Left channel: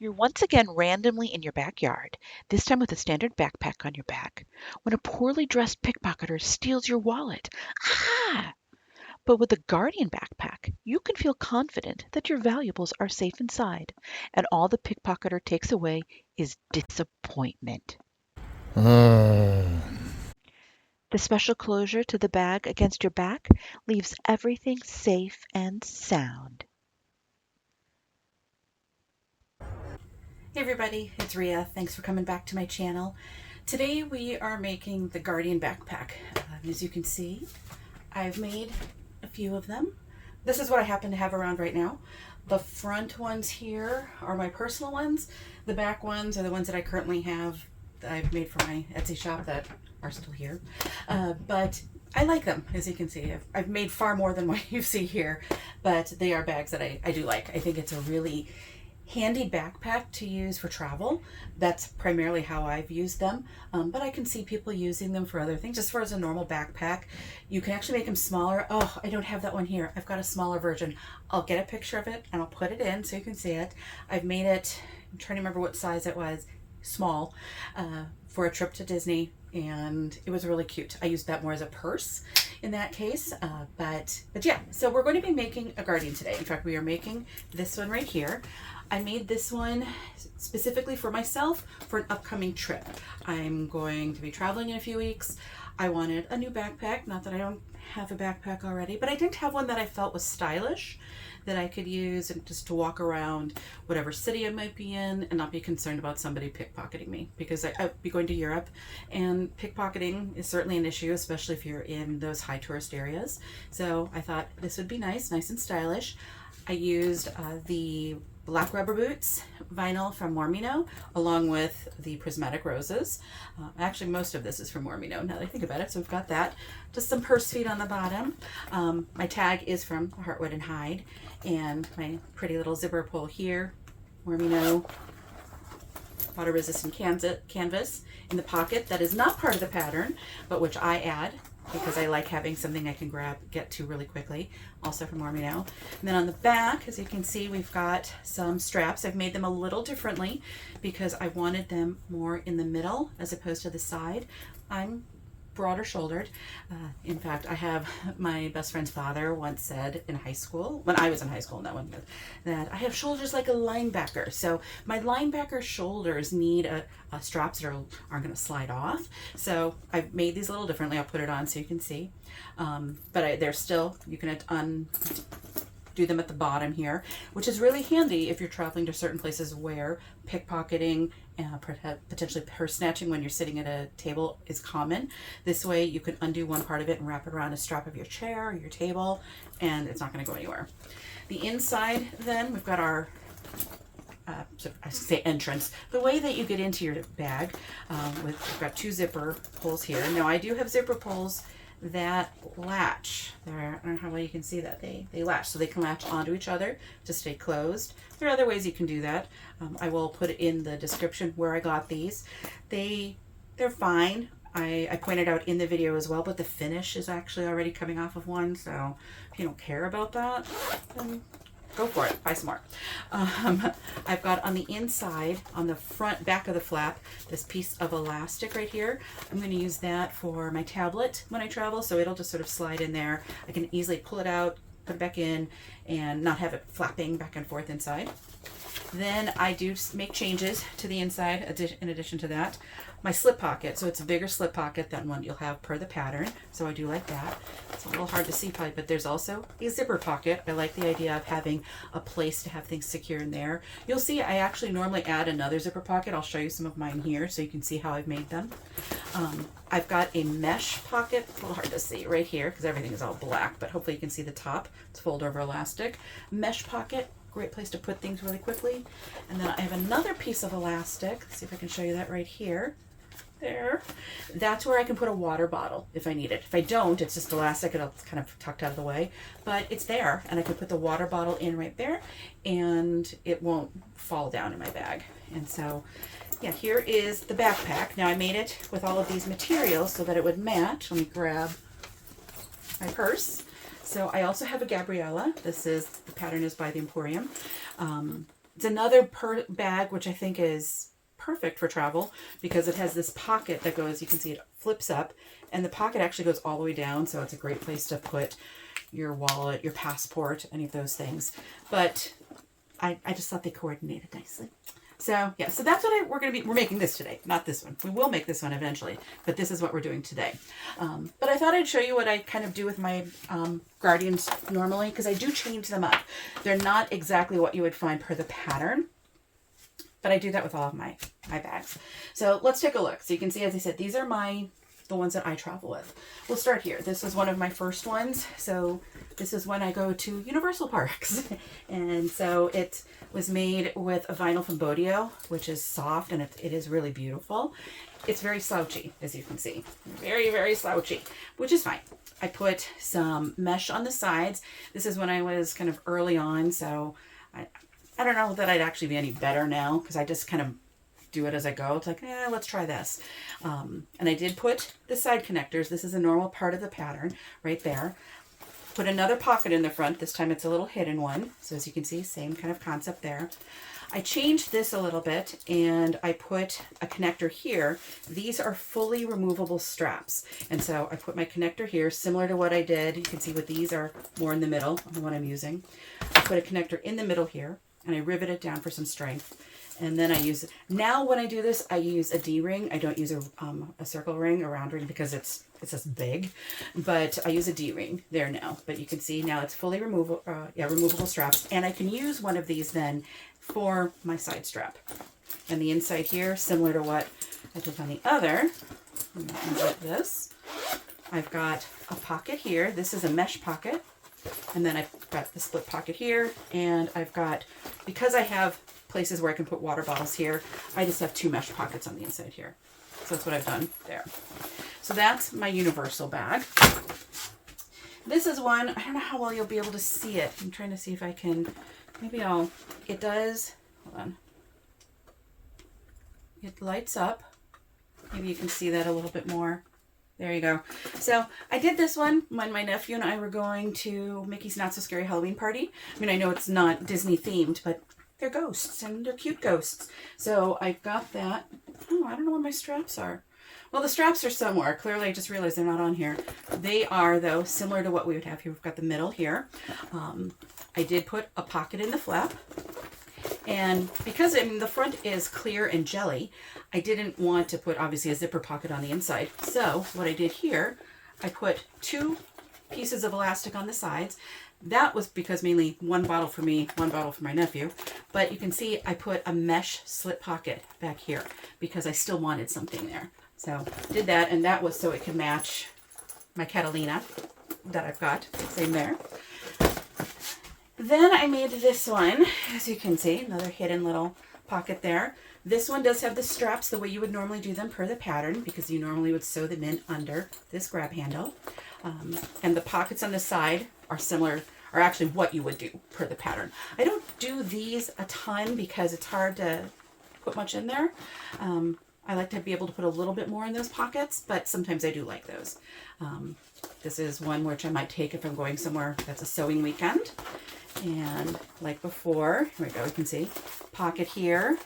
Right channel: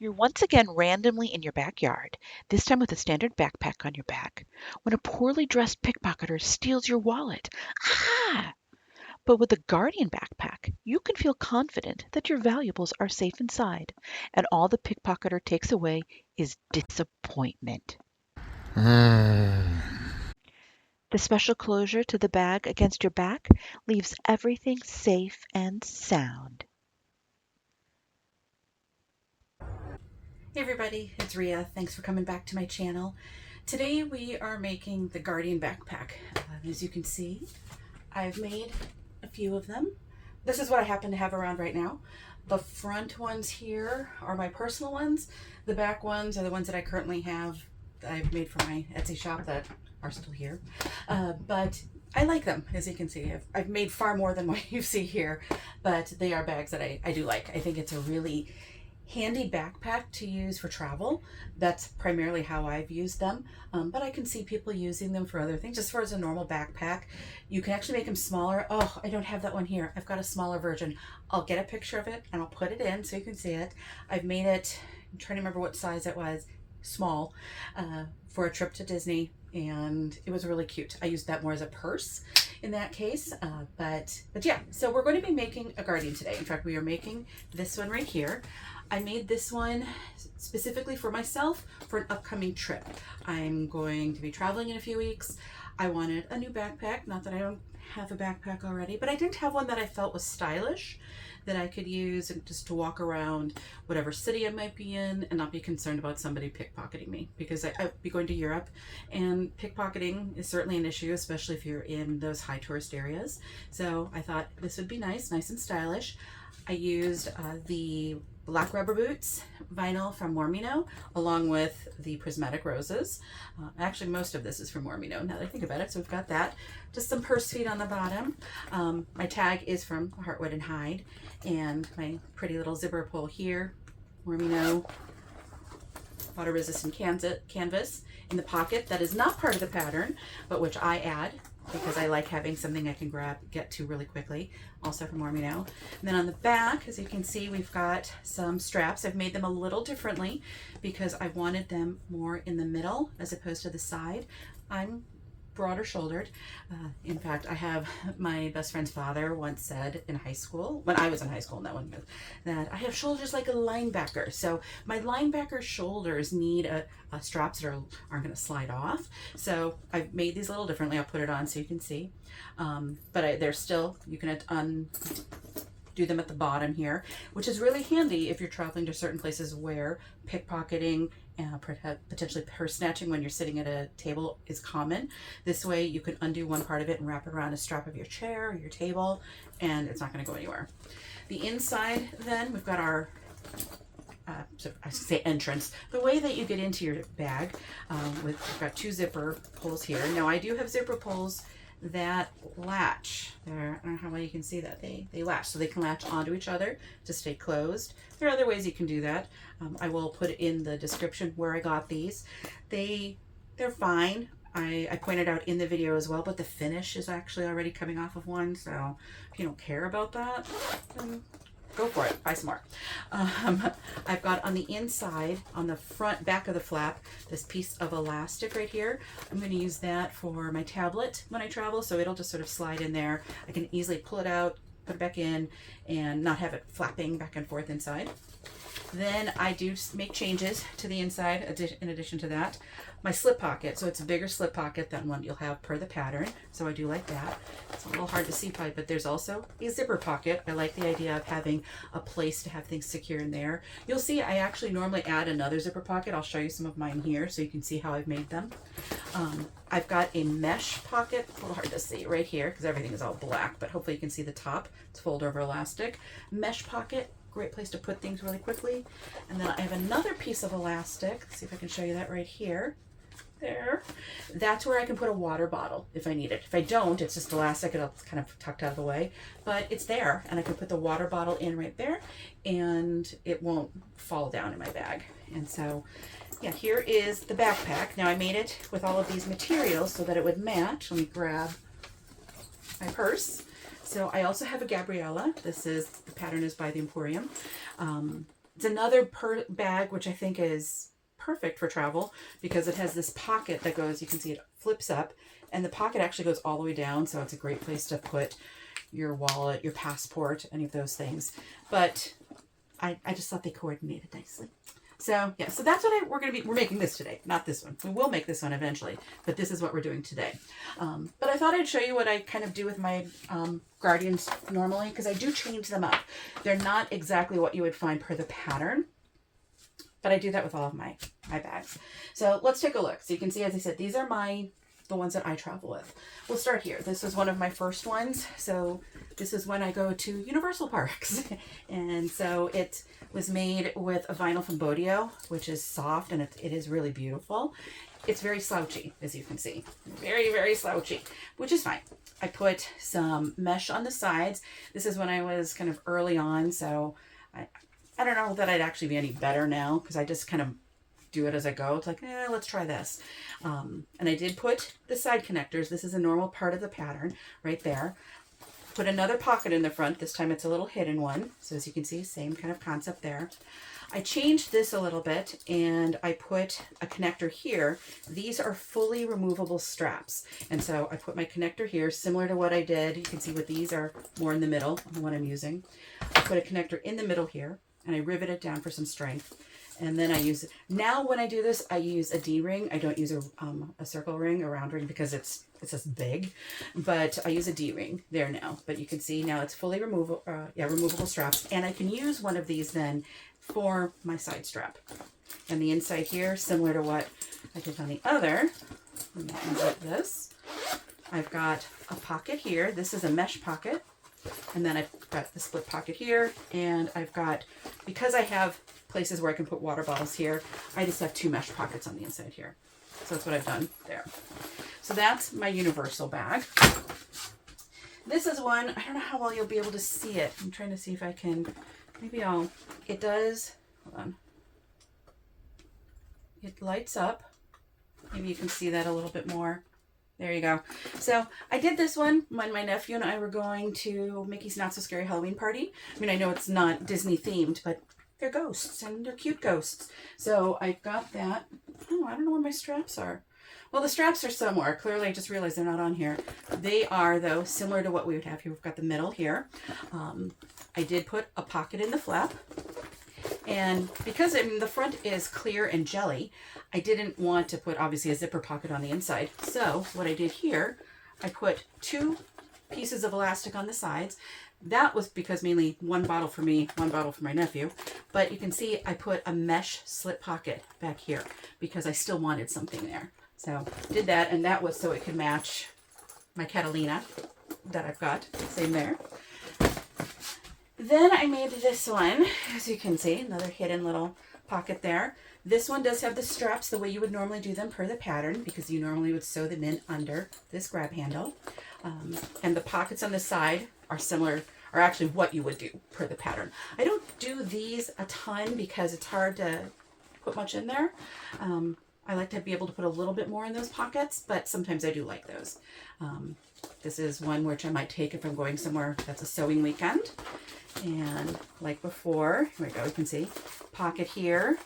You're once again randomly in your backyard, this time with a standard backpack on your back, when a poorly dressed pickpocketer steals your wallet. Ah! But with a Guardian backpack, you can feel confident that your valuables are safe inside, and all the pickpocketer takes away is disappointment. The special closure to the bag against your back leaves everything safe and sound. Hey everybody, it's Ria. Thanks for coming back to my channel. Today we are making the Guardian backpack. As you can see, I've made a few of them. This is what I happen to have around right now. The front ones here are my personal ones. The back ones are the ones that I currently have that I've made for my Etsy shop that are still here. But I like them, as you can see. I've made far more than what you see here, but they are bags that I do like. I think it's a really handy backpack to use for travel. That's primarily how I've used them, but I can see people using them for other things. Just for as a normal backpack, you can actually make them smaller. Oh, I don't have that one here. I've got a smaller version. I'll get a picture of it and I'll put it in so you can see it. I've made it, I'm trying to remember what size it was, small, for a trip to Disney, and it was really cute. I used that more as a purse in that case, but yeah, so we're going to be making a Guardian today. In fact, we are making this one right here. I made this one specifically for myself for an upcoming trip. I'm going to be traveling in a few weeks. I wanted a new backpack, not that I don't have a backpack already, but I didn't have one that I felt was stylish, that I could use and just to walk around whatever city I might be in and not be concerned about somebody pickpocketing me, because I'd be going to Europe and pickpocketing is certainly an issue, especially if you're in those high tourist areas. So I thought this would be nice and stylish. I used the black rubber boots vinyl from Mormino along with the prismatic roses. Actually, most of this is from Mormino now that I think about it. So we've got that. Just some purse feet on the bottom. My tag is from Heartwood and Hide, and my pretty little zipper pull here, Mormino water resistant canvas in the pocket. That is not part of the pattern, but which I add because I like having something I can get to really quickly, also from Mormino. And then on the back, as you can see, we've got some straps. I've made them a little differently because I wanted them more in the middle as opposed to the side. I'm broader shouldered. In fact, I have my best friend's father once said in high school, when I was in high school, that I have shoulders like a linebacker. So my linebacker shoulders need straps that aren't going to slide off. So I've made these a little differently. I'll put it on so you can see. But they're still, you can do them at the bottom here, which is really handy if you're traveling to certain places where pickpocketing and potentially purse snatching when you're sitting at a table is common. This way you can undo one part of it and wrap it around a strap of your chair or your table, and it's not going to go anywhere. The inside, then, we've got our I should say entrance, the way that you get into your bag. We've got two zipper pulls here. Now I do have zipper pulls that latch. There, I don't know how well you can see that. They latch, so they can latch onto each other to stay closed. There are other ways you can do that. I will put it in the description where I got these. They're fine. I pointed out in the video as well, but the finish is actually already coming off of one, so if you don't care about that, then go for it, buy some more. I've got on the inside, on the front back of the flap, this piece of elastic right here. I'm going to use that for my tablet when I travel, so it'll just sort of slide in there. I can easily pull it out, put it back in, and not have it flapping back and forth inside. Then I do make changes to the inside in addition to that. My slip pocket, so it's a bigger slip pocket than one you'll have per the pattern, so I do like that. It's a little hard to see probably, but there's also a zipper pocket. I like the idea of having a place to have things secure in there. You'll see I actually normally add another zipper pocket. I'll show you some of mine here so you can see how I've made them. I've got a mesh pocket, a little hard to see right here because everything is all black, but hopefully you can see the top. It's fold over elastic. Mesh pocket, great place to put things really quickly. And then I have another piece of elastic. Let's see if I can show you that right here. There. That's where I can put a water bottle if I need it. If I don't, it's just elastic and it's kind of tucked out of the way, but it's there and I can put the water bottle in right there and it won't fall down in my bag. And so, yeah, here is the backpack. Now I made it with all of these materials so that it would match. Let me grab my purse. So I also have a Gabriella. The pattern is by the Emporium. It's another bag, which I think is perfect for travel because it has this pocket that goes, you can see it flips up, and the pocket actually goes all the way down. So it's a great place to put your wallet, your passport, any of those things. But I just thought they coordinated nicely. So yeah, so that's what we're making this today, not this one. We will make this one eventually, but this is what we're doing today. But I thought I'd show you what I kind of do with my Guardians normally, because I do change them up. They're not exactly what you would find per the pattern, but I do that with all of my bags. So let's take a look. So you can see, as I said, these are the ones that I travel with. We'll start here. This is one of my first ones. So this is when I go to Universal Parks. And so it was made with a vinyl from Bodio, which is soft, and it is really beautiful. It's very slouchy, as you can see. Very, very slouchy, which is fine. I put some mesh on the sides. This is when I was kind of early on, so I don't know that I'd actually be any better now, because I just kind of do it as I go. It's like, let's try this. And I did put the side connectors. This is a normal part of the pattern right there. Put another pocket in the front. This time it's a little hidden one. So as you can see, same kind of concept there. I changed this a little bit and I put a connector here. These are fully removable straps. And so I put my connector here, similar to what I did. You can see what these are more in the middle of what I'm using. I put a connector in the middle here and I rivet it down for some strength. And then I use, now when I do this, I use a D-ring. I don't use a circle ring, a round ring, because it's just big, but I use a D-ring there now. But you can see now it's fully removable straps. And I can use one of these then for my side strap. And the inside here, similar to what I did on the other, like this. I've got a pocket here. This is a mesh pocket. And then I've got the split pocket here. And I've got, because I have places where I can put water bottles here, I just have 2 mesh pockets on the inside here. So that's what I've done there. So that's my Universal bag. This is one, I don't know how well you'll be able to see it. I'm trying to see if I can, it does, hold on. It lights up. Maybe you can see that a little bit more. There you go. So I did this one when my nephew and I were going to Mickey's Not So Scary Halloween Party. I mean, I know it's not Disney themed, but they're ghosts and they're cute ghosts. So I've got that. Oh, I don't know where my straps are. Well, the straps are somewhere. Clearly, I just realized they're not on here. They are, though, similar to what we would have here. We've got the middle here. I did put a pocket in the flap. And because the front is clear and jelly, I didn't want to put, obviously, a zipper pocket on the inside. So what I did here, I put 2 pieces of elastic on the sides. That was because mainly one bottle for me, one bottle for my nephew. But you can see I put a mesh slip pocket back here because I still wanted something there. So did that, and that was so it could match my Catalina that I've got. Same there. Then I made this one, as you can see, another hidden little pocket there. This one does have the straps the way you would normally do them per the pattern, because you normally would sew them in under this grab handle. And the pockets on the side are similar, are actually what you would do per the pattern. I don't do these a ton because it's hard to put much in there. I like to be able to put a little bit more in those pockets, but sometimes I do like those. This is one which I might take if I'm going somewhere that's a sewing weekend. And like before, here we go, you can see pocket here,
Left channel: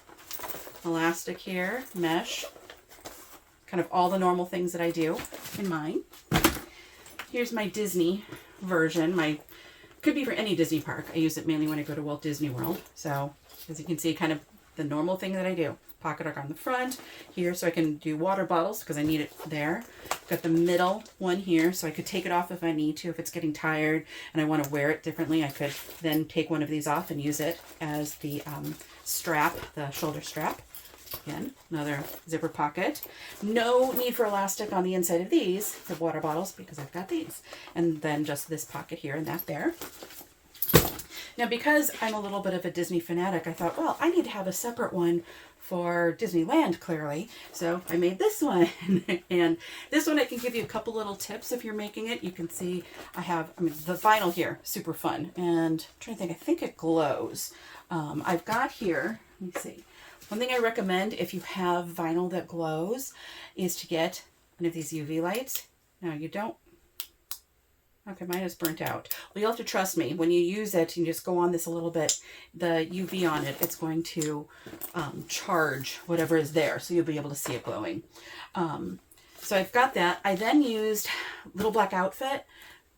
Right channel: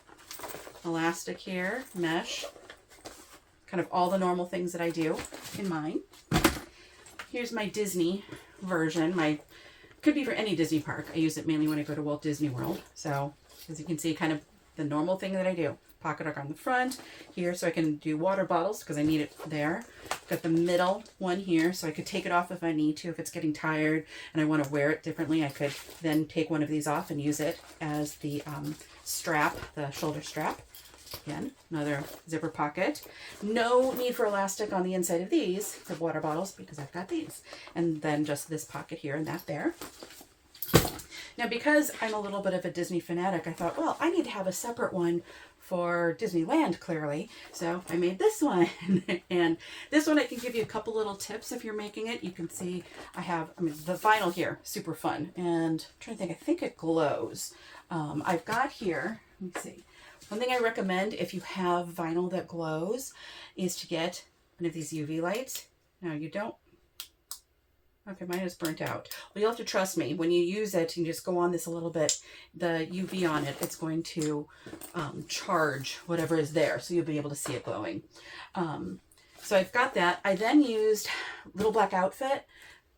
elastic here, mesh, kind of all the normal things that I do in mine. Here's my Disney version. Could be for any Disney park. I use it mainly when I go to Walt Disney World. So as you can see, kind of the normal thing that I do. Pocket hook on the front here so I can do water bottles because I need it there. Got the middle one here so I could take it off if I need to. If it's getting tired and I want to wear it differently, I could then take one of these off and use it as the strap, the shoulder strap. Again, another zipper pocket. No need for elastic on the inside of these for water bottles because I've got these. And then just this pocket here and that there. Now, because I'm a little bit of a Disney fanatic, I thought, well, I need to have a separate one for Disneyland, clearly. So I made this one. And this one, I can give you a couple little tips if you're making it. You can see I have, the vinyl here, super fun. And I'm trying to think, I think it glows. I've got here, let me see. One thing I recommend if you have vinyl that glows is to get one of these UV lights. Now, you don't, Okay, mine is burnt out. Well, you'll have to trust me. When you use it and you just go on this a little bit, the UV on it, it's going to charge whatever is there. So you'll be able to see it glowing. So I've got that. I then used Little Black Outfit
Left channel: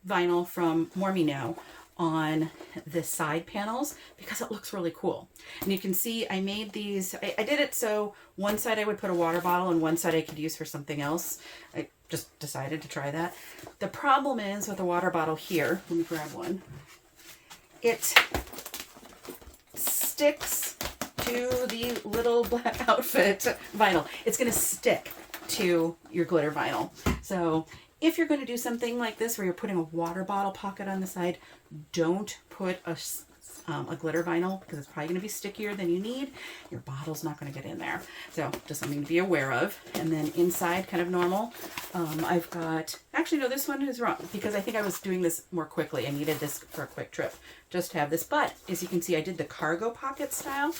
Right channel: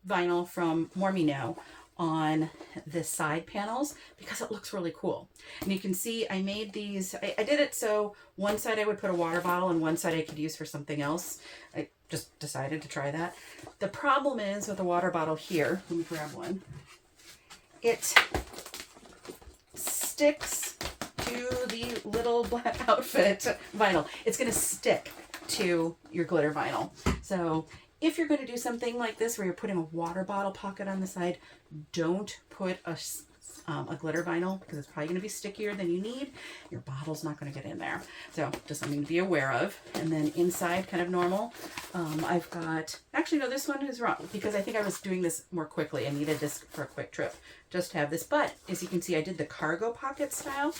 vinyl from More Me Now on the side panels because it looks really cool. And you can see I made these, I did it so one side I would put a water bottle and one side I could use for something else. I just decided to try that. The problem is with the water bottle here, let me grab one, it sticks to the Little Black Outfit vinyl. It's going to stick to your glitter vinyl. So if you're going to do something like this where you're putting a water bottle pocket on the side, don't put a glitter vinyl because it's probably going to be stickier than you need. Your bottle's not going to get in there. So just something to be aware of. And then inside, kind of normal, I've got, actually no, this one is wrong because I think I was doing this more quickly. I needed this for a quick trip. Just have this. But as you can see, I did the cargo pocket style.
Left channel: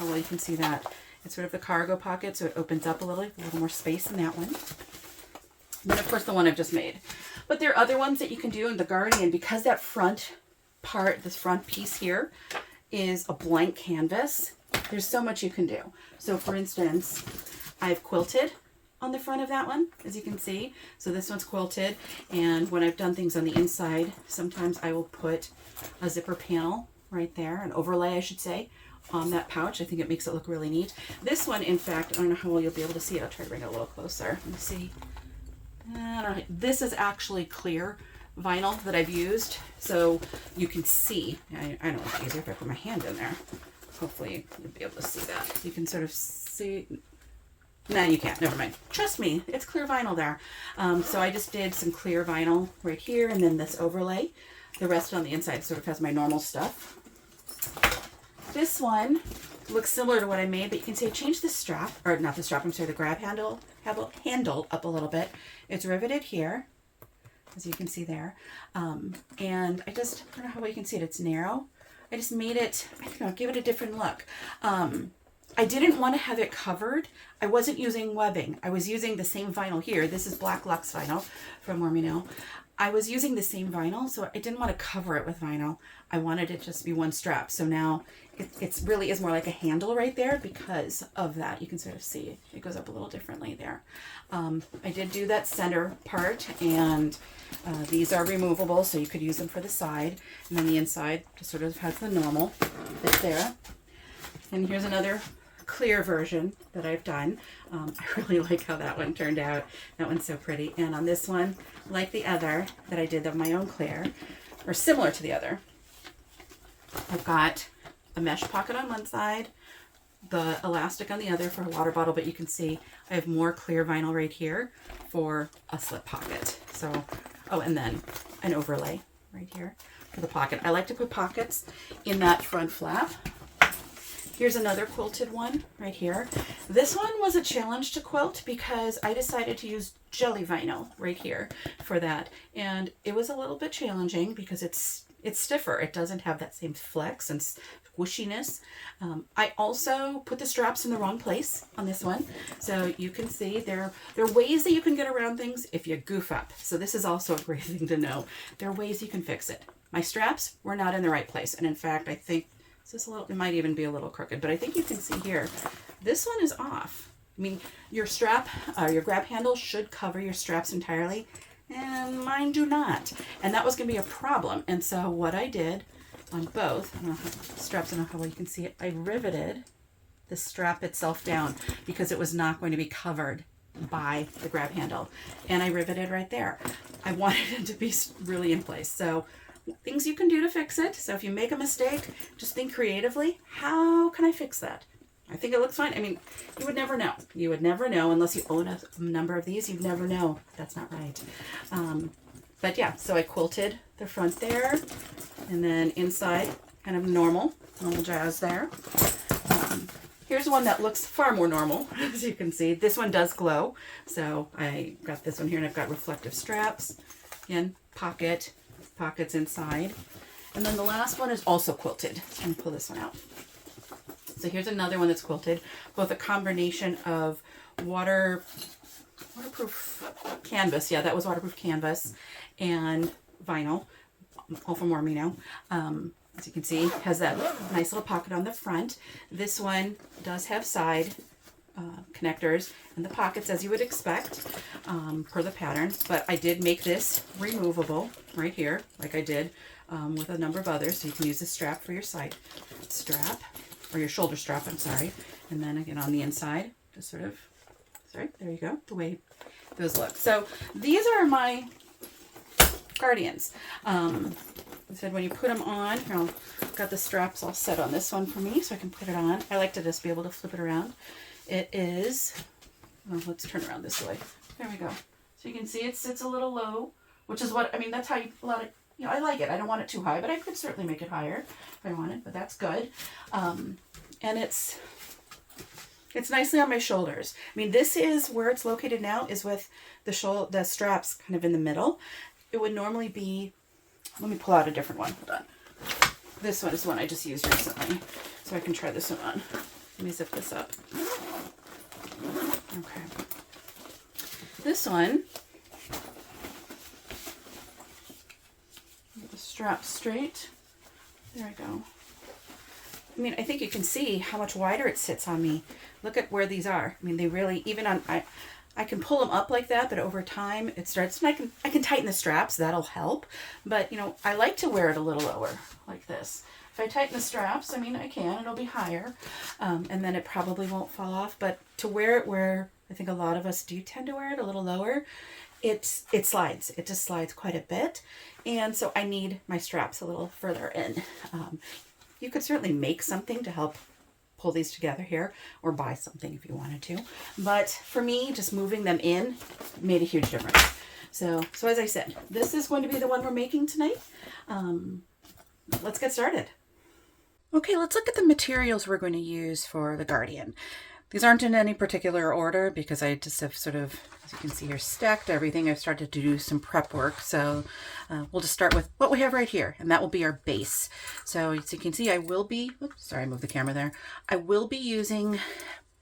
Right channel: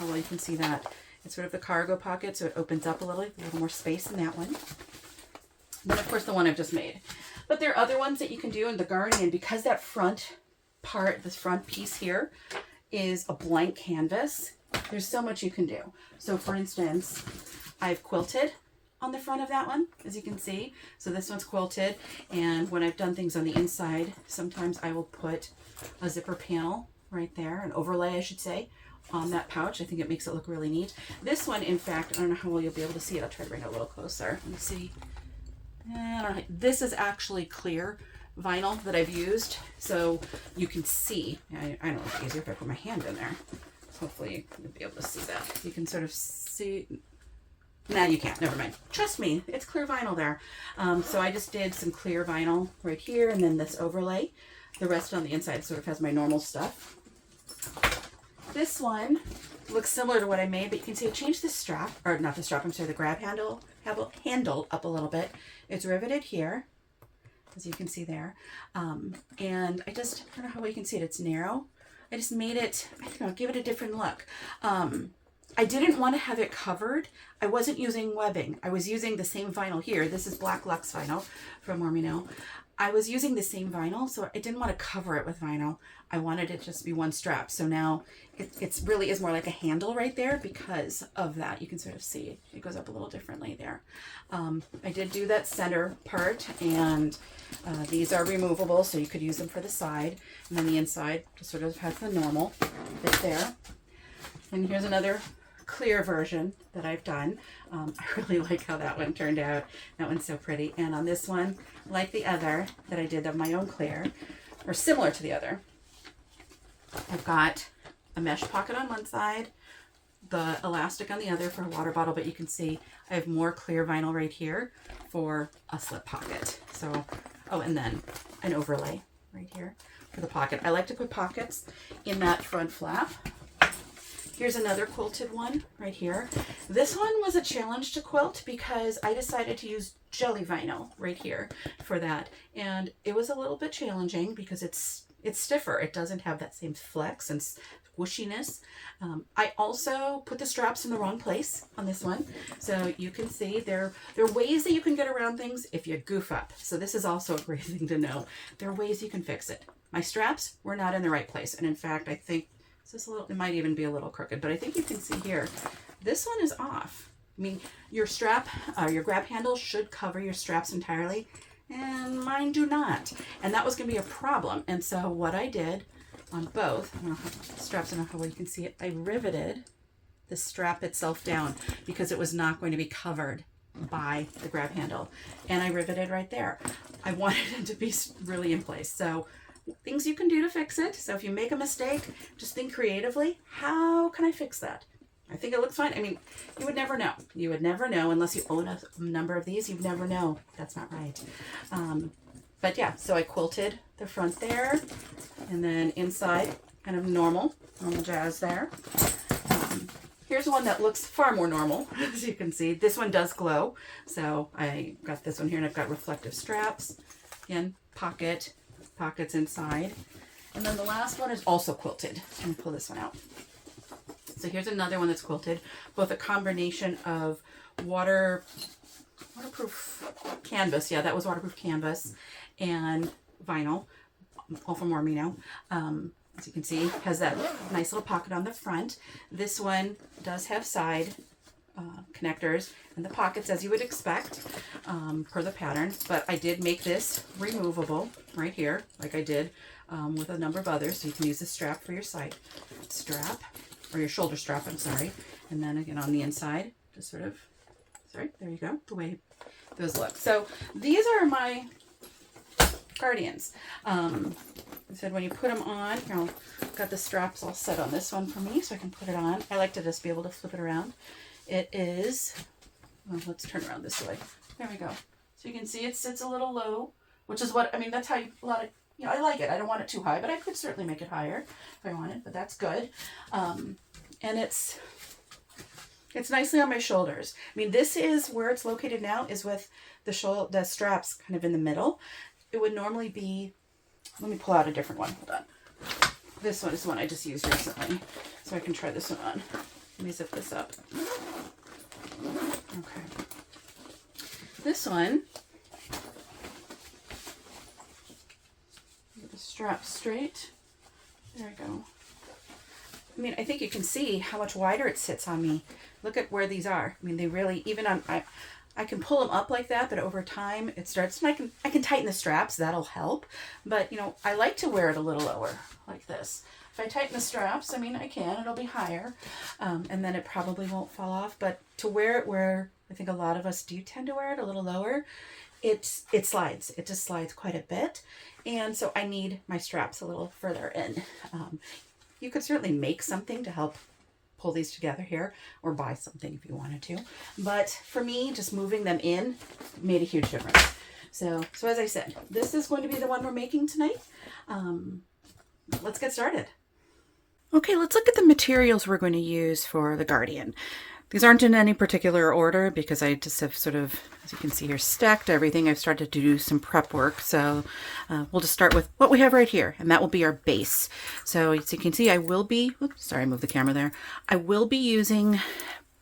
Oh, well, you can see that. It's sort of the cargo pocket, so it opens up a little more space in that one. Then, of course, the one I've just made. But there are other ones that you can do in the Guardian because that front part, this front piece here, is a blank canvas. There's so much you can do. So, for instance, I've quilted on the front of that one, as you can see. So this one's quilted. And when I've done things on the inside, sometimes I will put a zipper panel right there, an overlay, I should say, on that pouch. I think it makes it look really neat. This one, in fact, I don't know how well you'll be able to see it. I'll try to bring it a little closer. Let's see. I don't know. This is actually clear vinyl that I've used, so you can see. I know it's easier if I put my hand in there. Hopefully you'll be able to see that. You can sort of see. No, you can't. Never mind. Trust me, it's clear vinyl there. So I just did some clear vinyl right here, and then this overlay. The rest on the inside sort of has my normal stuff. This one looks similar to what I made, but you can see I changed the strap, or not the strap, I'm sorry, the grab handle up a little bit. It's riveted here, as you can see there. And I don't know how well you can see it, it's narrow. I just made it, I don't know, give it a different look. I didn't want to have it covered. I wasn't using webbing. I was using the same vinyl here. This is Black Luxe vinyl from More Me Now. I was using the same vinyl, so I didn't want to cover it with vinyl. I wanted it just to be one strap. So now it really is more like a handle right there because of that. You can sort of see it goes up a little differently there. I did do that center part, and these are removable, so you could use them for the side. And then the inside just sort of has the normal bit there. And here's another clear version that I've done. I really like how that one turned out. That one's so pretty. And on this one, like the other that I did of my own clear, or similar to the other, I've got a mesh pocket on one side, the elastic on the other for a water bottle, but you can see I have more clear vinyl right here for a slip pocket. So, oh, and then an overlay right here for the pocket. I like to put pockets in that front flap. Here's another quilted one right here. This one was a challenge to quilt because I decided to use jelly vinyl right here for that. And it was a little bit challenging because it's stiffer. It doesn't have that same flex and squishiness. I also put the straps in the wrong place on this one. So you can see there are ways that you can get around things if you goof up. So this is also a great thing to know. There are ways you can fix it. My straps were not in the right place. And in fact, I think it might even be a little crooked, but I think you can see here, this one is off. I mean, your strap, your grab handle should cover your straps entirely, and mine do not. And that was going to be a problem. And so what I did on both, I don't know how, straps, I don't know how well you can see it, I riveted the strap itself down because it was not going to be covered by the grab handle. And I riveted right there. I wanted it to be really in place. So things you can do to fix it. So if you make a mistake, just think creatively. How can I fix that? I think it looks fine. I mean, you would never know. You would never know unless you own a number of these. You'd never know. That's not right. But yeah, so I quilted the front there, and then inside, kind of normal jazz there. Here's one that looks far more normal, as you can see. This one does glow. So I got this one here, and I've got reflective straps. Again, pockets inside. And then the last one is also quilted. Let me pull this one out. So here's another one that's quilted, both a combination of waterproof canvas. Yeah, that was waterproof canvas, and vinyl, all from Mormino. As you can see, has that nice little pocket on the front. This one does have side connectors and the pockets as you would expect per the pattern, but I did make this removable right here like I did with a number of others, so you can use the strap for your side strap or your shoulder strap, I'm sorry, and then again on the inside just sort of, sorry, there you go, the way those look. So these are my Guardians. I said when you put them on, here, I've got the straps all set on this one for me so I can put it on. I like to just be able to flip it around. It is, well, let's turn around this way. There we go. So you can see it sits a little low, which is what, I mean, that's how you, a lot of, you know, I like it. I don't want it too high, but I could certainly make it higher if I wanted, but that's good. And it's nicely on my shoulders. I mean, this is where it's located now is with the straps kind of in the middle. It would normally be, let me pull out a different one. Hold on. This one is the one I just used recently, so I can try this one on. Let me zip this up. Okay. This one, get the strap straight. There we go. I mean, I think you can see how much wider it sits on me. Look at where these are. I mean, they really, even on, I can pull them up like that, but over time it starts, and I can tighten the straps, that'll help. But, you know, I like to wear it a little lower like this. If I tighten the straps, I mean, I can, it'll be higher, and then it probably won't fall off. But to wear it where I think a lot of us do tend to wear it a little lower, it slides. It just slides quite a bit. And so I need my straps a little further in. You could certainly make something to help pull these together here, or buy something if you wanted to. But for me, just moving them in made a huge difference. So as I said, this is going to be the one we're making tonight. Let's get started. Okay, let's look at the materials we're going to use for the Guardian. These aren't in any particular order because I just have sort of, as you can see here, stacked everything. I've started to do some prep work. So we'll just start with what we have right here, and that will be our base. So as you can see, I will be, oops, sorry, I moved the camera there. I will be using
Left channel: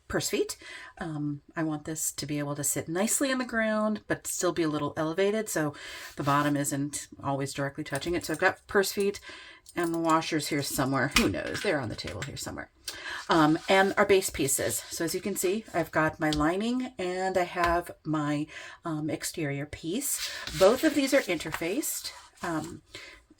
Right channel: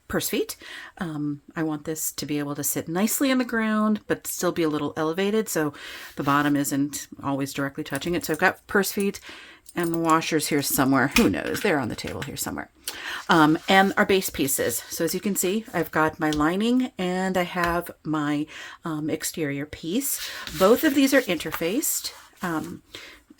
purse feet. I want this to be able to sit nicely in the ground, but still be a little elevated. So the bottom isn't always directly touching it. So I've got purse feet. And the washers here somewhere. Who knows? They're on the table here somewhere. And our base pieces. So as you can see, I've got my lining and I have my exterior piece. Both of these are interfaced.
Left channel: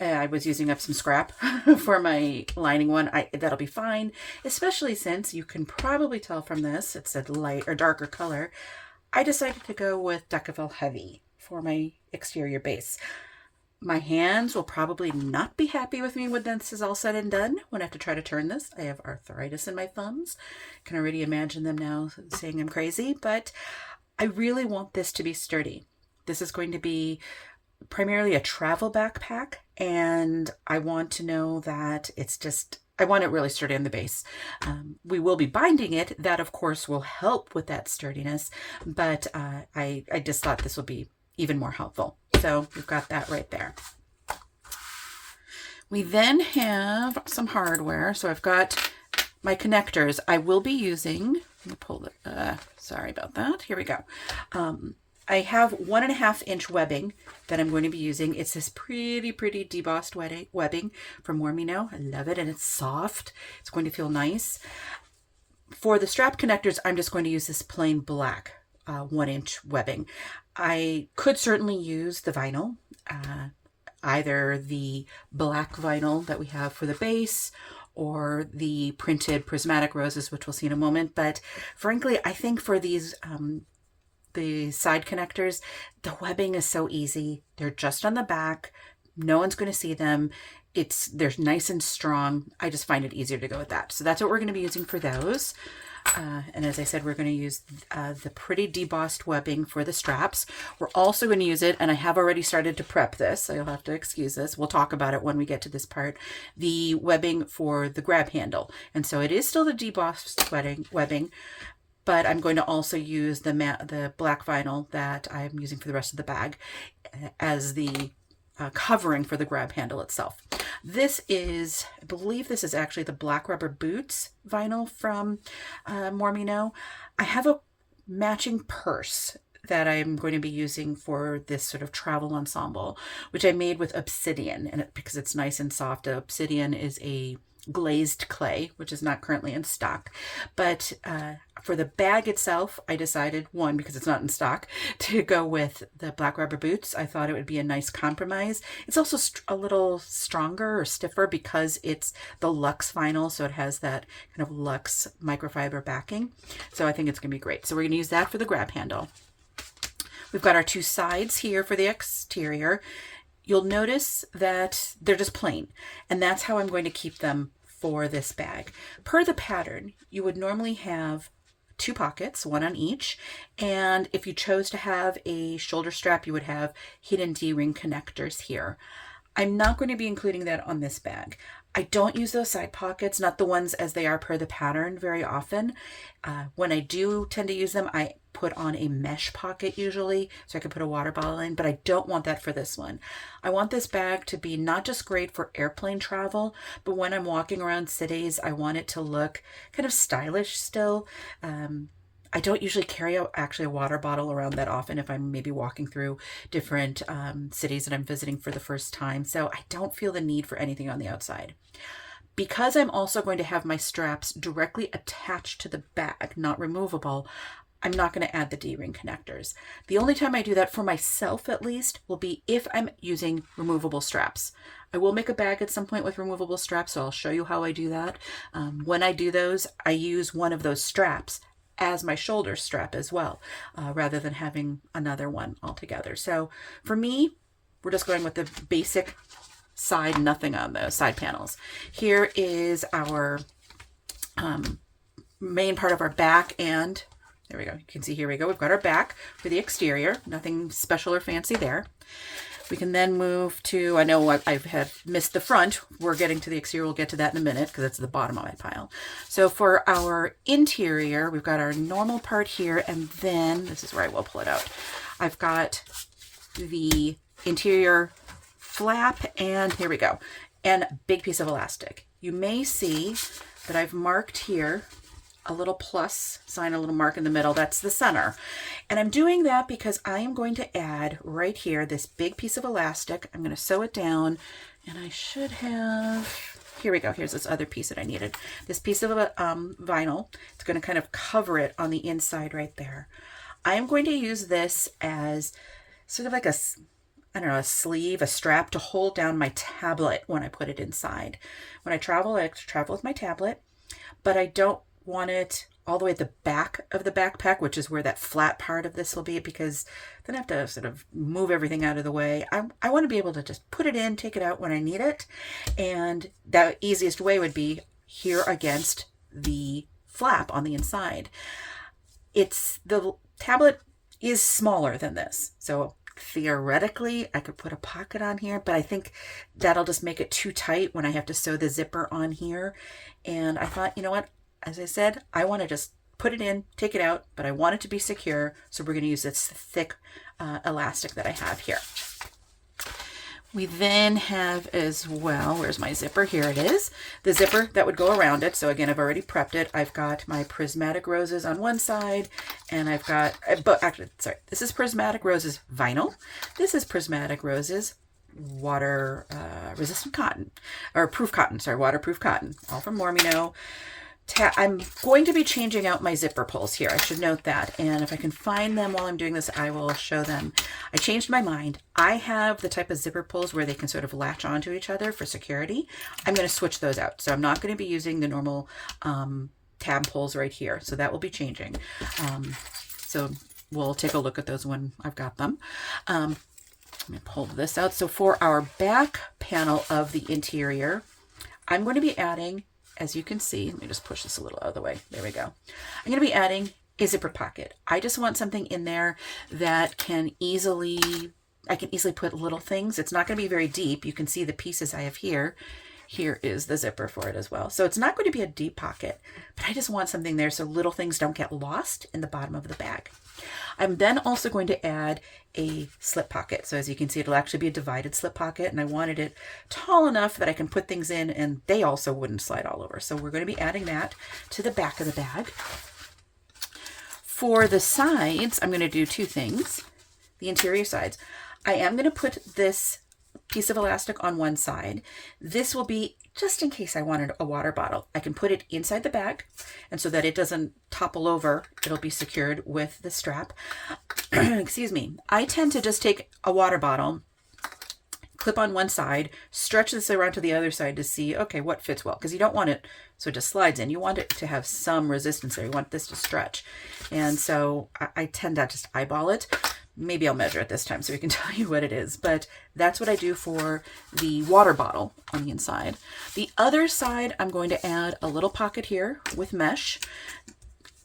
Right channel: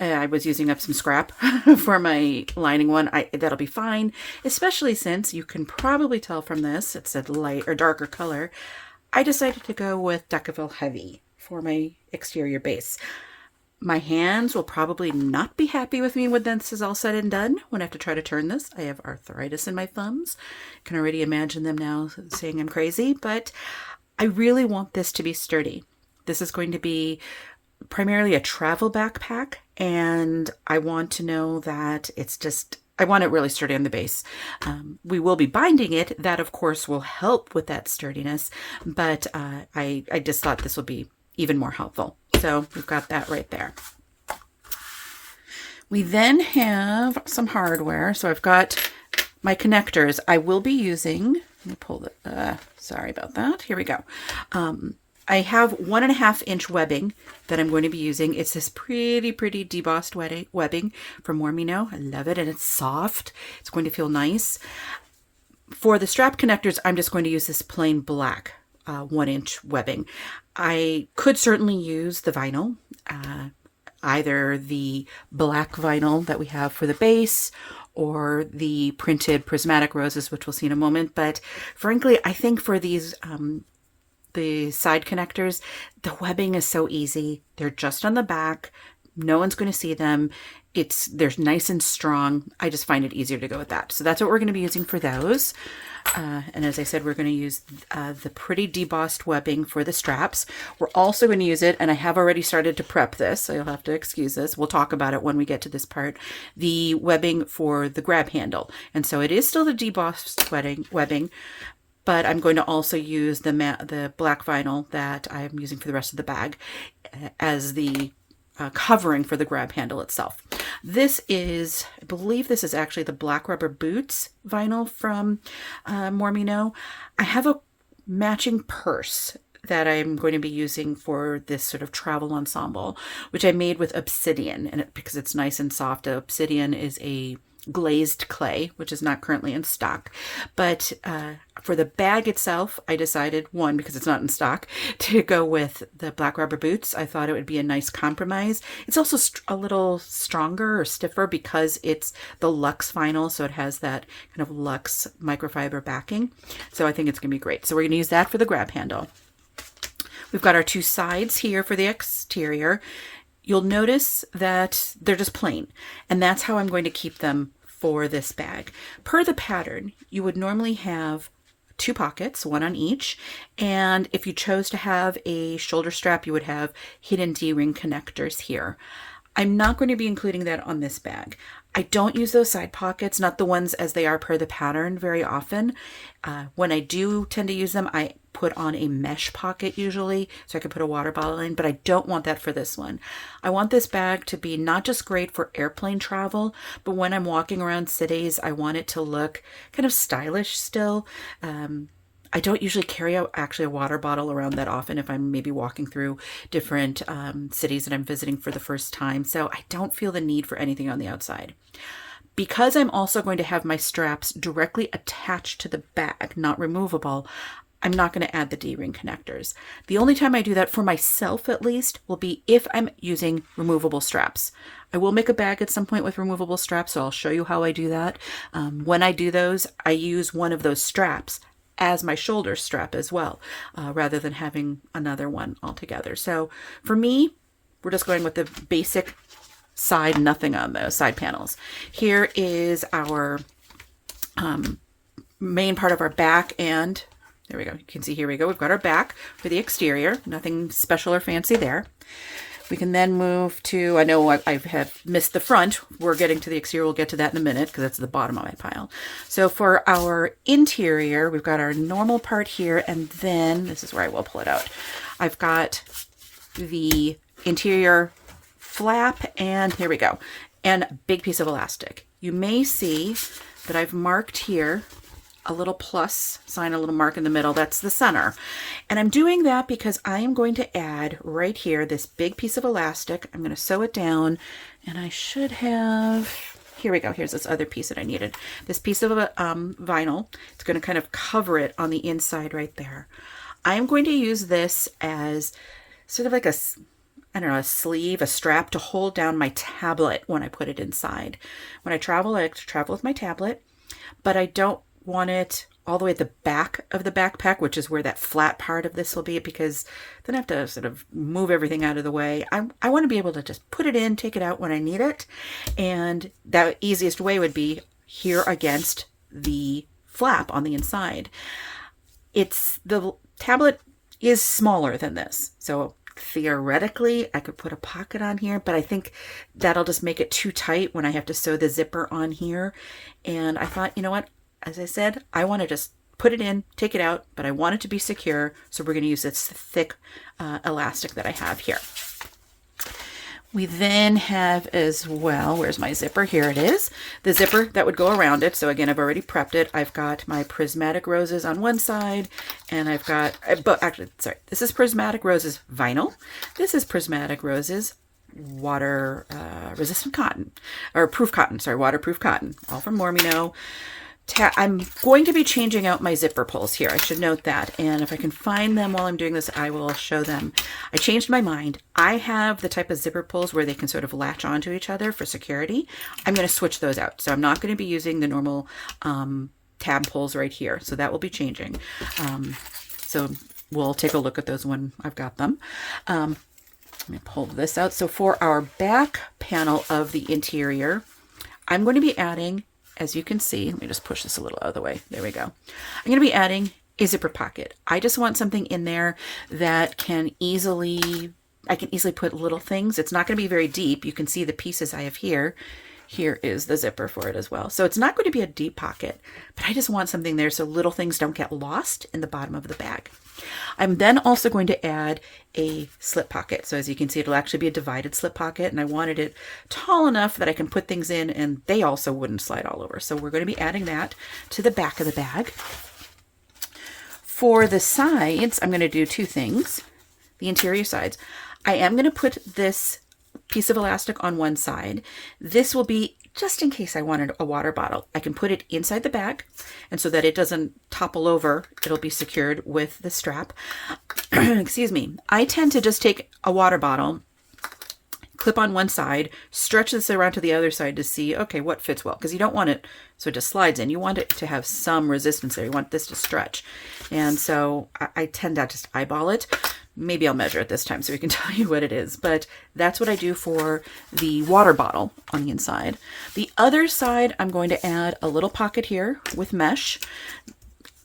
I was using up some scrap for my lining one. That'll be fine, especially since you can probably tell from this, it's a light or darker color. I decided to go with Decaville Heavy for my exterior base. My hands will probably not be happy with me when this is all said and done, when I have to try to turn this. I have arthritis in my thumbs. I can already imagine them now saying I'm crazy, but I really want this to be sturdy. This is going to be primarily a travel backpack, and I want to know that it's just, I want it really sturdy on the base. We will be binding it. That, of course, will help with that sturdiness, but I just thought this would be even more helpful. So we've got that right there. We then have some hardware. So I've got my connectors. I will be using, let me pull the, sorry about that. Here we go. I have 1.5 inch webbing that I'm going to be using. It's this pretty debossed webbing from Mormino. I love it, and it's soft. It's going to feel nice. For the strap connectors, I'm just going to use this plain black 1 inch webbing. I could certainly use the vinyl, either the black vinyl that we have for the base or the printed prismatic roses, which we'll see in a moment. But frankly, I think for these, the side connectors, the webbing is so easy. They're just on the back. No one's going to see them. They're nice and strong. I just find it easier to go with that. So that's what we're going to be using for those. And as I said, we're going to use the pretty debossed webbing for the straps. We're also going to use it, and I have already started to prep this, so you'll have to excuse this. We'll talk about it when we get to this part. The webbing for the grab handle. And so it is still the debossed webbing, but I'm going to also use the black vinyl that I am using for the rest of the bag as the covering for the grab handle itself. This is, I believe this is actually the black rubber boots vinyl from Mormino. I have a matching purse that I'm going to be using for this sort of travel ensemble, which I made with obsidian, and because it's nice and soft. Obsidian is a glazed clay, which is not currently in stock. But for the bag itself, I decided, one, because it's not in stock, to go with the black rubber boots. I thought it would be a nice compromise. It's also a little stronger or stiffer because it's the luxe vinyl, so it has that kind of luxe microfiber backing. So I think it's going to be great. So we're going to use that for the grab handle. We've got our two sides here for the exterior. You'll notice that they're just plain, and that's how I'm going to keep them for this bag. Per the pattern, you would normally have two pockets, one on each, and if you chose to have a shoulder strap, you would have hidden D-ring connectors here. I'm not going to be including that on this bag. I don't use those side pockets, not the ones as they are per the pattern very often. When I do tend to use them, I put on a mesh pocket usually, so I can put a water bottle in, but I don't want that for this one. I want this bag to be not just great for airplane travel, but when I'm walking around cities, I want it to look kind of stylish still. I don't usually carry out actually a water bottle around that often if I'm maybe walking through different cities that I'm visiting for the first time. So I don't feel the need for anything on the outside. Because I'm also going to have my straps directly attached to the bag, not removable, I'm not going to add the D-ring connectors. The only time I do that for myself, at least, will be if I'm using removable straps. I will make a bag at some point with removable straps, so I'll show you how I do that. When I do those, I use one of those straps as my shoulder strap as well, rather than having another one altogether. So for me, we're just going with the basic side, nothing on the side panels. Here is our main part of our back, and there we go. You can see, here we go. We've got our back for the exterior. Nothing special or fancy there. We can then move to, I know I have missed the front. We're getting to the exterior. We'll get to that in a minute because that's the bottom of my pile. So for our interior, we've got our normal part here, and then this is where I will pull it out. I've got the interior flap, and here we go, and a big piece of elastic. You may see that I've marked here a little plus sign, a little mark in the middle. That's the center. And I'm doing that because I am going to add right here this big piece of elastic. I'm going to sew it down, and I should have, here we go. Here's this other piece that I needed. This piece of vinyl. It's going to kind of cover it on the inside right there. I'm going to use this as sort of like a, I don't know, a sleeve, a strap to hold down my tablet when I put it inside. When I travel, I like to travel with my tablet, but I don't want it all the way at the back of the backpack, which is where that flat part of this will be, because then I have to sort of move everything out of the way. I want to be able to just put it in, take it out when I need it. And the easiest way would be here against the flap on the inside. The tablet is smaller than this. So theoretically, I could put a pocket on here, but I think that'll just make it too tight when I have to sew the zipper on here. And I thought, you know what? As I said, I want to just put it in, take it out, but I want it to be secure. So we're going to use this thick elastic that I have here. We then have as well, where's my zipper? Here it is. The zipper that would go around it. So again, I've already prepped it. I've got my prismatic roses on one side, and I've got, but actually, sorry, this is prismatic roses vinyl. This is prismatic roses water resistant cotton, or proof cotton, sorry, waterproof cotton, all from Mormino. I'm going to be changing out my zipper pulls here. I should note that. And if I can find them while I'm doing this, I will show them. I changed my mind. I have the type of zipper pulls where they can sort of latch onto each other for security. I'm going to switch those out. So I'm not going to be using the normal tab pulls right here. So that will be changing. So we'll take a look at those when I've got them. Let me pull this out. So for our back panel of the interior, I'm going to be adding, as you can see, let me just push this a little out of the way. There we go. I'm going to be adding a zipper pocket. I just want something in there that I can easily put little things. It's not going to be very deep. You can see the pieces I have here. Here is the zipper for it as well. So it's not going to be a deep pocket, but I just want something there so little things don't get lost in the bottom of the bag. I'm then also going to add a slip pocket. So as you can see, it'll actually be a divided slip pocket, and I wanted it tall enough that I can put things in and they also wouldn't slide all over. So we're going to be adding that to the back of the bag. For the sides, I'm going to do two things. The interior sides. I am going to put this piece of elastic on one side. This will be just in case I wanted a water bottle. I can put it inside the bag, and so that it doesn't topple over, it'll be secured with the strap. Excuse me. I tend to just take a water bottle, clip on one side, stretch this around to the other side to see, okay, what fits well. Because you don't want it so it just slides in. You want it to have some resistance there. You want this to stretch. And so I tend to just eyeball it. Maybe I'll measure it this time so we can tell you what it is. But that's what I do for the water bottle on the inside. The other side, I'm going to add a little pocket here with mesh.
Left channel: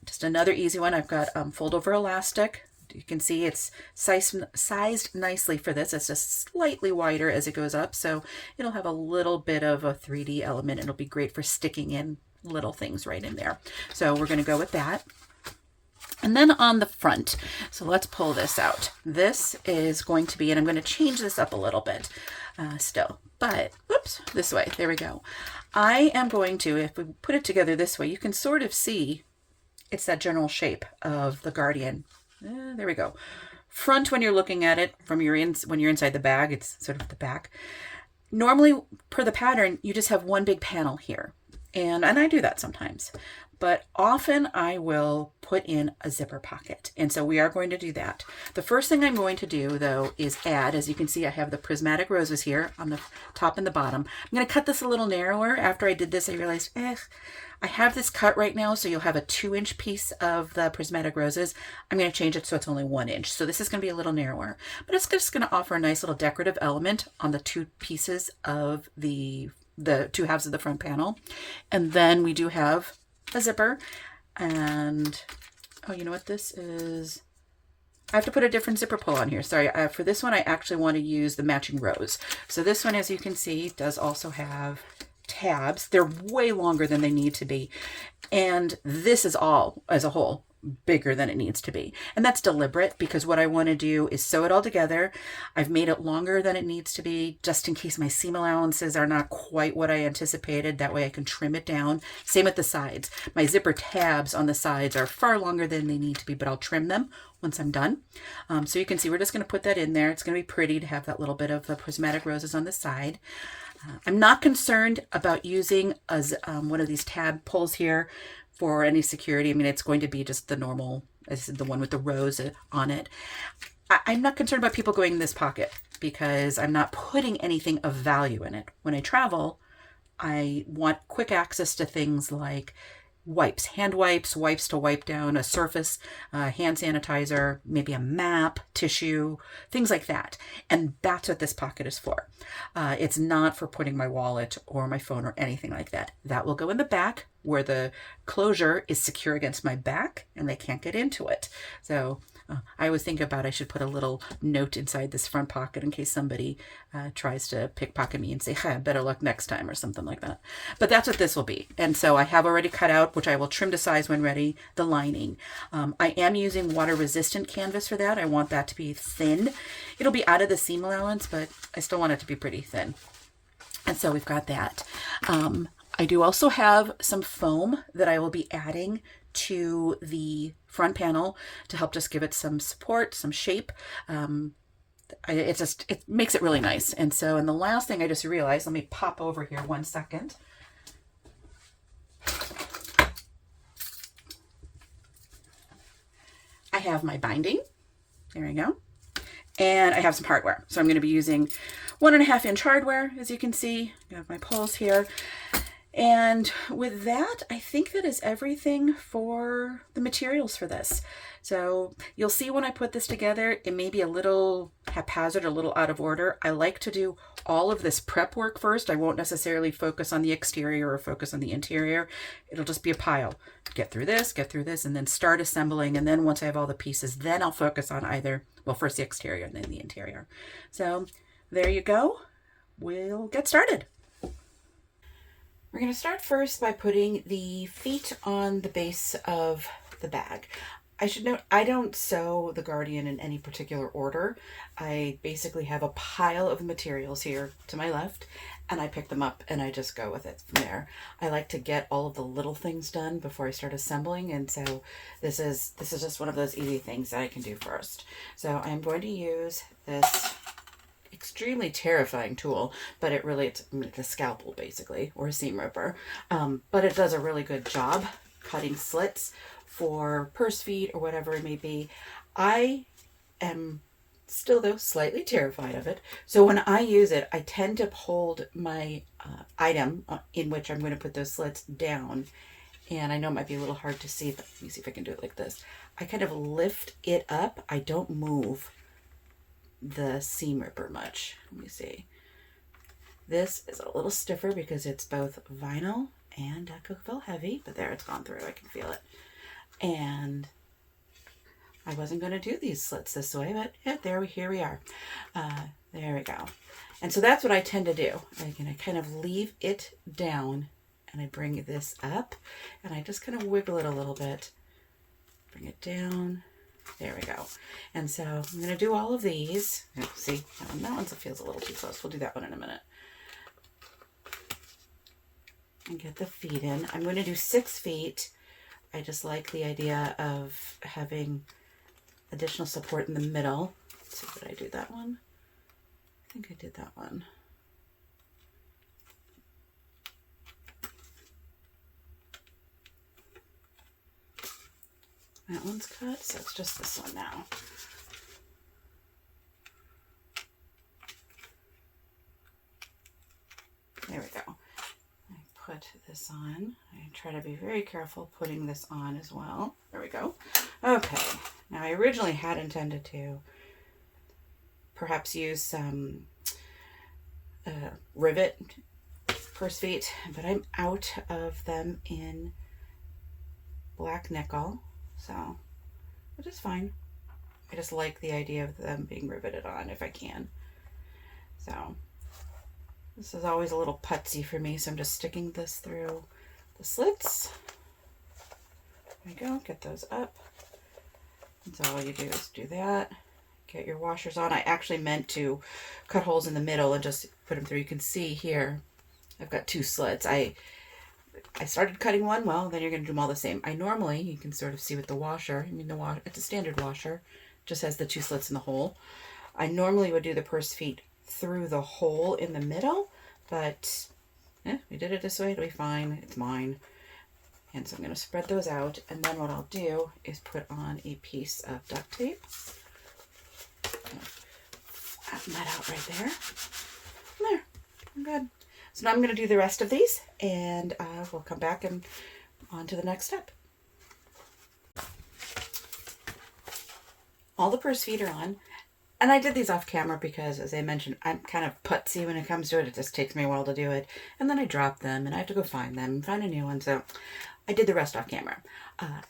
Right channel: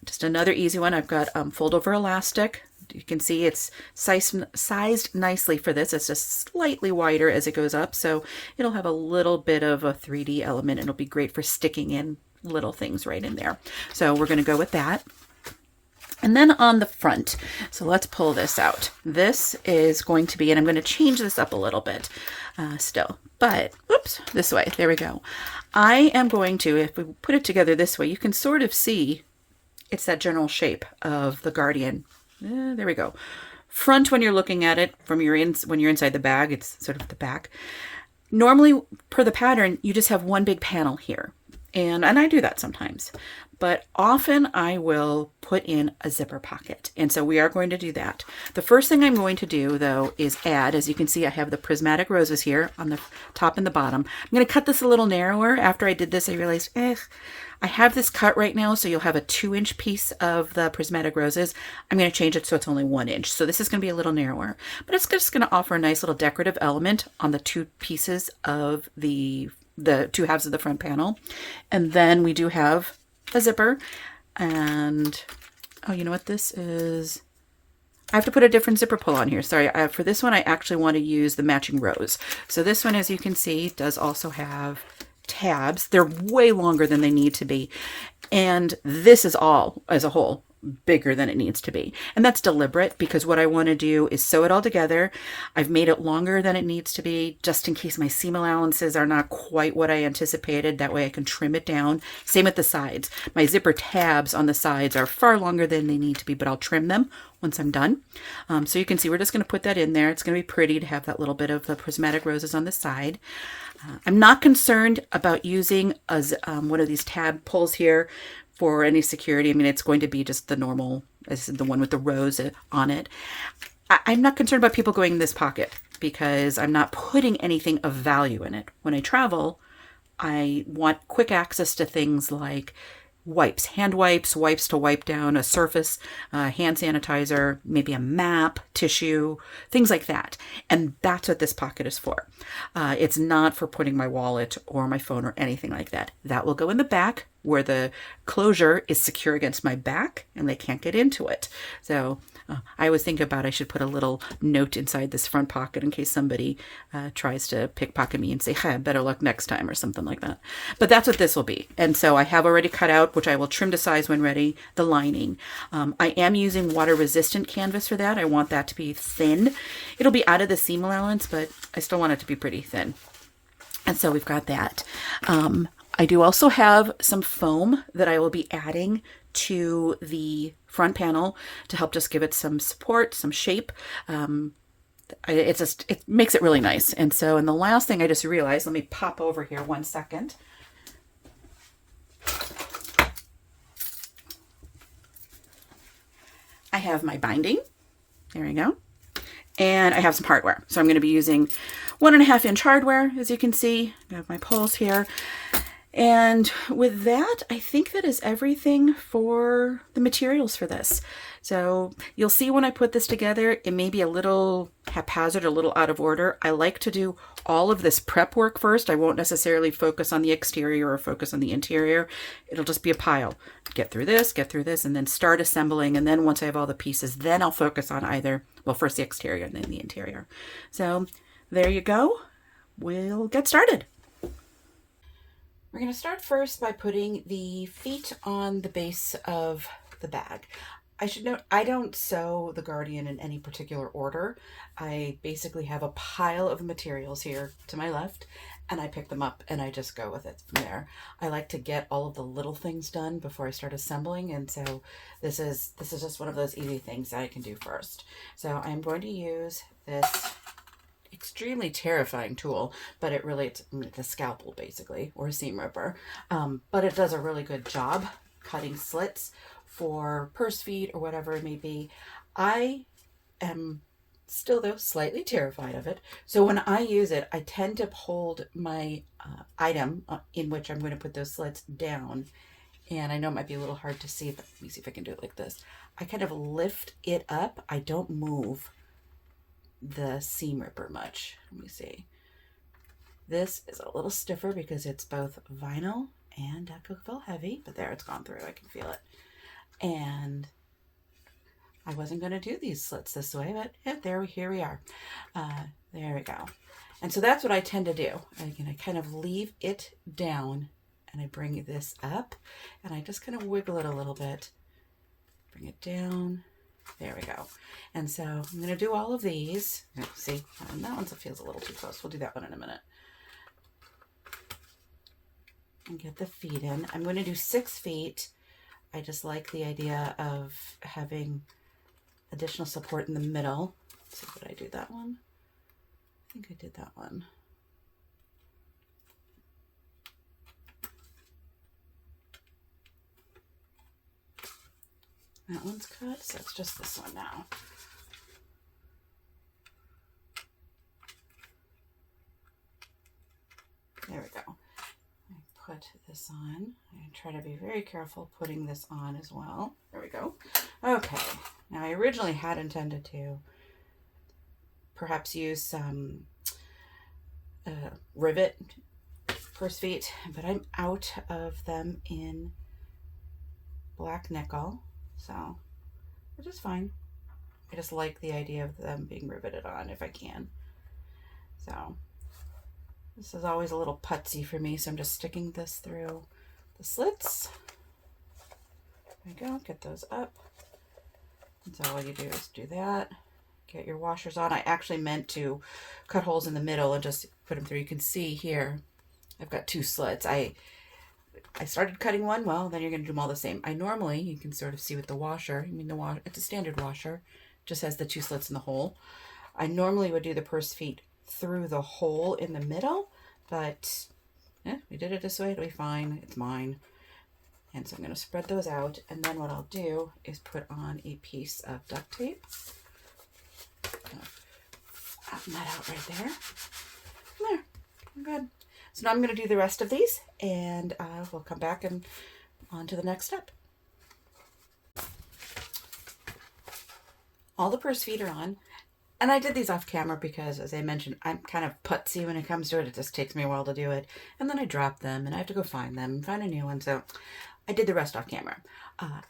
Just another easy one. I've got fold over elastic. You can see it's sized nicely for this. It's just slightly wider as it goes up, so it'll have a little bit of a 3D element. It'll be great for sticking in little things right in there. So we're going to go with that. And then on the front, so let's pull this out. This is going to be, and I'm going to change this up a little bit still, but whoops, this way. There we go. I am going to, if we put it together this way, you can sort of see it's that general shape of the Guardian. There we go. Front, when you're looking at it from when you're inside the bag, it's sort of the back. Normally, per the pattern, you just have one big panel here. And I do that sometimes. But often I will put in a zipper pocket. And so we are going to do that. The first thing I'm going to do, though, is add, as you can see, I have the prismatic roses here on the top and the bottom. I'm going to cut this a little narrower. After I did this, I realized, I have this cut right now, so you'll have a 2-inch piece of the prismatic roses. I'm going to change it so it's only 1 inch. So this is going to be a little narrower, but it's just going to offer a nice little decorative element on the two pieces of the two halves of the front panel. And then we do have a zipper, and oh, you know what this is? I have to put a different zipper pull on here. Sorry, for this one, I actually want to use the matching rose. So this one, as you can see, does also have tabs. They're way longer than they need to be. And this is all, as a whole, bigger than it needs to be. And that's deliberate because what I want to do is sew it all together. I've made it longer than it needs to be just in case my seam allowances are not quite what I anticipated. That way I can trim it down. Same with the sides. My zipper tabs on the sides are far longer than they need to be, but I'll trim them once I'm done. So you can see we're just going to put that in there. It's going to be pretty to have that little bit of the prismatic roses on the side. I'm not concerned about using one of these tab pulls here for any security. I mean, it's going to be just the normal, the one with the rose on it. I'm not concerned about people going in this pocket because I'm not putting anything of value in it. When I travel, I want quick access to things like wipes, hand wipes, wipes to wipe down a surface, hand sanitizer, maybe a map, tissue, things like that. And that's what this pocket is for. It's not for putting my wallet or my phone or anything like that. That will go in the back where the closure is secure against my back and they can't get into it. So I always think about I should put a little note inside this front pocket in case somebody tries to pickpocket me and say, hey, better luck next time or something like that. But that's what this will be. And so I have already cut out, which I will trim to size when ready, the lining. I am using water resistant canvas for that. I want that to be thin. It'll be out of the seam allowance, but I still want it to be pretty thin. And so we've got that. I do also have some foam that I will be adding to the front panel to help just give it some support, some shape. It makes it really nice. And so, and the last thing I just realized, let me pop over here 1 second. I have my binding. There we go. And I have some hardware. So I'm going to be using 1.5 inch hardware, as you can see. I have my poles here. And with that, I think that is everything for the materials for this. So you'll see when I put this together, it may be a little haphazard, a little out of order. I like to do all of this prep work first. I won't necessarily focus on the exterior or focus on the interior. It'll just be a pile. Get through this, and then start assembling. And then once I have all the pieces, then I'll focus on either, well, first the exterior and then the interior. So there you go. We'll get started. We're going to start first by putting the feet on the base of the bag. I should note, I don't sew the Guardian in any particular order. I basically have a pile of materials here to my left, and I pick them up and I just go with it from there. I like to get all of the little things done before I start assembling, and so this is just one of those easy things that I can do first. So I'm going to use this extremely terrifying tool, but it's a scalpel basically, or a seam ripper, but it does a really good job cutting slits for purse feet or whatever it may be. I am still, though, slightly terrified of it. So when I use it, I tend to hold my item in which I'm going to put those slits down. And I know it might be a little hard to see, but let me see if I can do it like this. I kind of lift it up. I don't move the seam ripper much. Let me see. This is a little stiffer because it's both vinyl and Coca-Cola heavy, but there, it's gone through. I can feel it. And I wasn't going to do these slits this way, but yeah, here we are. There we go. And so that's what I tend to do. I kind of leave it down, and I bring this up, and I just kind of wiggle it a little bit. Bring it down. There we go. And so I'm going to do all of these. See, that one feels a little too close. We'll do that one in a minute. And get the feet in. I'm going to do 6 feet. I just like the idea of having additional support in the middle. So did I do that one? I think I did that one. That one's cut, so it's just this one now. There we go. I put this on. I try to be very careful putting this on as well. There we go. Okay. Now I originally had intended to perhaps use some rivet purse feet, but I'm out of them in black nickel, so which is fine. I just like the idea of them being riveted on if I can. So this is always a little putsy for me, so I'm just sticking this through the slits. There we go, get those up. And so all you do is do that. Get your washers on. I actually meant to cut holes in the middle and just put them through. You can see here, I've got 2 slits. I started cutting one, well, then you're going to do them all the same. I normally, you can sort of see with the washer, it's a standard washer, just has the 2 slits in the hole. I normally would do the purse feet through the hole in the middle, but we did it this way, it'll be fine, it's mine. And so I'm going to spread those out, and then what I'll do is put on a piece of duct tape. Flatten that out right there. There, I'm good. So now I'm going to do the rest of these, and we'll come back and on to the next step. All the purse feet are on, and I did these off camera because, as I mentioned, I'm kind of putsy when it comes to it. It just takes me a while to do it, and then I drop them, and I have to go find them and find a new one, so I did the rest off camera.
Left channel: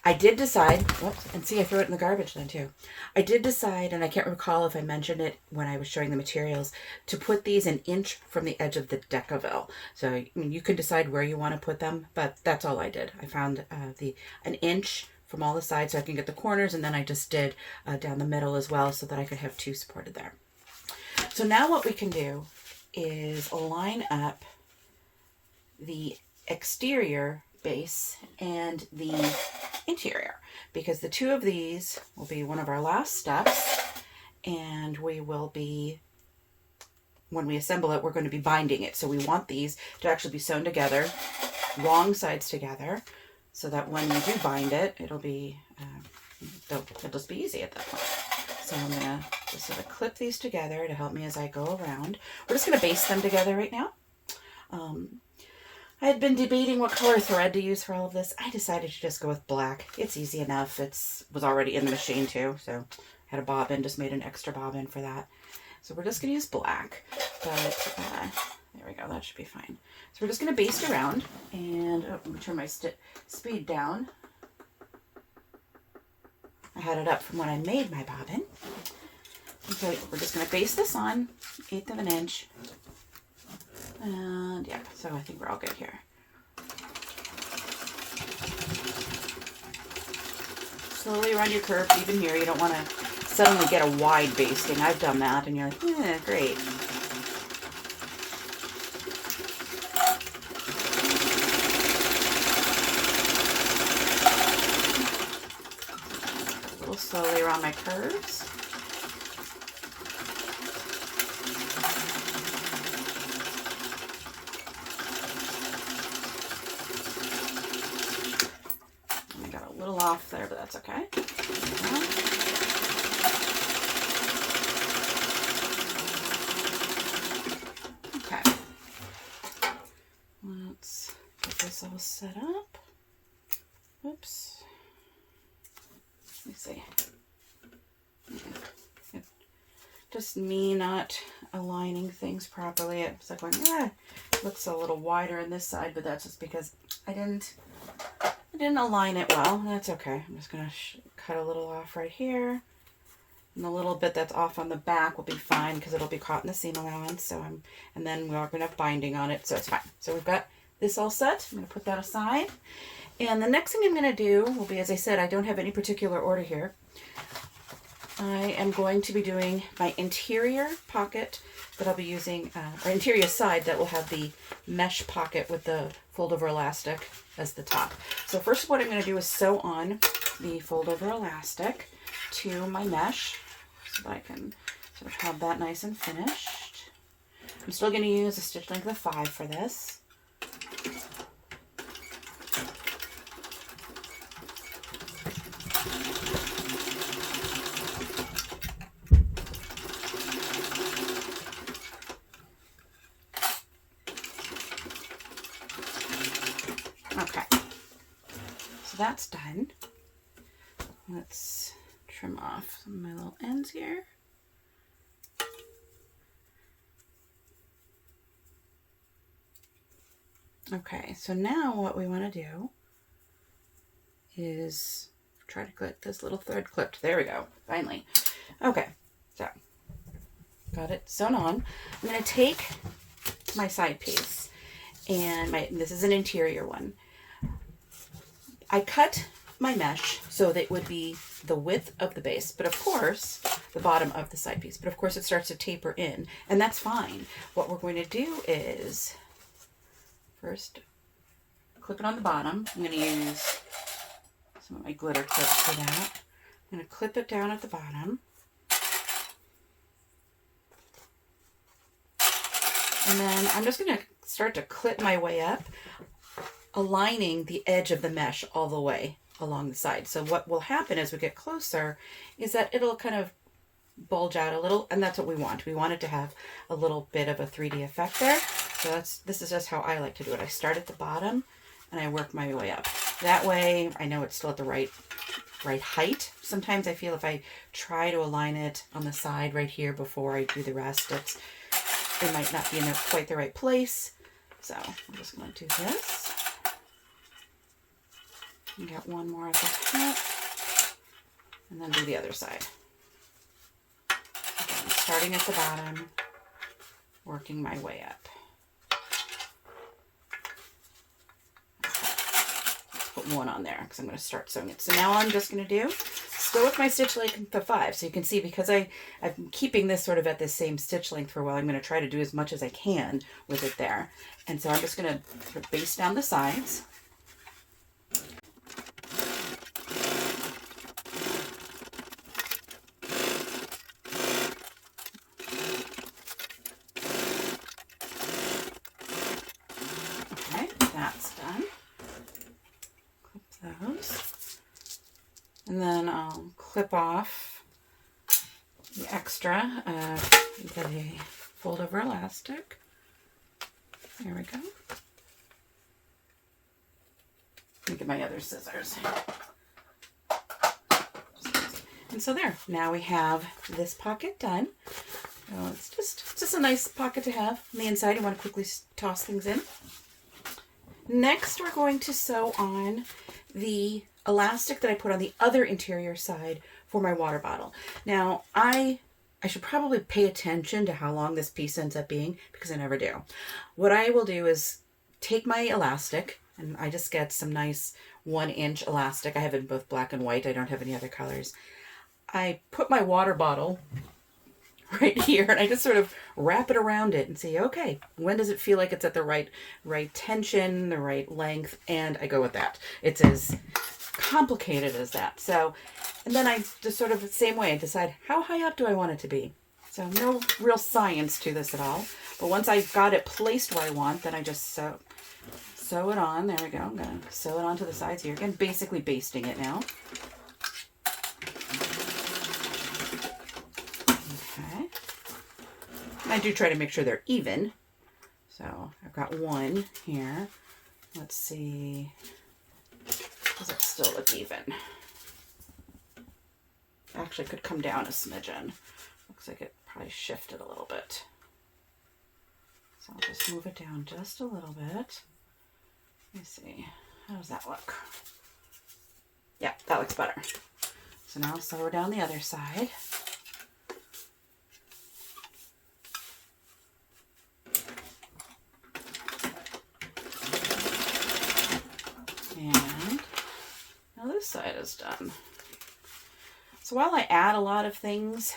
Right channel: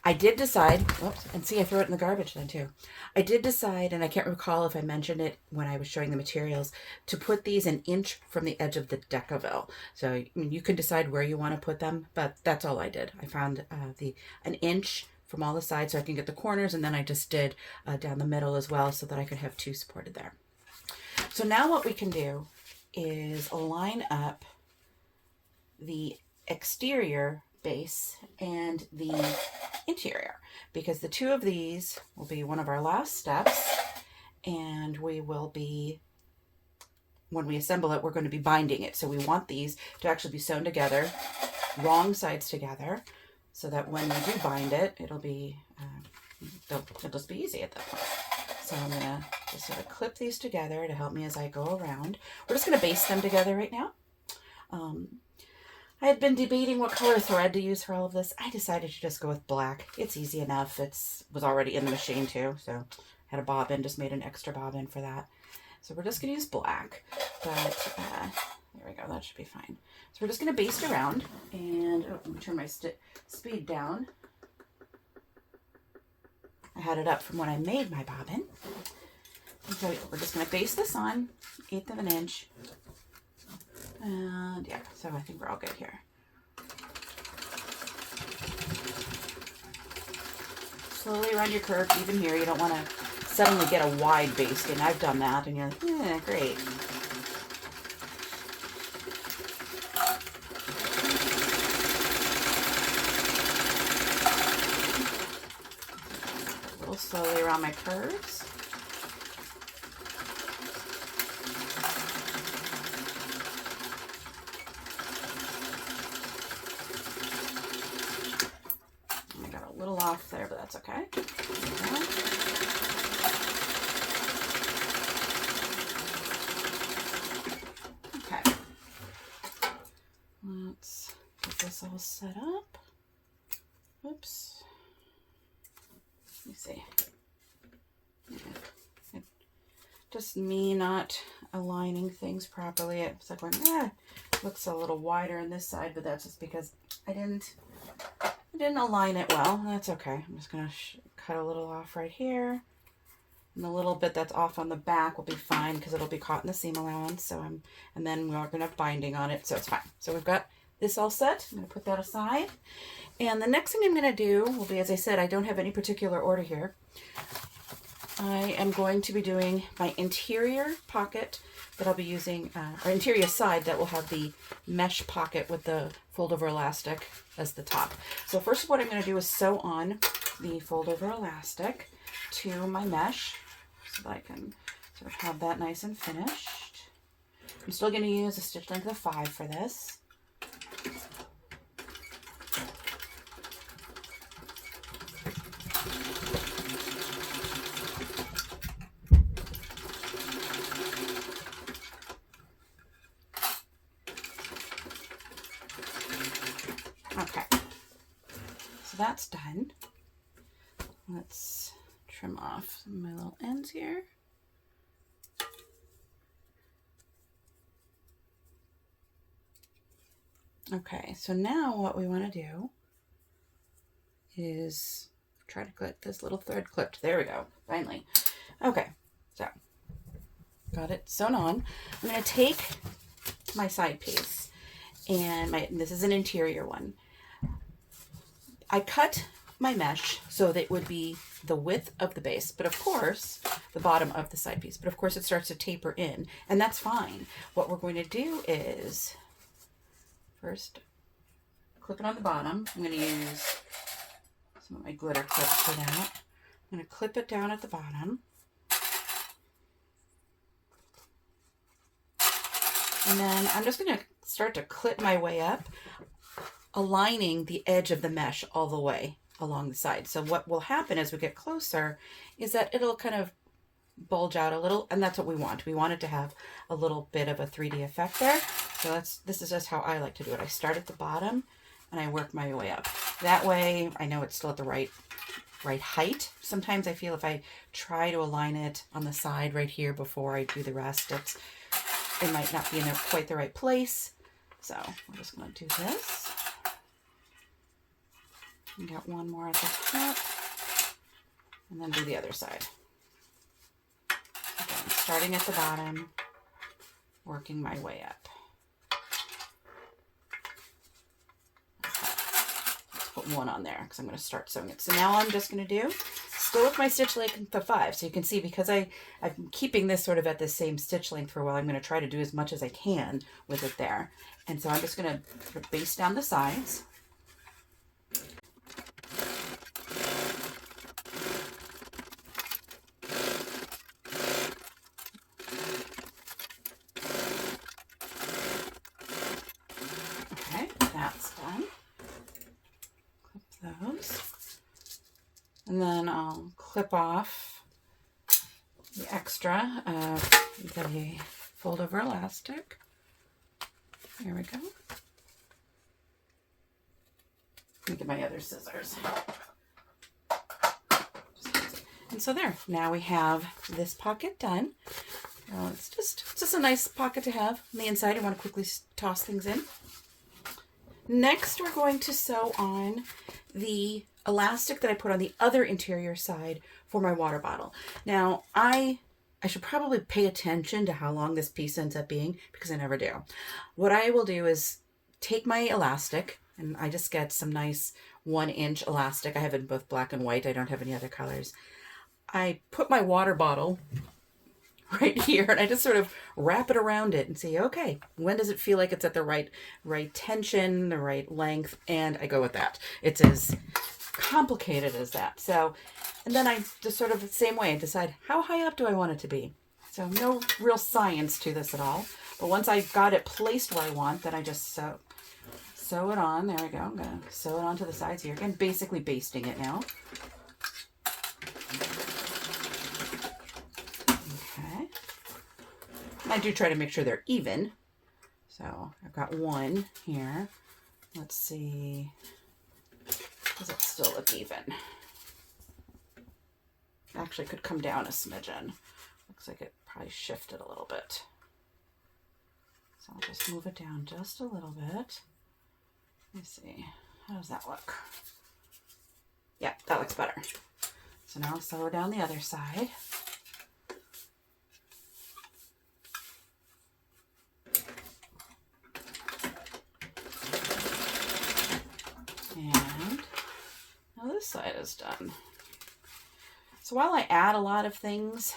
I did decide, whoops, and see, I threw it in the garbage then too. I did decide, and I can't recall if I mentioned it when I was showing the materials, to put these an inch from the edge of the decaville. So I mean, you can decide where you want to put them, but that's all I did. I found an inch from all the sides so I can get the corners, and then I just did down the middle as well so that I could have 2 supported there. So now what we can do is line up the exterior base and the interior, because the 2 of these will be one of our last steps, and we will be, when we assemble it, we're going to be binding it. So we want these to actually be sewn together, wrong sides together, so that when we do bind it, it'll be it'll just be easy at that point. So I'm going to just sort of clip these together to help me as I go around. We're just going to baste them together right now. I had been debating what color thread to use for all of this. I decided to just go with black. It's easy enough. It was already in the machine too, so I had a bobbin, just made an extra bobbin for that. So we're just going to use black, but there we go, that should be fine. So we're just going to baste around, and let me turn my speed down. I had it up from when I made my bobbin. Okay, we're just going to baste this on, 1/8 of an inch. And yeah, so I think we're all good here. Slowly around your curve, even here. You don't want to suddenly get a wide basting. I've done that, and you're like, yeah, great. slowly around my curves. I got a little off there, but that's okay. Okay. Let's get this all set up. Whoops. Let me see. Just me not aligning things properly. It's like going, it looks a little wider on this side, but that's just because I didn't align it well. That's okay. I'm just gonna cut a little off right here, and the little bit that's off on the back will be fine because it'll be caught in the seam allowance. And then we're gonna have binding on it, so it's fine. So we've got this all set. I'm gonna put that aside. And the next thing I'm gonna do will be, as I said, I don't have any particular order here. I am going to be doing my interior pocket that I'll be using, or interior side that will have the mesh pocket with the fold over elastic as the top. So first what I'm going to do is sew on the fold over elastic to my mesh so that I can sort of have that nice and finished. I'm still going to use a stitch length of 5 for this. Okay, so that's done. Let's trim off some of my little ends here. Okay, so now what we want to do is try to get this little thread clipped. There we go, finally. Okay, so got it sewn on. I'm going to take my side piece, and this is an interior one. I cut my mesh so that it would be the width of the base, but of course, the bottom of the side piece. But of course, it starts to taper in, and that's fine. What we're going to do is first clip it on the bottom. I'm going to use some of my glitter clips for that. I'm going to clip it down at the bottom. And then I'm just going to start to clip my way up, aligning the edge of the mesh all the way along the side. So what will happen as we get closer is that it'll kind of bulge out a little, and that's what we want. We want it to have a little bit of a 3D effect there. So this is just how I like to do it. I start at the bottom and I work my way up. That way I know it's still at the right height. Sometimes I feel if I try to align it on the side right here before I do the elastics, it might not be in quite the right place. So I'm just going to do this. And get one more at the top, and then do the other side. Again, starting at the bottom, working my way up. Okay. Let's put one on there because I'm going to start sewing it. So now I'm just going to do, still with my stitch length of 5. So you can see, because I'm keeping this sort of at the same stitch length for a while, I'm going to try to do as much as I can with it there. And so I'm just going to sort of baste down the sides. And then I'll clip off the extra the fold over elastic. There we go. Let me get my other scissors. And so there, now we have this pocket done. It's just a nice pocket to have on the inside. I want to quickly toss things in. Next, we're going to sew on the elastic that I put on the other interior side for my water bottle. Now, I should probably pay attention to how long this piece ends up being, because I never do. What I will do is take my elastic, and I just get some nice 1-inch elastic. I have it in both black and white. I don't have any other colors. I put my water bottle right here, and I just sort of wrap it around it and see, okay, when does it feel like it's at the right tension, the right length, and I go with that. It's as complicated as that. So And then I just sort of the same way, decide how high up do I want it to be. So no real science to this at all. But once I've got it placed where I want, then I just sew it on. There we go. I'm going to sew it onto the sides here. Again, basically basting it now. Okay. And I do try to make sure they're even. So I've got one here. Let's see. Does it still look even? Actually, could come down a smidgen. Looks like it probably shifted a little bit. So I'll just move it down just a little bit. Let me see. How does that look? Yeah, that looks better. So now I'll sew down the other side. And now this side is done. So while I add a lot of things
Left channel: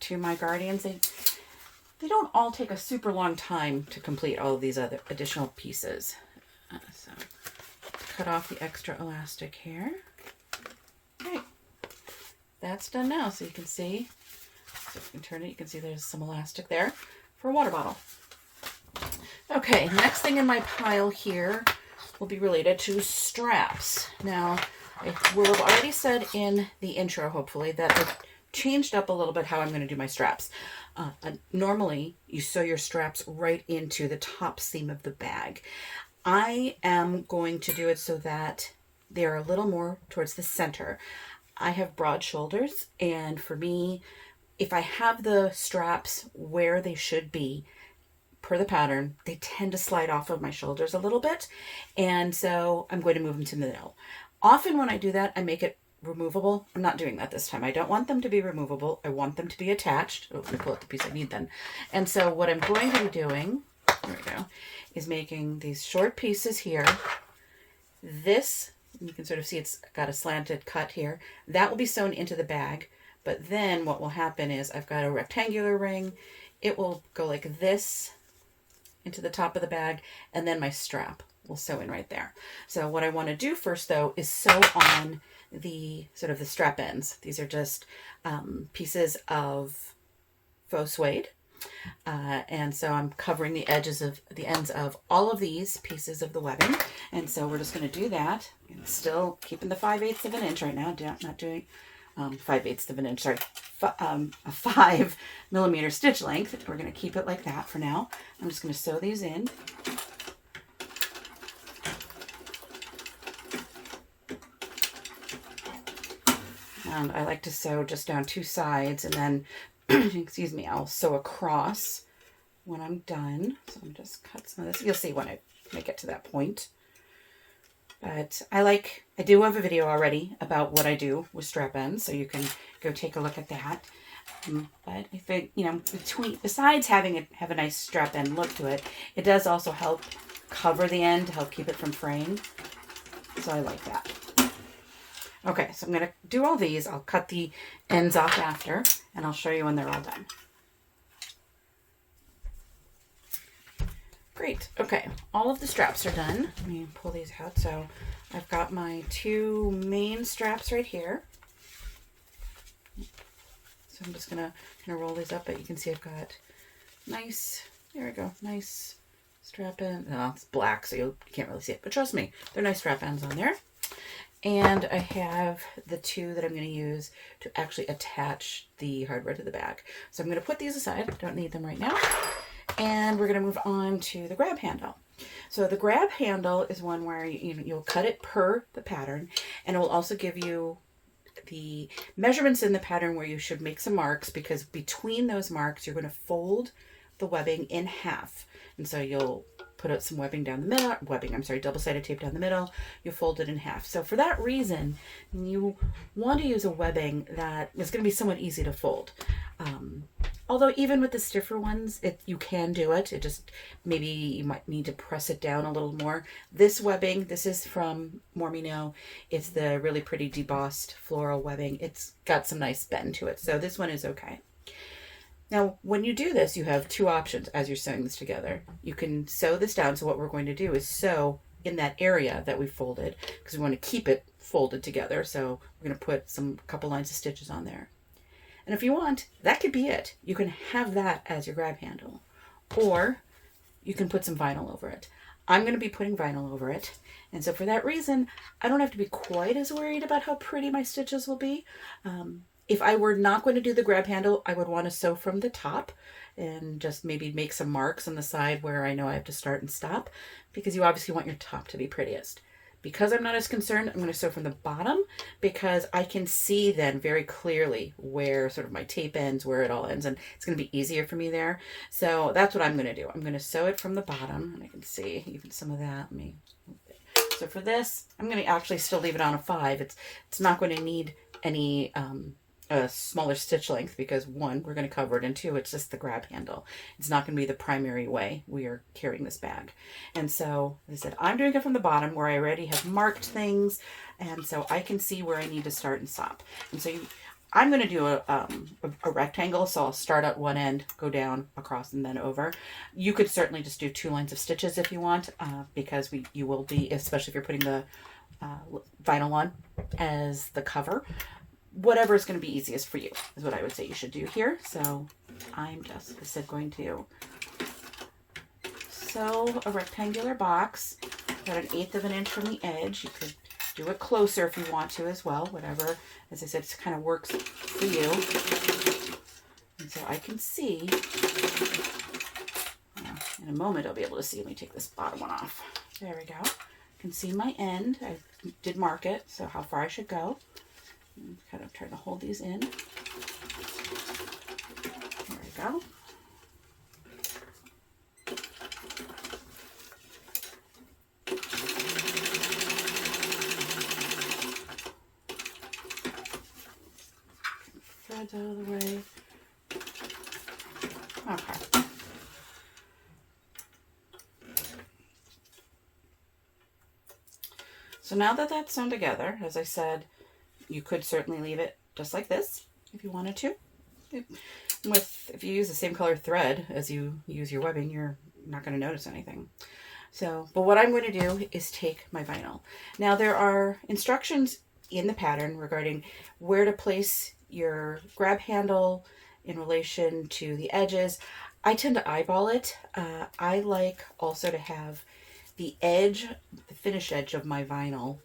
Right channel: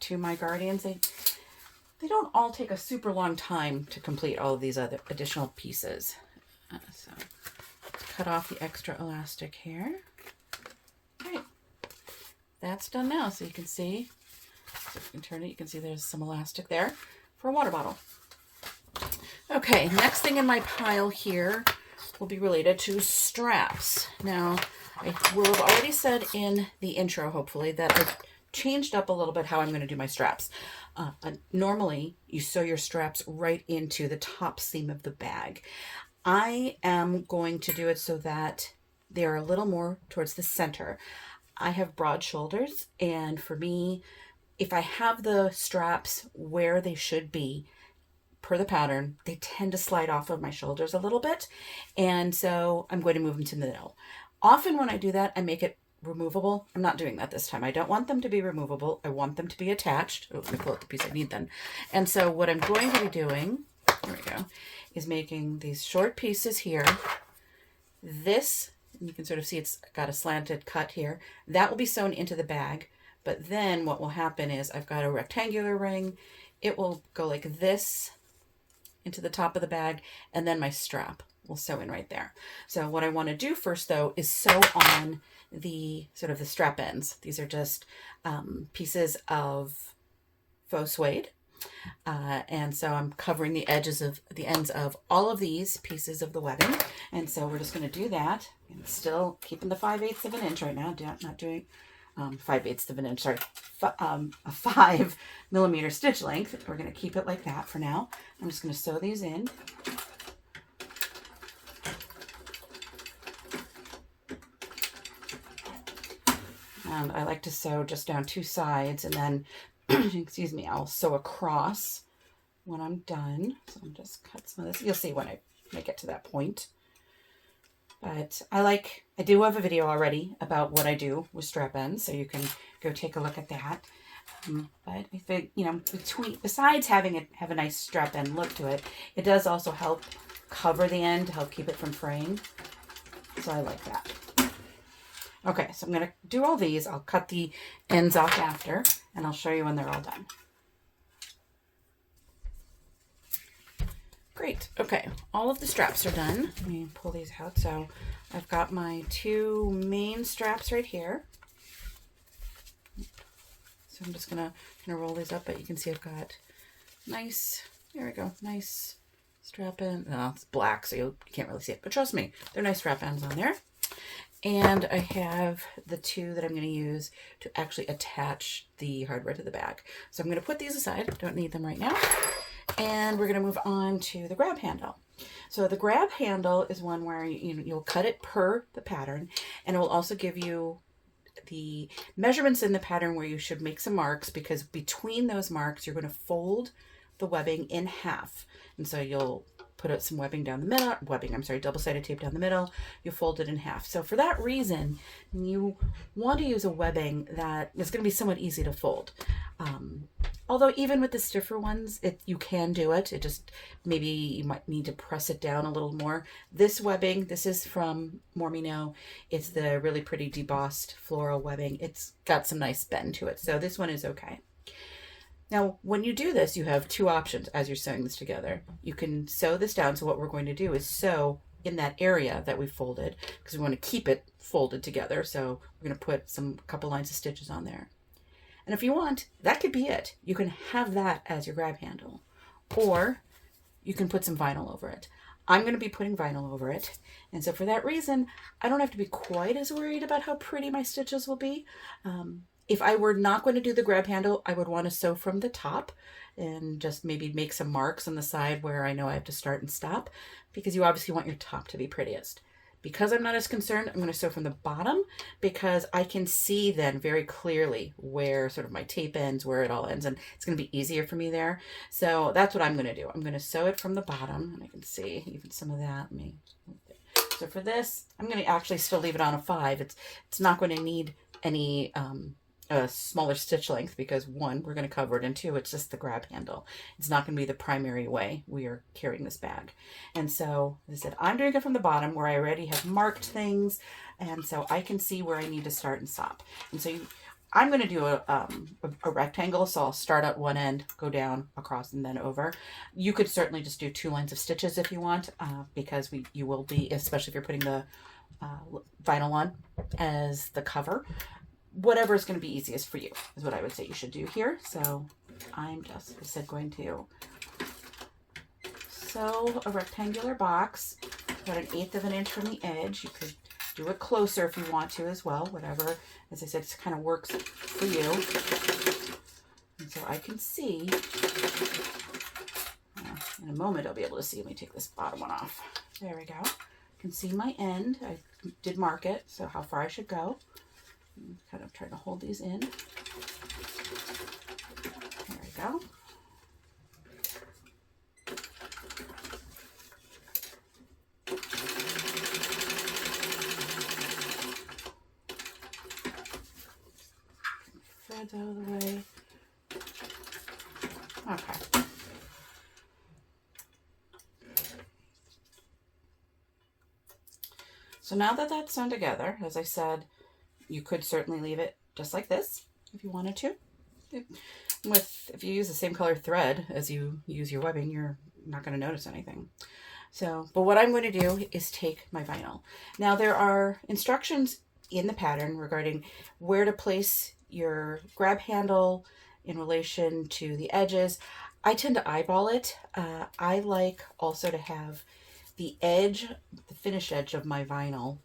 to my Guardians, they don't all take a super long time to complete all of these other additional pieces. So let's cut off the extra elastic here. Okay, that's done now. So you can see, so if you can turn it, you can see there's some elastic there for a water bottle. Okay, next thing in my pile here will be related to straps. Now, I will have already said in the intro, hopefully, that I've changed up a little bit how I'm going to do my straps. Normally, you sew your straps right into the top seam of the bag. I am going to do it so that they're a little more towards the center. I have broad shoulders, and for me, if I have the straps where they should be, per the pattern, they tend to slide off of my shoulders a little bit, and so I'm going to move them to the middle. Often when I do that, I make it removable. I'm not doing that this time. I don't want them to be removable. I want them to be attached. Oh, let me pull out the piece I need then. And so what I'm going to be doing, there we go, is making these short pieces here. This, you can sort of see it's got a slanted cut here. That will be sewn into the bag. But then what will happen is I've got a rectangular ring. It will go like this into the top of the bag, and then my strap will sew in right there. So what I want to do first, though, is sew on the sort of the strap ends. These are just pieces of faux suede. And so I'm covering the edges of the ends of all of these pieces of the webbing. And so we're just going to do that. And still keeping the 5/8 of an inch right now. Not doing 5/8 of an inch, sorry, a 5 millimeter stitch length. We're going to keep it like that for now. I'm just going to sew these in. And I like to sew just down two sides, and then, excuse me, I'll sew across when I'm done. So I'm just cut some of this. You'll see when I get to that point. But I do have a video already about what I do with strap ends, so you can go take a look at that. But I think, besides having it have a nice strap end look to it, it does also help cover the end to help keep it from fraying. So I like that. Okay, so I'm going to do all these. I'll cut the ends off after, and I'll show you when they're all done. Great. Okay, all of the straps are done. Let me pull these out. So I've got my two main straps right here. So I'm just going to roll these up, but you can see I've got nice, there we go, nice strap ends. No, it's black, so you can't really see it, but trust me, they're nice strap ends on there. And I have the two that I'm going to use to actually attach the hardware to the bag. So I'm going to put these aside. Don't need them right now. And we're going to move on to the grab handle. So the grab handle is one where you'll cut it per the pattern, and it will also give you the measurements in the pattern where you should make some marks, because between those marks you're going to fold the webbing in half. And so you'll put out some webbing down the middle, double-sided tape down the middle, you fold it in half. So for that reason, you want to use a webbing that is going to be somewhat easy to fold. Although even with the stiffer ones, you can do it. It just, maybe you might need to press it down a little more. This webbing, this is from Mormino. It's the really pretty debossed floral webbing. It's got some nice bend to it. So this one is okay. Now, when you do this, you have two options as you're sewing this together. You can sew this down. So what we're going to do is sew in that area that we folded, because we want to keep it folded together. So we're going to put couple lines of stitches on there. And if you want, that could be it. You can have that as your grab handle, or you can put some vinyl over it. I'm going to be putting vinyl over it. And so for that reason, I don't have to be quite as worried about how pretty my stitches will be. If I were not going to do the grab handle, I would want to sew from the top and just maybe make some marks on the side where I know I have to start and stop, because you obviously want your top to be prettiest. Because I'm not as concerned, I'm going to sew from the bottom, because I can see then very clearly where sort of my tape ends, where it all ends, and it's going to be easier for me there. So that's what I'm going to do. I'm going to sew it from the bottom, and I can see even some of that. So for this, I'm going to actually still leave it on a 5. It's not going to need any a smaller stitch length, because 1, we're going to cover it, and 2, it's just the grab handle. It's not going to be the primary way we are carrying this bag. And so, as I said, I'm doing it from the bottom where I already have marked things, and so I can see where I need to start and stop. And so I'm going to do a rectangle, so I'll start at one end, go down, across, and then over. You could certainly just do 2 lines of stitches if you want, because you will be, especially if you're putting the vinyl on as the cover. Whatever is going to be easiest for you is what I would say you should do here. So I'm just, as I said, going to sew a rectangular box about 1/8 of an inch from the edge. You could do it closer if you want to as well, whatever, as I said, it kind of works for you. And so I can see, in a moment I'll be able to see. Let me take this bottom one off. There we go. You can see my end. I did mark it, so how far I should go. I'm kind of trying to hold these in. There we go. Threads out of the way. Okay. So now that that's sewn together, as I said, you could certainly leave it just like this if you wanted to. If you use the same color thread as you use your webbing, you're not going to notice anything. So, but what I'm going to do is take my vinyl. Now there are instructions in the pattern regarding where to place your grab handle in relation to the edges. I tend to eyeball it. I like also to have the edge, the finished edge of my vinyl,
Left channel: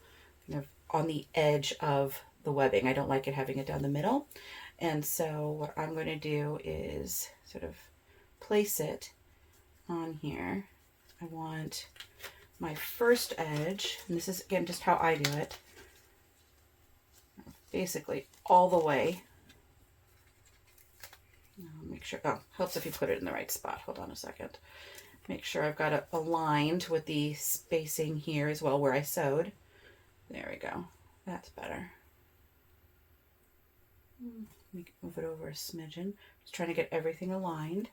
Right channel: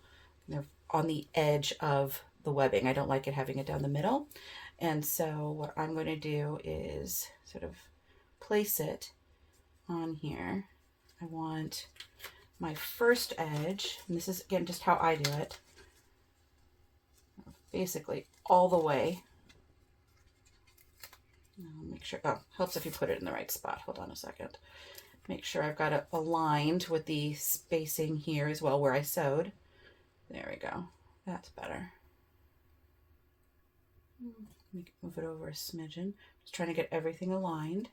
on the edge of the webbing. I don't like it having it down the middle. And so what I'm going to do is sort of place it on here. I want my first edge, and this is again just how I do it, basically all the way. Make sure, oh, helps if you put it in the right spot. Hold on a second. Make sure I've got it aligned with the spacing here as well where I sewed. There we go. That's better. Move it over a smidgen. Just trying to get everything aligned.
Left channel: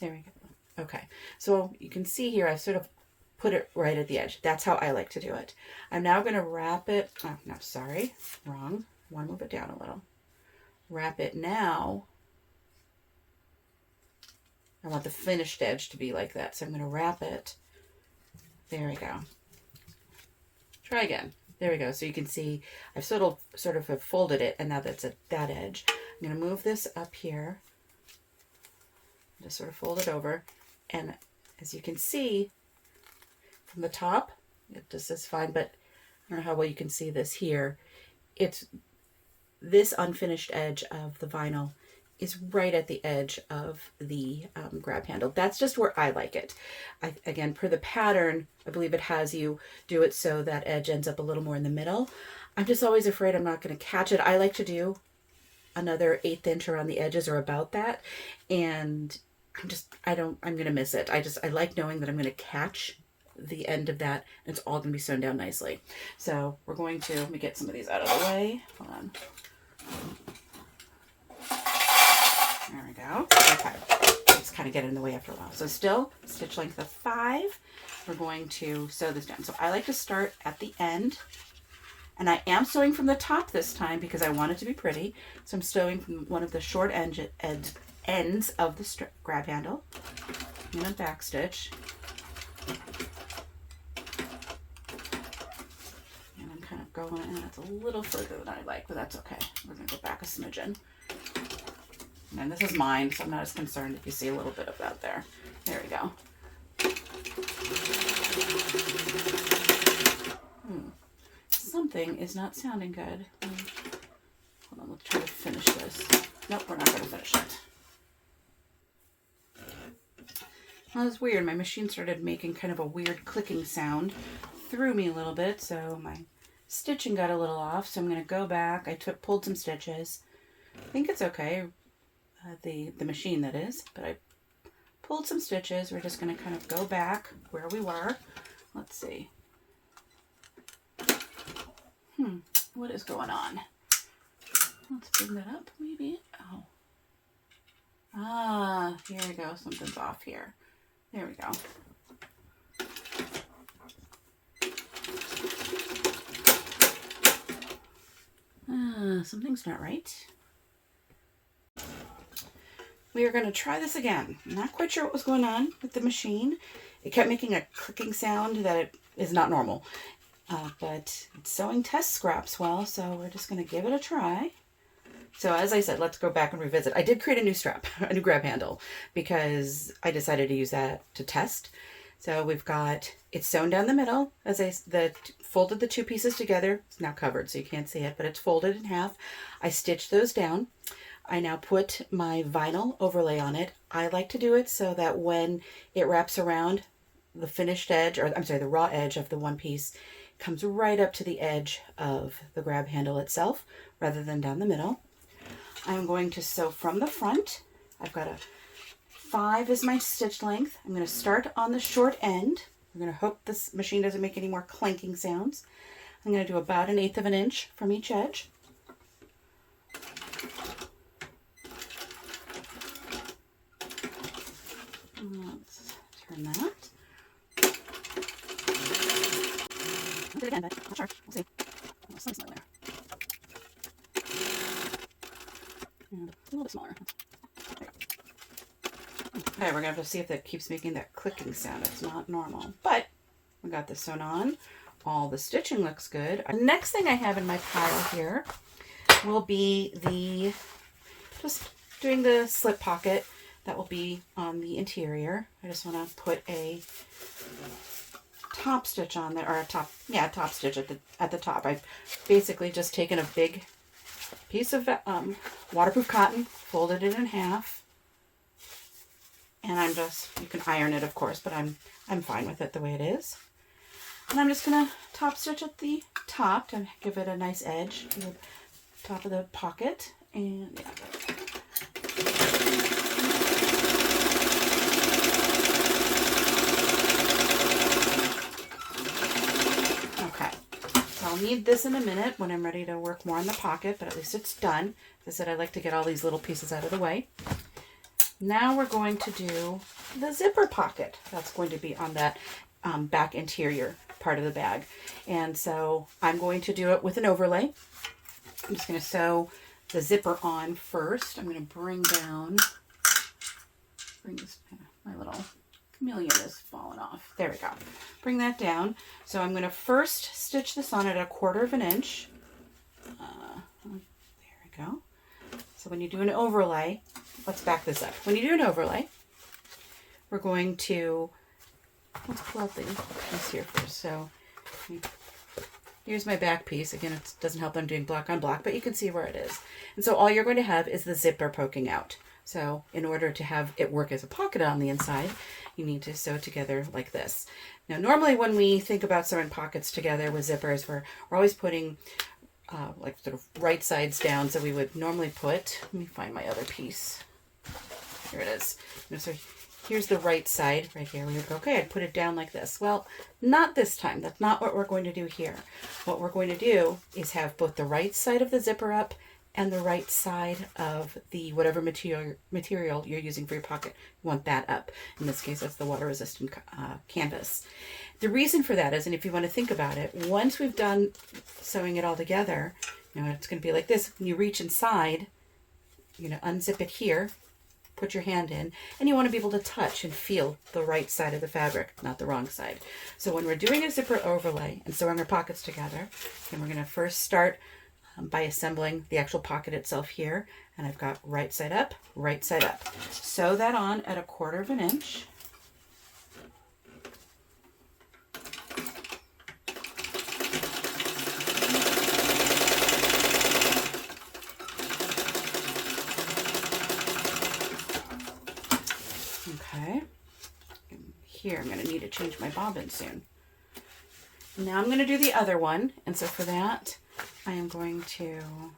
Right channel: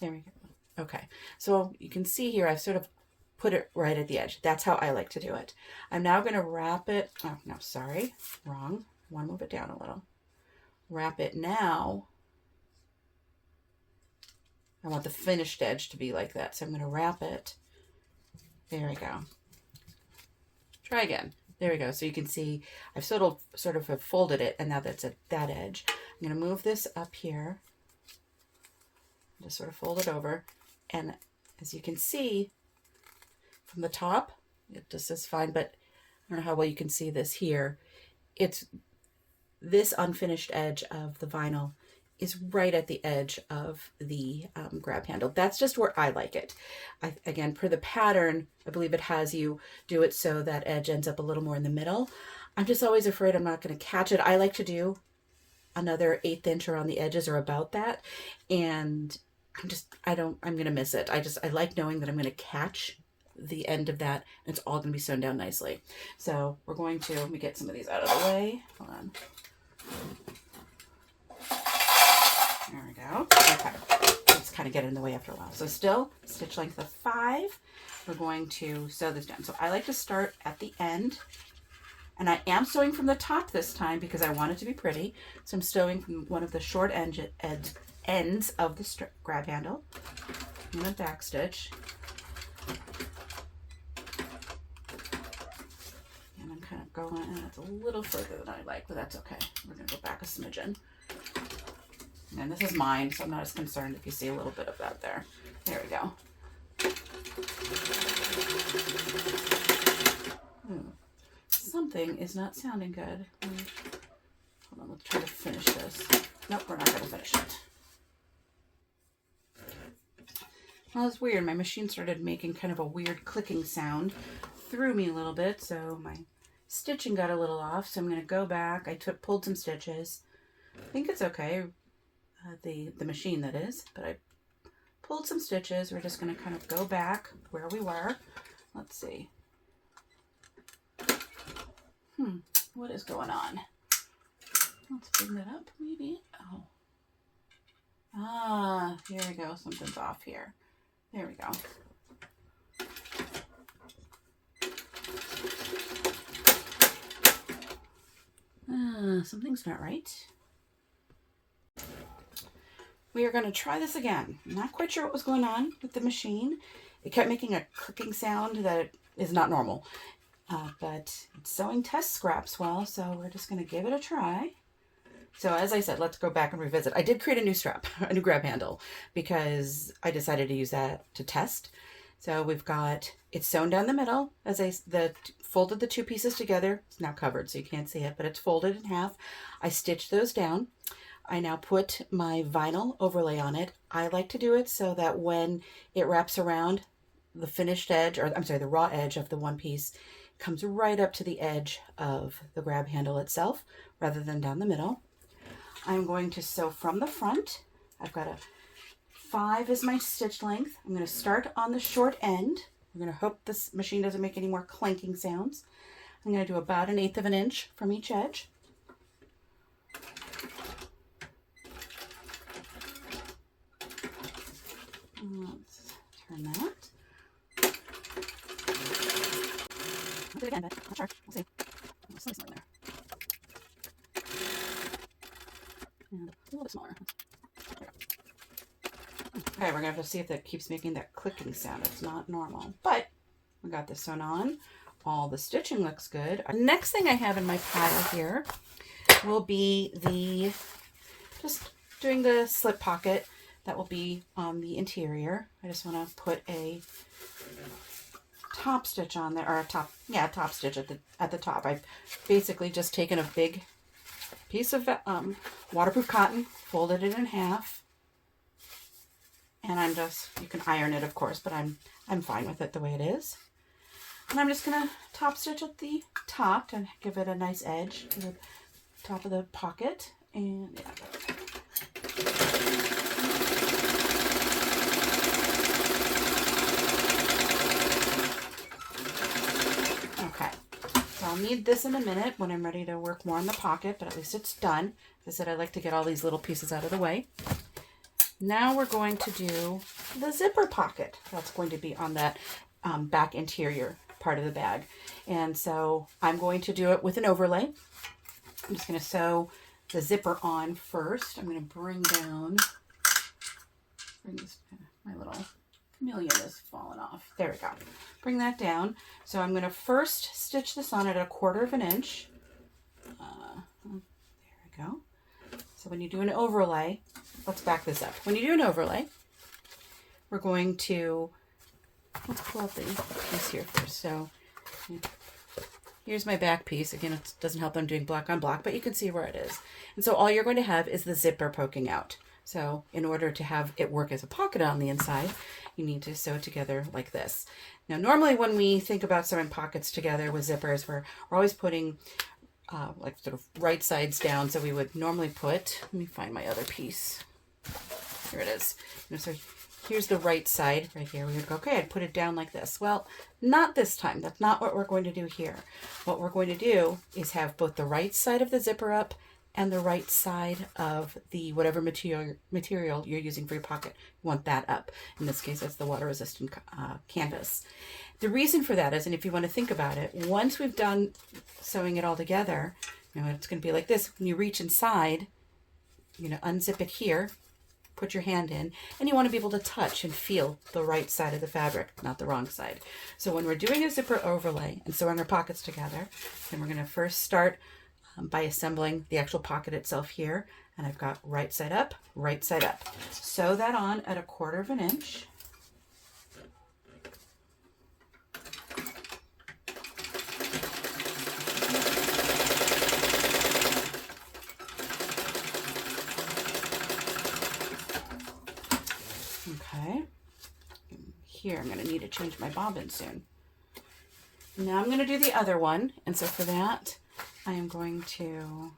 There we go. Okay, so you can see here I've sort of put it right at the edge. That's how I like to do it. I'm now going to wrap it. Oh, no, sorry. Wrong. I want to move it down a little. Wrap it now. I want the finished edge to be like that. So I'm going to wrap it. There we go. Try again. There we go. So you can see I've sort of have folded it, and now that's at that edge. I'm going to move this up here. Just sort of fold it over. And as you can see from the top, this is fine, but I don't know how well you can see this here. It's this unfinished edge of the vinyl is right at the edge of the grab handle. That's just where I like it. Again, per the pattern, I believe it has you do it so that edge ends up a little more in the middle. I'm just always afraid I'm not going to catch it. I like to do another 1/8 inch around the edges or about that. And I'm going to miss it. I like knowing that I'm going to catch the end of that, and it's all going to be sewn down nicely. So we're going to, let me get some of these out of the way. Hold on. There we go. Okay. Just kind of get it in the way after a while. So still stitch length of 5. We're going to sew this down. So I like to start at the end, and I am sewing from the top this time because I want it to be pretty. So I'm sewing from one of the short ends of the grab handle. I'm going to back stitch. And I'm kind of going, and it's a little further than I like, but that's okay. We're going to go back a smidgen. And this is mine, so I'm not as concerned if you see a little bit of that there. There we go. Something is not sounding good. Hold on, let's try to finish this. Nope, we're not going to finish it. Well, it's weird. My machine started making kind of a weird clicking sound. Threw me a little bit, so my stitching got a little off. So I'm going to go back. I pulled some stitches. I think it's okay. The machine, that is. But I pulled some stitches. We're just going to kind of go back where we were. Let's see. What is going on? Let's bring that up, maybe. Oh. Ah, here we go. Something's off here. There we go. Something's not right. We are going to try this again. I'm not quite sure what was going on with the machine. It kept making a clicking sound that is not normal. But it's sewing test scraps well, so we're just going to give it a try. So as I said, let's go back and revisit. I did create a new strap, a new grab handle, because I decided to use that to test. So we've got, it's sewn down the middle, as I folded the two pieces together. It's now covered, so you can't see it, but it's folded in half. I stitched those down. I now put my vinyl overlay on it. I like to do it so that when it wraps around the finished edge, or I'm sorry, the raw edge of the one piece, comes right up to the edge of the grab handle itself rather than down the middle. I'm going to sew from the front. I've got 5 is my stitch length. I'm going to start on the short end. I'm going to hope this machine doesn't make any more clanking sounds. I'm going to do about 1/8 of an inch from each edge. Let's turn that. It again, but not sure. We'll see. Oh, something's not there. And a little bit smaller. There we go. Okay, we're gonna have to see if that keeps making that clicking sound. It's not normal, but we got this sewn on. All the stitching looks good. The next thing I have in my pile here will be just doing the slip pocket that will be on the interior. I just want to put a top stitch on there, or a top stitch at the top. I've basically just taken a big piece of waterproof cotton, folded it in half, and you can iron it, of course, but I'm fine with it the way it is. And I'm just gonna top stitch at the top to give it a nice edge to the top of the pocket, and yeah. I'll need this in a minute when I'm ready to work more on the pocket, but at least it's done. As I said, I like to get all these little pieces out of the way. Now we're going to do the zipper pocket. That's going to be on that back interior part of the bag. And so I'm going to do it with an overlay. I'm just going to sew the zipper on first. I'm going to bring this, my little chameleon is falling off. There we go. Bring that down. So I'm going to first stitch this on at 1/4 of an inch. There we go. So when you do an overlay, let's back this up. When you do an overlay, we're going to, let's pull out the piece here first. So here's my back piece. Again, it doesn't help I'm doing black on black, but you can see where it is. And so all you're going to have is the zipper poking out. So in order to have it work as a pocket on the inside, you need to sew it together like this. Now, normally when we think about sewing pockets together with zippers, we're always putting like sort of right sides down. So we would normally put, let me find my other piece. Here it is. So here's the right side right here. We would go, okay, I'd put it down like this. Well, not this time. That's not what we're going to do here. What we're going to do is have both the right side of the zipper up and the right side of the whatever material you're using for your pocket. You want that up. In this case, it's the water resistant canvas. The reason for that is, and if you want to think about it, once we've done sewing it all together, it's going to be like this. When you reach inside, you're going to unzip it here, put your hand in, and you want to be able to touch and feel the right side of the fabric, not the wrong side. So when we're doing a zipper overlay and sewing our pockets together, then we're going to first start by assembling the actual pocket itself here. And I've got right side up, right side up. Sew that on at 1/4 inch. Okay. Here, I'm going to need to change my bobbin soon. Now I'm going to do the other one. And so for that, I am going to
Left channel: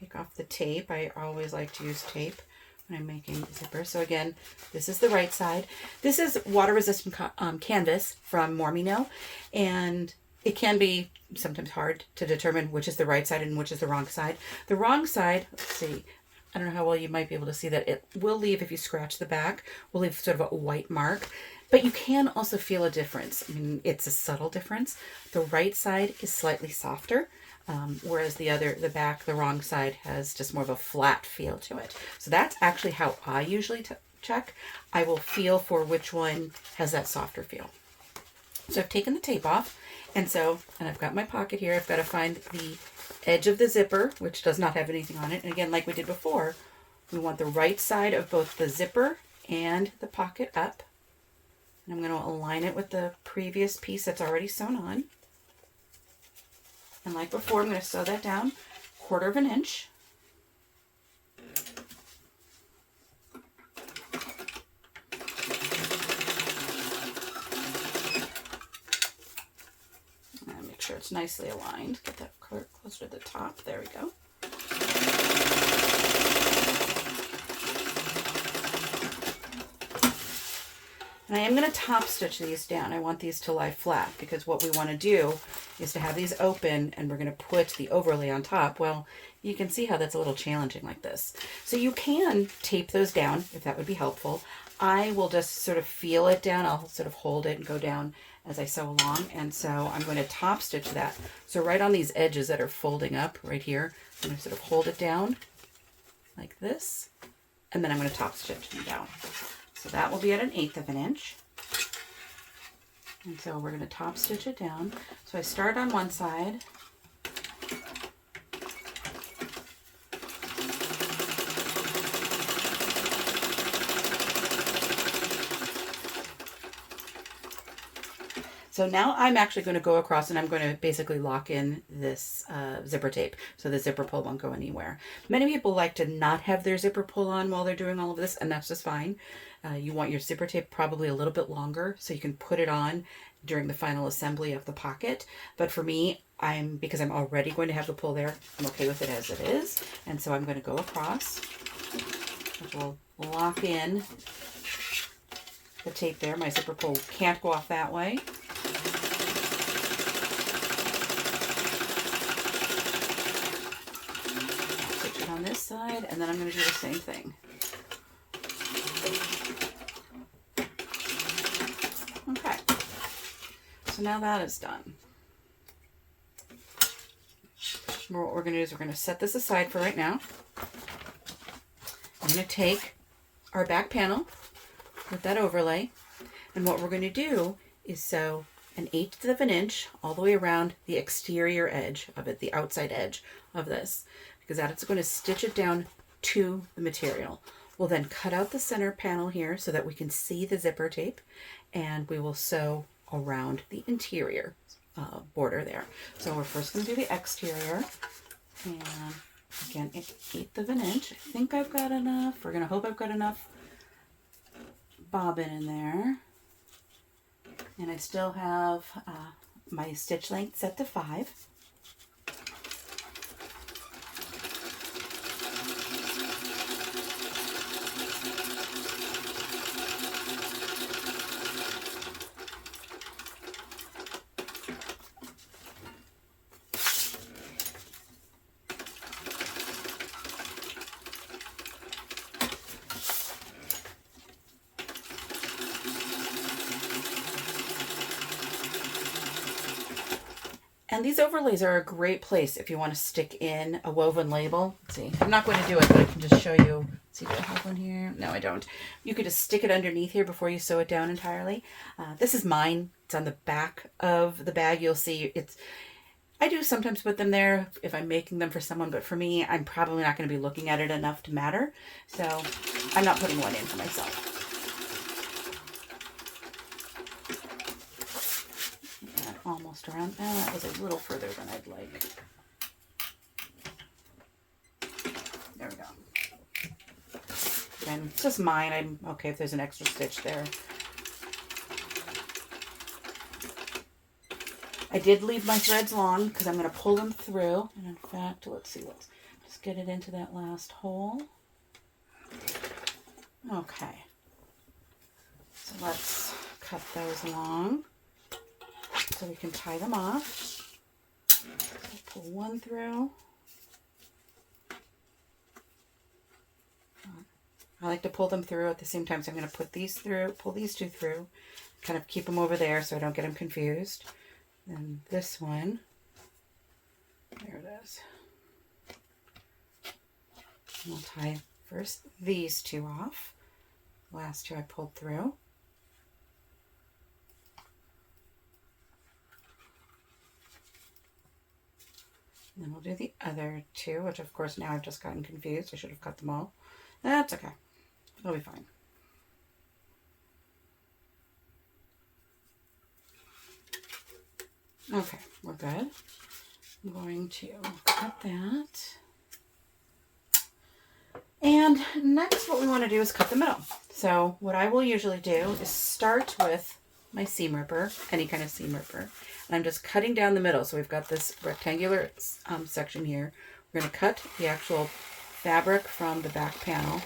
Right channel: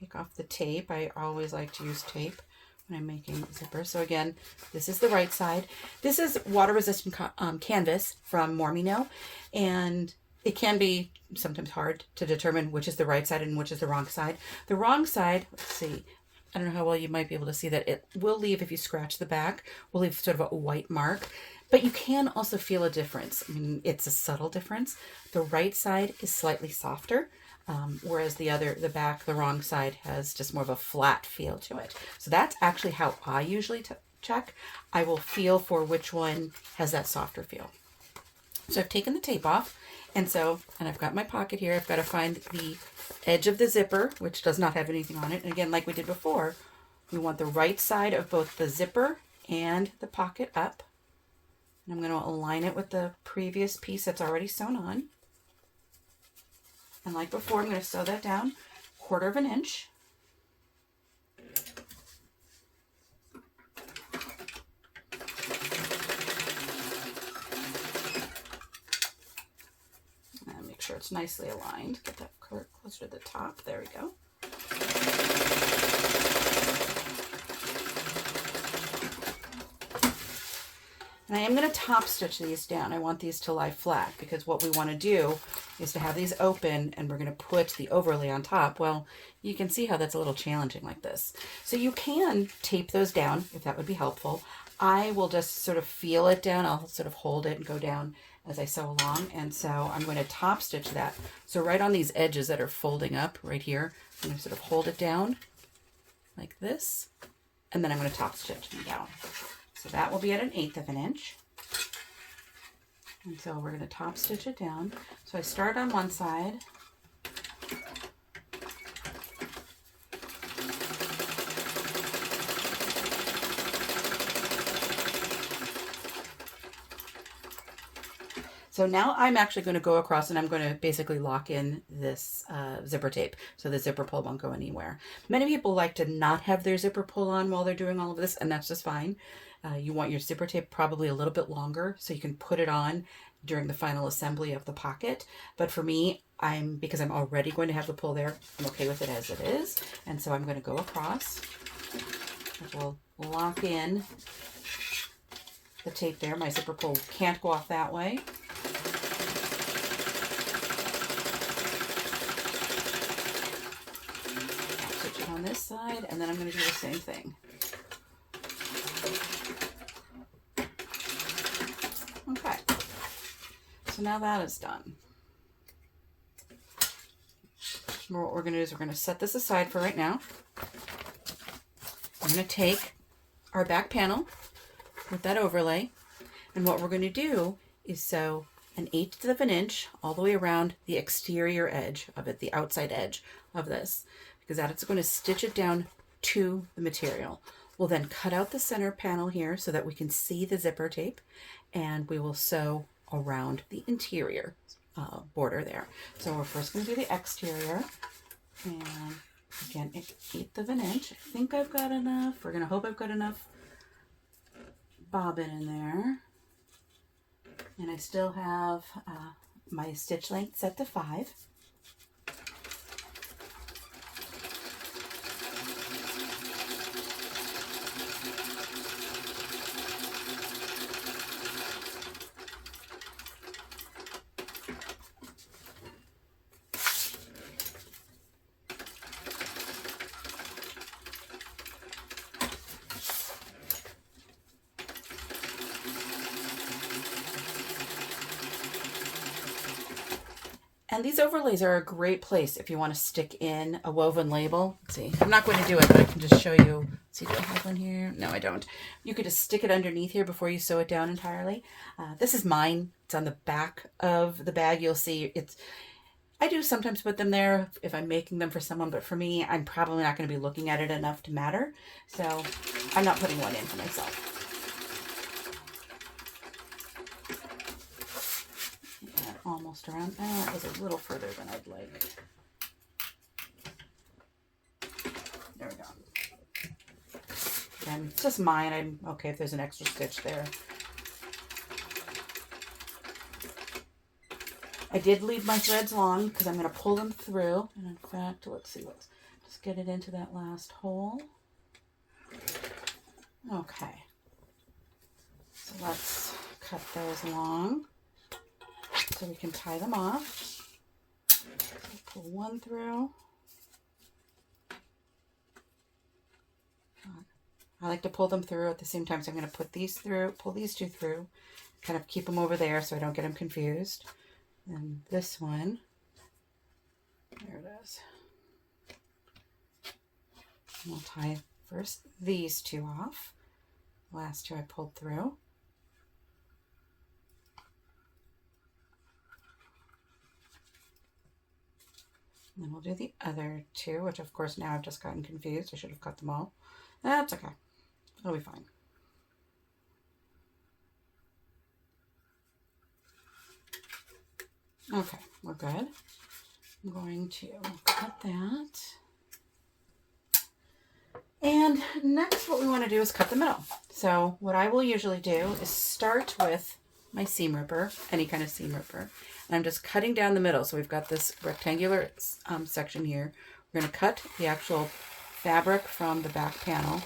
take off the tape. I always like to use tape when I'm making zippers. So again, this is the right side. This is water-resistant canvas from Mormino, and it can be sometimes hard to determine which is the right side and which is the wrong side. The wrong side, let's see, I don't know how well you might be able to see that. It will leave, if you scratch the back, will leave sort of a white mark. But you can also feel a difference. I mean, it's a subtle difference. The right side is slightly softer, whereas the back, the wrong side, has just more of a flat feel to it. So that's actually how I usually check. I will feel for which one has that softer feel. So I've taken the tape off, and I've got my pocket here. I've got to find the edge of the zipper, which does not have anything on it. And again, like we did before, we want the right side of both the zipper and the pocket up. And I'm going to align it with the previous piece that's already sewn on. And like before, I'm going to sew that down 1/4 inch. And make sure it's nicely aligned. Get that closer to the top. There we go. And I am going to top stitch these down. I want these to lie flat because what we want to do is to have these open, and we're going to put the overlay on top. Well, you can see how that's a little challenging like this. So you can tape those down if that would be helpful. I will just sort of feel it down. I'll sort of hold it and go down as I sew along. And so I'm going to top stitch that. So right on these edges that are folding up right here, I'm going to sort of hold it down like this. And then I'm going to top stitch them down. So that will be at 1/8 inch. And so we're going to top stitch it down. So I start on one side. So now I'm actually going to go across, and I'm going to basically lock in this zipper tape so the zipper pull won't go anywhere. Many people like to not have their zipper pull on while they're doing all of this, and that's just fine. You want your zipper tape probably a little bit longer so you can put it on during the final assembly of the pocket. But for me, because I'm already going to have the pull there, I'm okay with it as it is. And so I'm going to go across. We'll lock in the tape there. My zipper pull can't go off that way. I'll take it on this side, and then I'm going to do the same thing. Okay, so now that is done. What we're going to do is we're going to set this aside for right now. I'm going to take our back panel with that overlay, and what we're going to do is sew 1/8 inch all the way around the exterior edge of it, the outside edge of this, because that's going to stitch it down to the material. We'll then cut out the center panel here so that we can see the zipper tape, and we will sew around the interior border there. So we're first going to do the exterior, and again, 1/8 inch. I think I've got enough. We're going to hope I've got enough bobbin in there. And I still have my stitch length set to 5. And these overlays are a great place if you want to stick in a woven label. Let's see, I'm not going to do it, but I can just show you. See, do I have one here? No, I don't. You could just stick it underneath here before you sew it down entirely. This is mine. It's on the back of the bag. You'll see I do sometimes put them there if I'm making them for someone, but for me, I'm probably not going to be looking at it enough to matter. So I'm not putting one in for myself. Almost around. Oh, that was a little further than I'd like. There we go. Again, it's just mine. I'm okay if there's an extra stitch there. I did leave my threads long because I'm going to pull them through. And in fact, let's see, let's just get it into that last hole. Okay. So let's cut those long so we can tie them off. So pull one through. I like to pull them through at the same time, so I'm going to put these through, pull these two through, kind of keep them over there so I don't get them confused. And this one, there it is. And we'll tie first these two off. The last two I pulled through. And then we'll do the other two, which of course now I've just gotten confused. I should have cut them all. That's okay. It'll be fine. Okay, we're good. I'm going to cut that. And next what we want to do is cut the middle. So what I will usually do is start with my seam ripper, any kind of seam ripper. And I'm just cutting down the middle. So we've got this rectangular section here. We're going to cut the actual fabric from the back panel.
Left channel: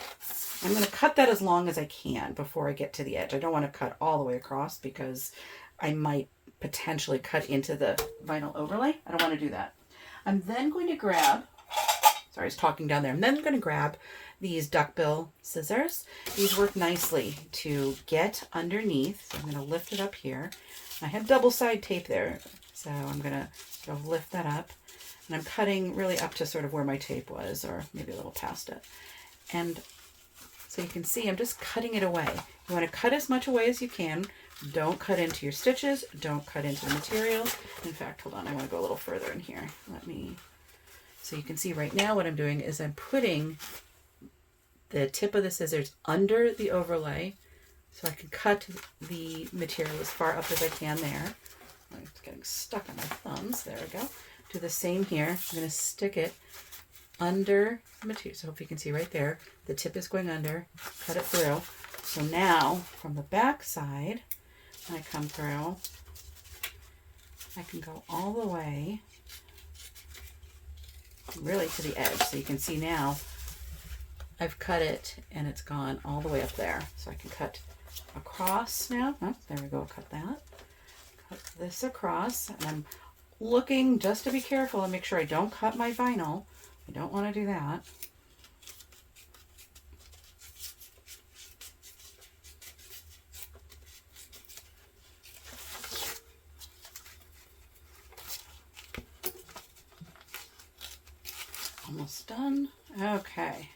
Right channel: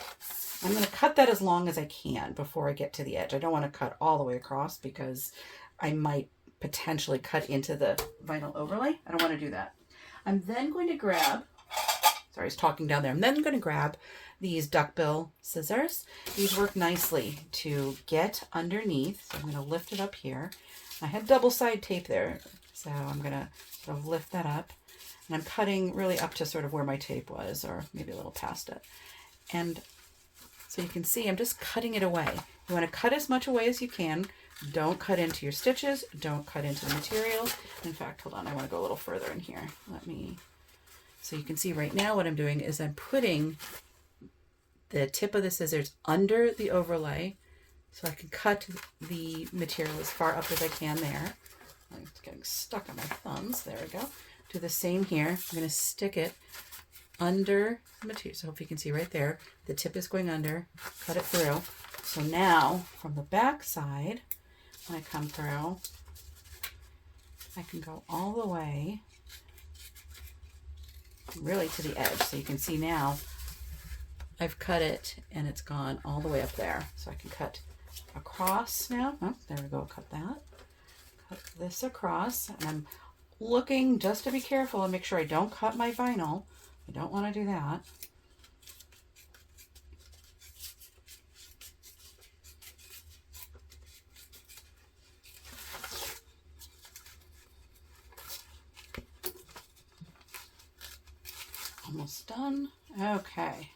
I'm going to cut that as long as I can before I get to the edge. I don't want to cut all the way across because I might potentially cut into the vinyl overlay. I don't want to do that. I'm then going to grab, sorry, I was talking down there. I'm then going to grab these duckbill scissors. These work nicely to get underneath. So I'm going to lift it up here. I had double side tape there, so I'm going to sort of lift that up. And I'm cutting really up to sort of where my tape was, or maybe a little past it. And so you can see I'm just cutting it away. You want to cut as much away as you can. Don't cut into your stitches. Don't cut into the material. In fact, hold on, I want to go a little further in here. So you can see right now what I'm doing is I'm putting the tip of the scissors under the overlay so I can cut the material as far up as I can there. It's getting stuck on my thumbs. There we go. Do the same here. I'm going to stick it under the material. So if you can see right there, the tip is going under, cut it through. So now from the back side, when I come through, I can go all the way really to the edge. So you can see now I've cut it and it's gone all the way up there. So I can cut across now. Oh, there we go, cut that. Cut this across, and I'm looking just to be careful and make sure I don't cut my vinyl. I don't want to do that. Almost done. Okay.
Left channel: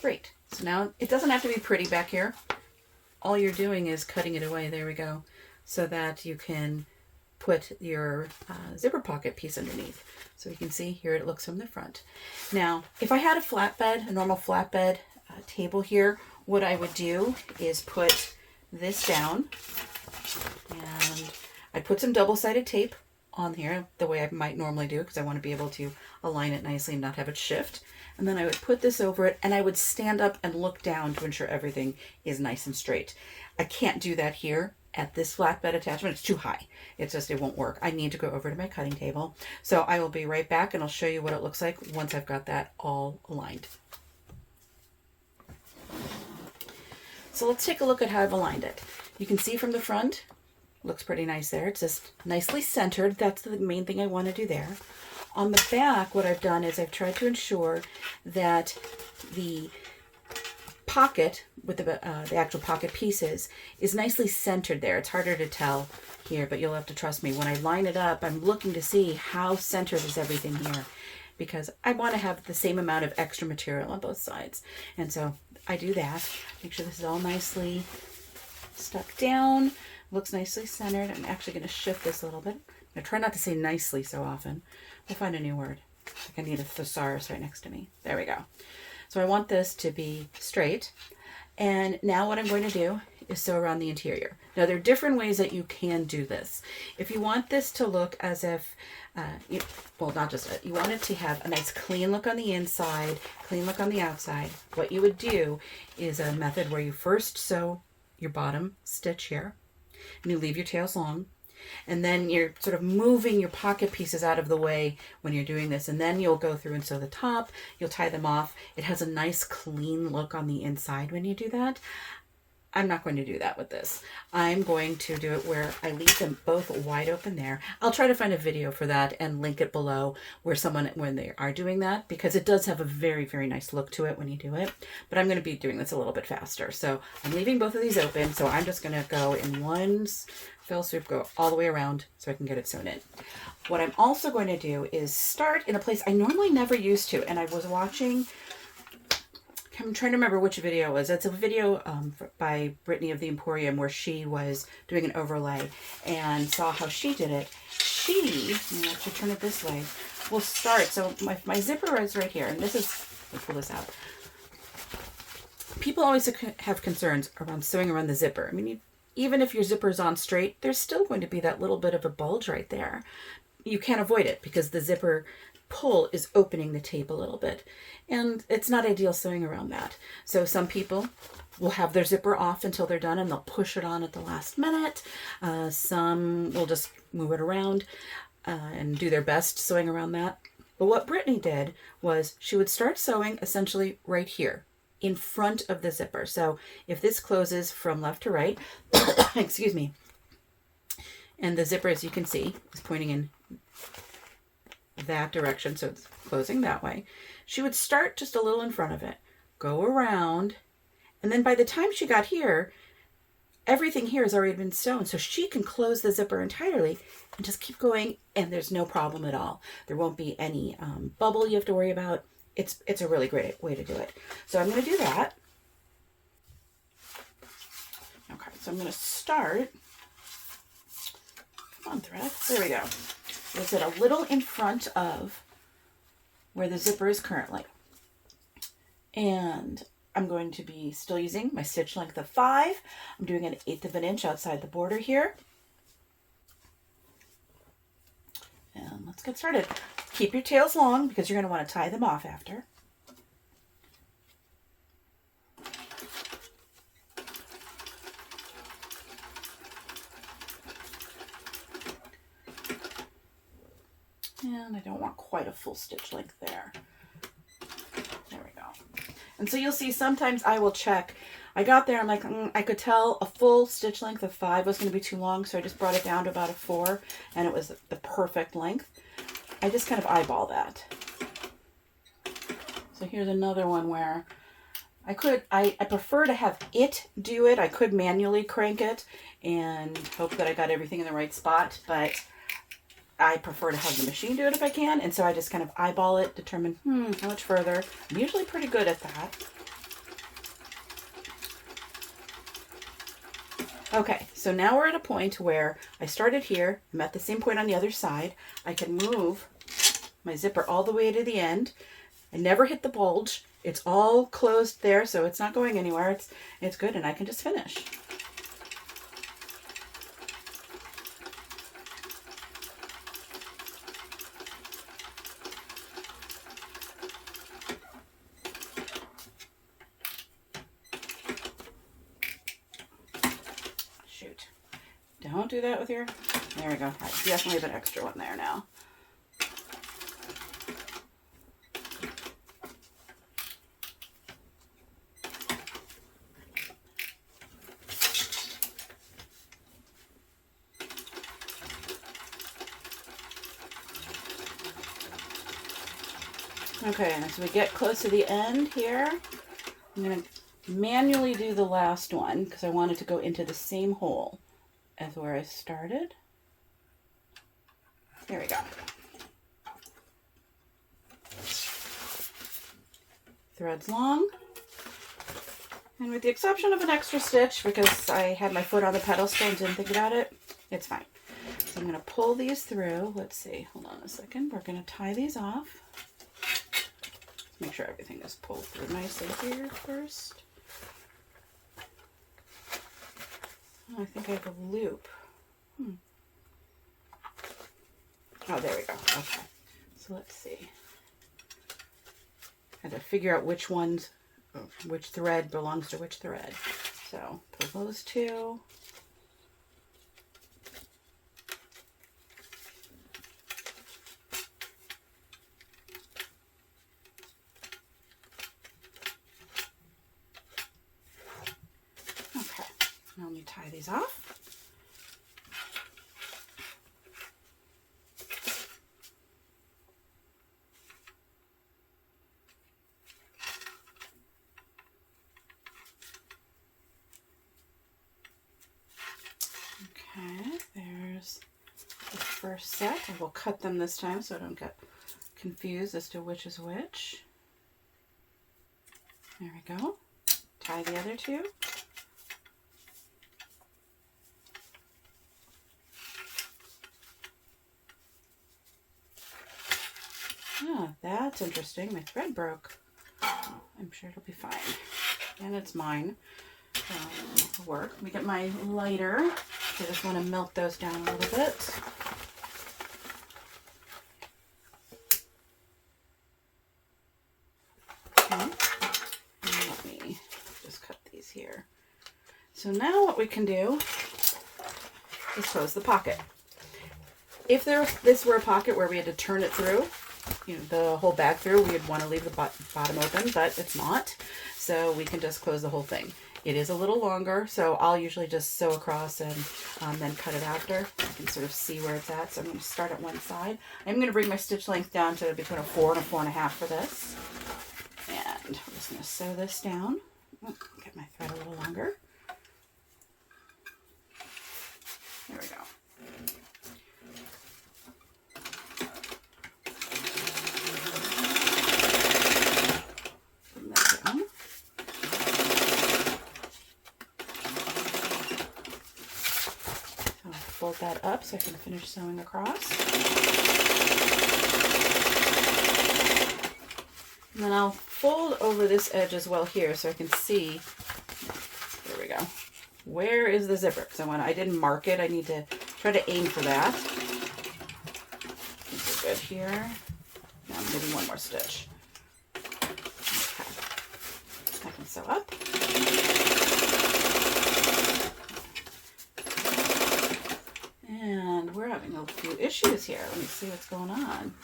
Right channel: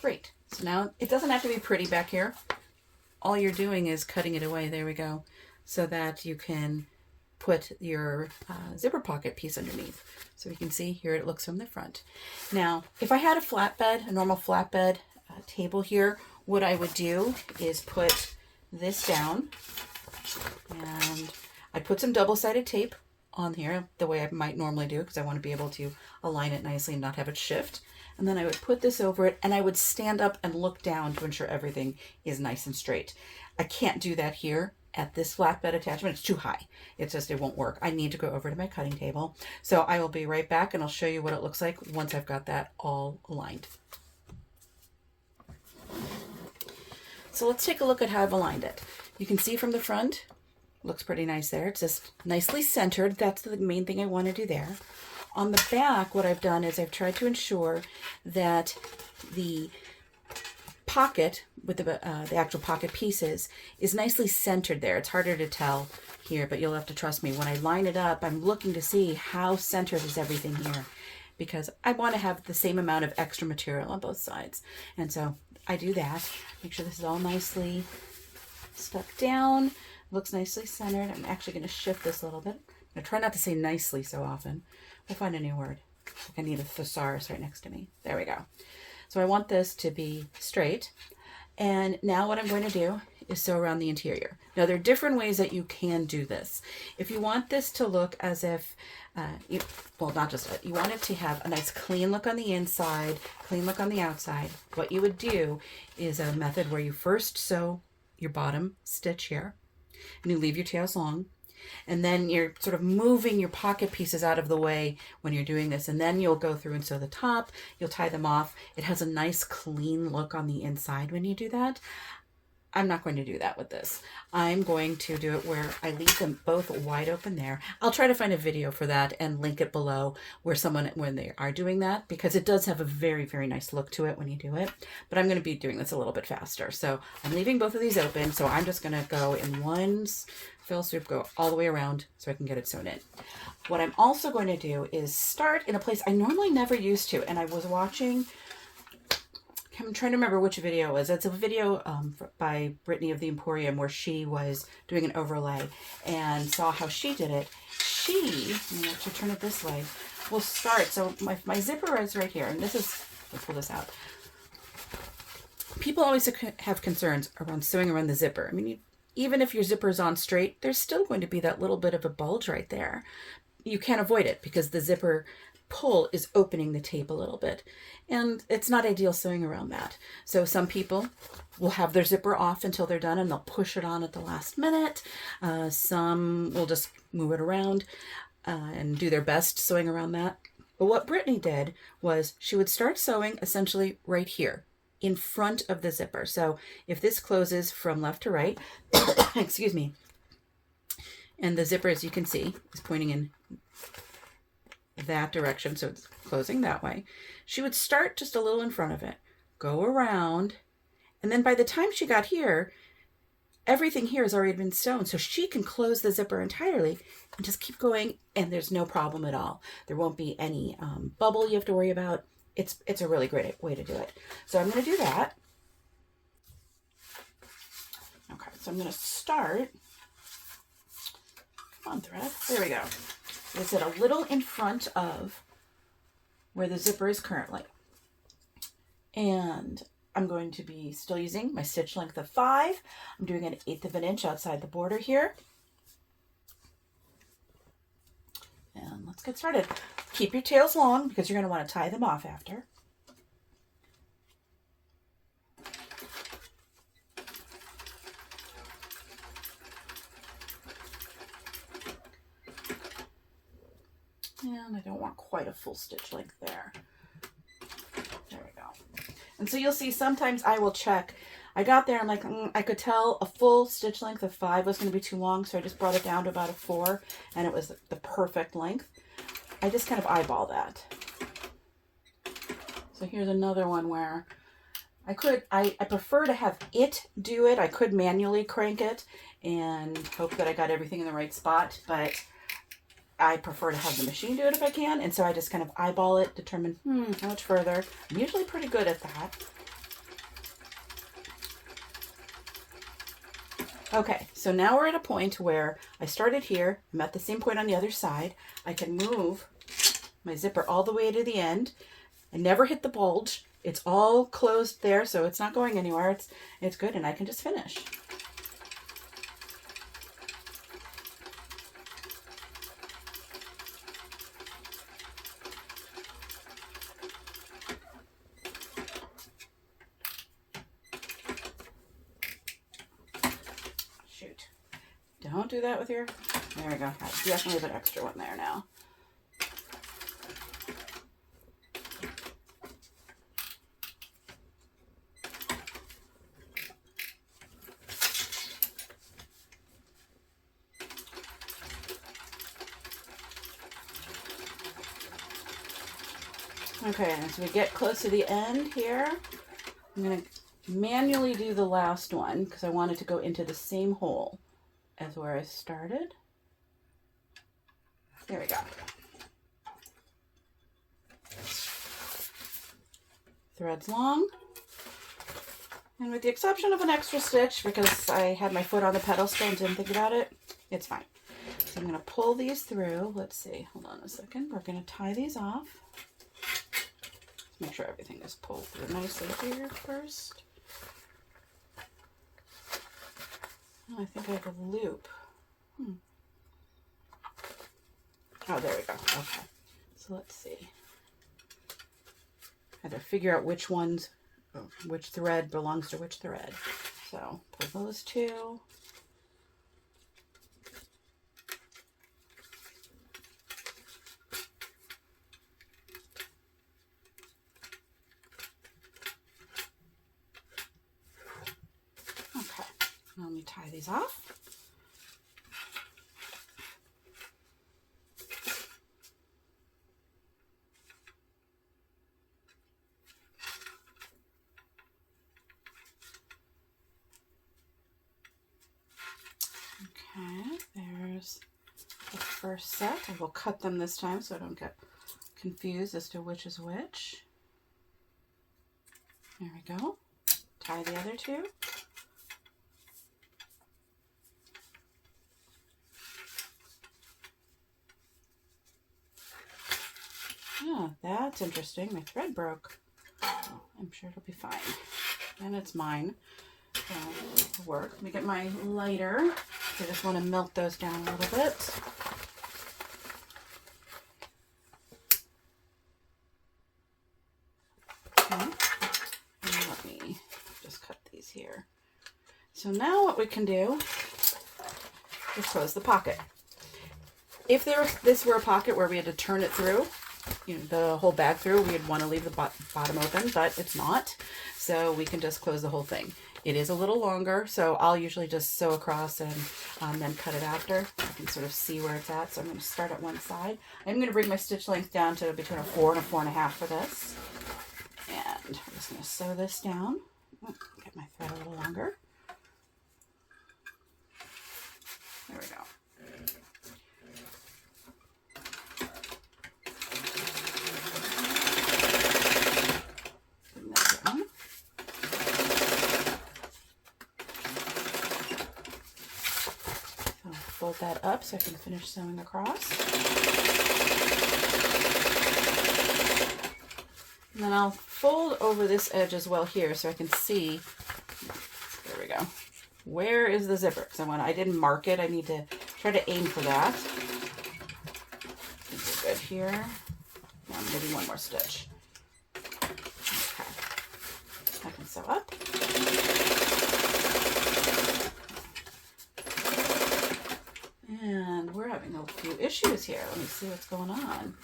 Great. So now it doesn't have to be pretty back here. All you're doing is cutting it away. There we go. So that you can put your zipper pocket piece underneath. So you can see here it looks from the front. Now, if I had a flatbed, a normal flatbed table here, what I would do is put this down, and I'd put some double-sided tape on here the way I might normally do because I want to be able to align it nicely and not have it shift. And then I would put this over it, and I would stand up and look down to ensure everything is nice and straight. I can't do that here at this flatbed attachment. It's too high. It's just, it won't work. I need to go over to my cutting table. So I will be right back, and I'll show you what it looks like once I've got that all aligned. So let's take a look at how I've aligned it. You can see from the front, looks pretty nice there. It's just nicely centered. That's the main thing I want to do there. On the back, what I've done is I've tried to ensure that the pocket with the actual pocket pieces is nicely centered there. It's harder to tell here, but you'll have to trust me. When I line it up, I'm looking to see how centered is everything here, because I want to have the same amount of extra material on both sides. And so I do that. Make sure this is all nicely stuck down. Looks nicely centered. I'm actually going to shift this a little bit. I try not to say nicely so often. We'll find a new word. Like I need a thesaurus right next to me. There we go. So I want this to be straight. And now what I'm going to do is sew around the interior. Now there are different ways that you can do this. If you want this to look as if, well, not just, you want it to have a nice clean look on the inside, clean look on the outside, what you would do is a method where you first sew your bottom stitch here, and you leave your tails long, and then you're sort of moving your pocket pieces out of the way when you're doing this, and then you'll go through and sew the top, you'll tie them off. It has a nice clean look on the inside when you do that. I'm not going to do that with this. I'm going to do it where I leave them both wide open there. I'll try to find a video for that and link it below where when they are doing that, because it does have a very, very nice look to it when you do it. But I'm going to be doing this a little bit faster. So I'm leaving both of these open. So I'm just going to go in one fell swoop, go all the way around so I can get it sewn in. What I'm also going to do is start in a place I normally never used to. And I was watching, I'm trying to remember which video it was. It's a video by Brittany of the Emporium where she was doing an overlay and saw how she did it. She, let's turn it this way, will start. So my zipper is right here, and this is, let's pull this out. People always have concerns around sewing around the zipper. I mean, even if your zipper is on straight, there's still going to be that little bit of a bulge right there. You can't avoid it because the zipper pull is opening the tape a little bit, and it's not ideal sewing around that. So some people will have their zipper off until they're done and they'll push it on at the last minute. Some will just move it around and do their best sewing around that. But what Brittany did was she would start sewing essentially right here in front of the zipper. So if this closes from left to right, excuse me, and the zipper, as you can see, is pointing in that direction, so it's closing that way, she would start just a little in front of it, go around, and then by the time she got here, everything here has already been sewn, so she can close the zipper entirely and just keep going, and there's no problem at all. There won't be any bubble you have to worry about. It's a really great way to do it. So I'm going to do that. Okay, so I'm going to start. Come on, thread. There we go. Is it a little in front of where the zipper is currently. And I'm going to be still using my stitch length of 5. I'm doing 1/8 of an inch outside the border here. And let's get started. Keep your tails long because you're going to want to tie them off after. And I don't want quite a full stitch length there. There we go. And so you'll see sometimes I will check. I got there, I'm like, I could tell a full stitch length of 5 was going to be too long, so I just brought it down to about a 4, and it was the perfect length. I just kind of eyeball that. So here's another one where I prefer to have it do it. I could manually crank it and hope that I got everything in the right spot, but I prefer to have the machine do it if I can, and so I just kind of eyeball it, determine how much further. I'm usually pretty good at that. Okay, so now we're at a point where I started here. I'm at the same point on the other side. I can move my zipper all the way to the end. I never hit the bulge. It's all closed there, so it's not going anywhere. It's good, and I can just finish. Don't do that with your, there we go. I definitely have an extra one there now. Okay, as we get close to the end here, I'm going to manually do the last one because I wanted to go into the same hole as where I started. There we go. Threads long. And with the exception of an extra stitch, because I had my foot on the pedestal and didn't think about it, it's fine. So I'm going to pull these through. Let's see. Hold on a second. We're going to tie these off. Make sure everything is pulled through nicely here first. Oh, I think I have a loop. Oh, there we go. Okay. So let's see. I had to figure out which thread belongs to which thread. So pull those two. Okay. Now let me tie these off. Okay, there's the first set. I will cut them this time so I don't get confused as to which is which. There we go. Tie the other two. Oh, that's interesting. My thread broke. Oh, I'm sure it'll be fine. And it's mine. So it'll work. Let me get my lighter. I just want to melt those down a little bit. Okay. And let me just cut these here. So now what we can do is close the pocket. If this were a pocket where we had to turn it through, the whole bag through, we'd want to leave the bottom open, but it's not. So we can just close the whole thing. It is a little longer, so I'll usually just sew across and then cut it after. I can sort of see where it's at. So I'm going to start at one side. I'm going to bring my stitch length down to between a 4 and a 4.5 for this. And I'm just going to sew this down. Get my thread a little longer. There we go. Bring that down. So fold that up so I can finish sewing across. And then I'll fold over this edge as well here so I can see, there we go, where is the zipper? So I didn't mark it, I need to try to aim for that. I think we're good here. Now maybe one more stitch. Okay. I can sew up. And we're having a few issues here. Let me see what's going on.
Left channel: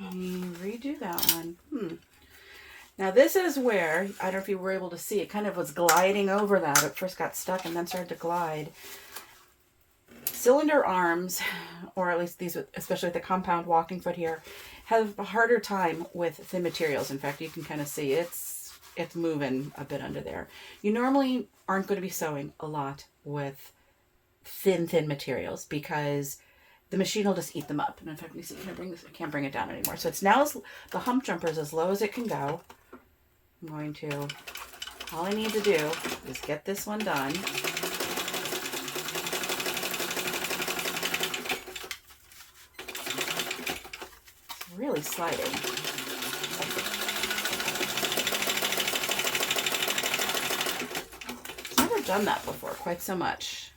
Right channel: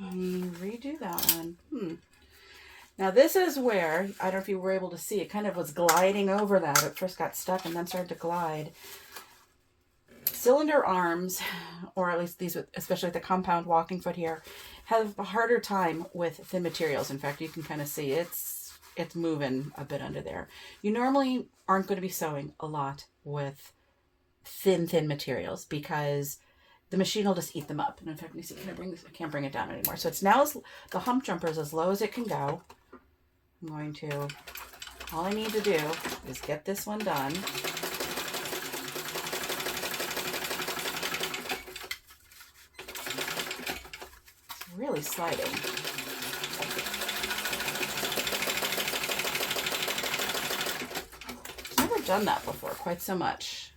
Redo that one. Now this is where, I don't know if you were able to see, it kind of was gliding over that. It first got stuck and then started to glide. Cylinder arms, or at least these, especially with the compound walking foot here, have a harder time with thin materials. In fact, you can kind of see it's moving a bit under there. You normally aren't going to be sewing a lot with thin materials because the machine will just eat them up. And in fact, you see, can I bring this? I can't bring it down anymore. So it's now, the hump jumper is as low as it can go. I'm going to, all I need to do is get this one done. It's really sliding. I've never done that before quite so much.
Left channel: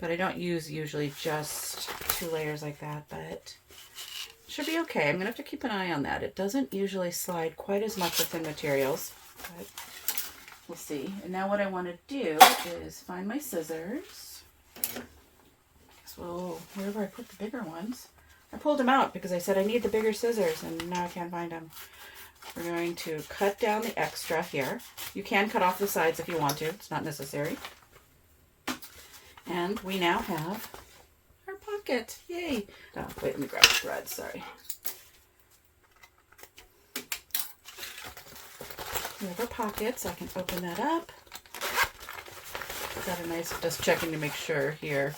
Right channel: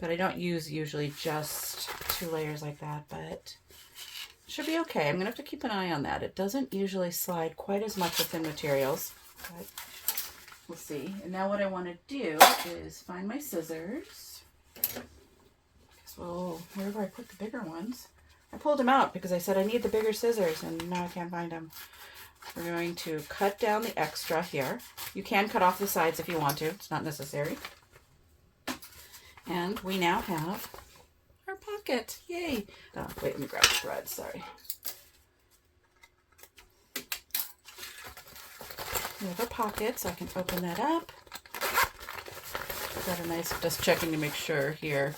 But I don't use usually just 2 layers like that, but it should be okay. I'm going to have to keep an eye on that. It doesn't usually slide quite as much with thin materials, but we'll see. And now what I want to do is find my scissors. So wherever I put the bigger ones, I pulled them out because I said I need the bigger scissors and now I can't find them. We're going to cut down the extra here. You can cut off the sides if you want to. It's not necessary. And we now have our pocket. Yay! Oh, wait, let me grab the thread. Sorry. We have our pockets. I can open that up. Got a nice, just checking to make sure here.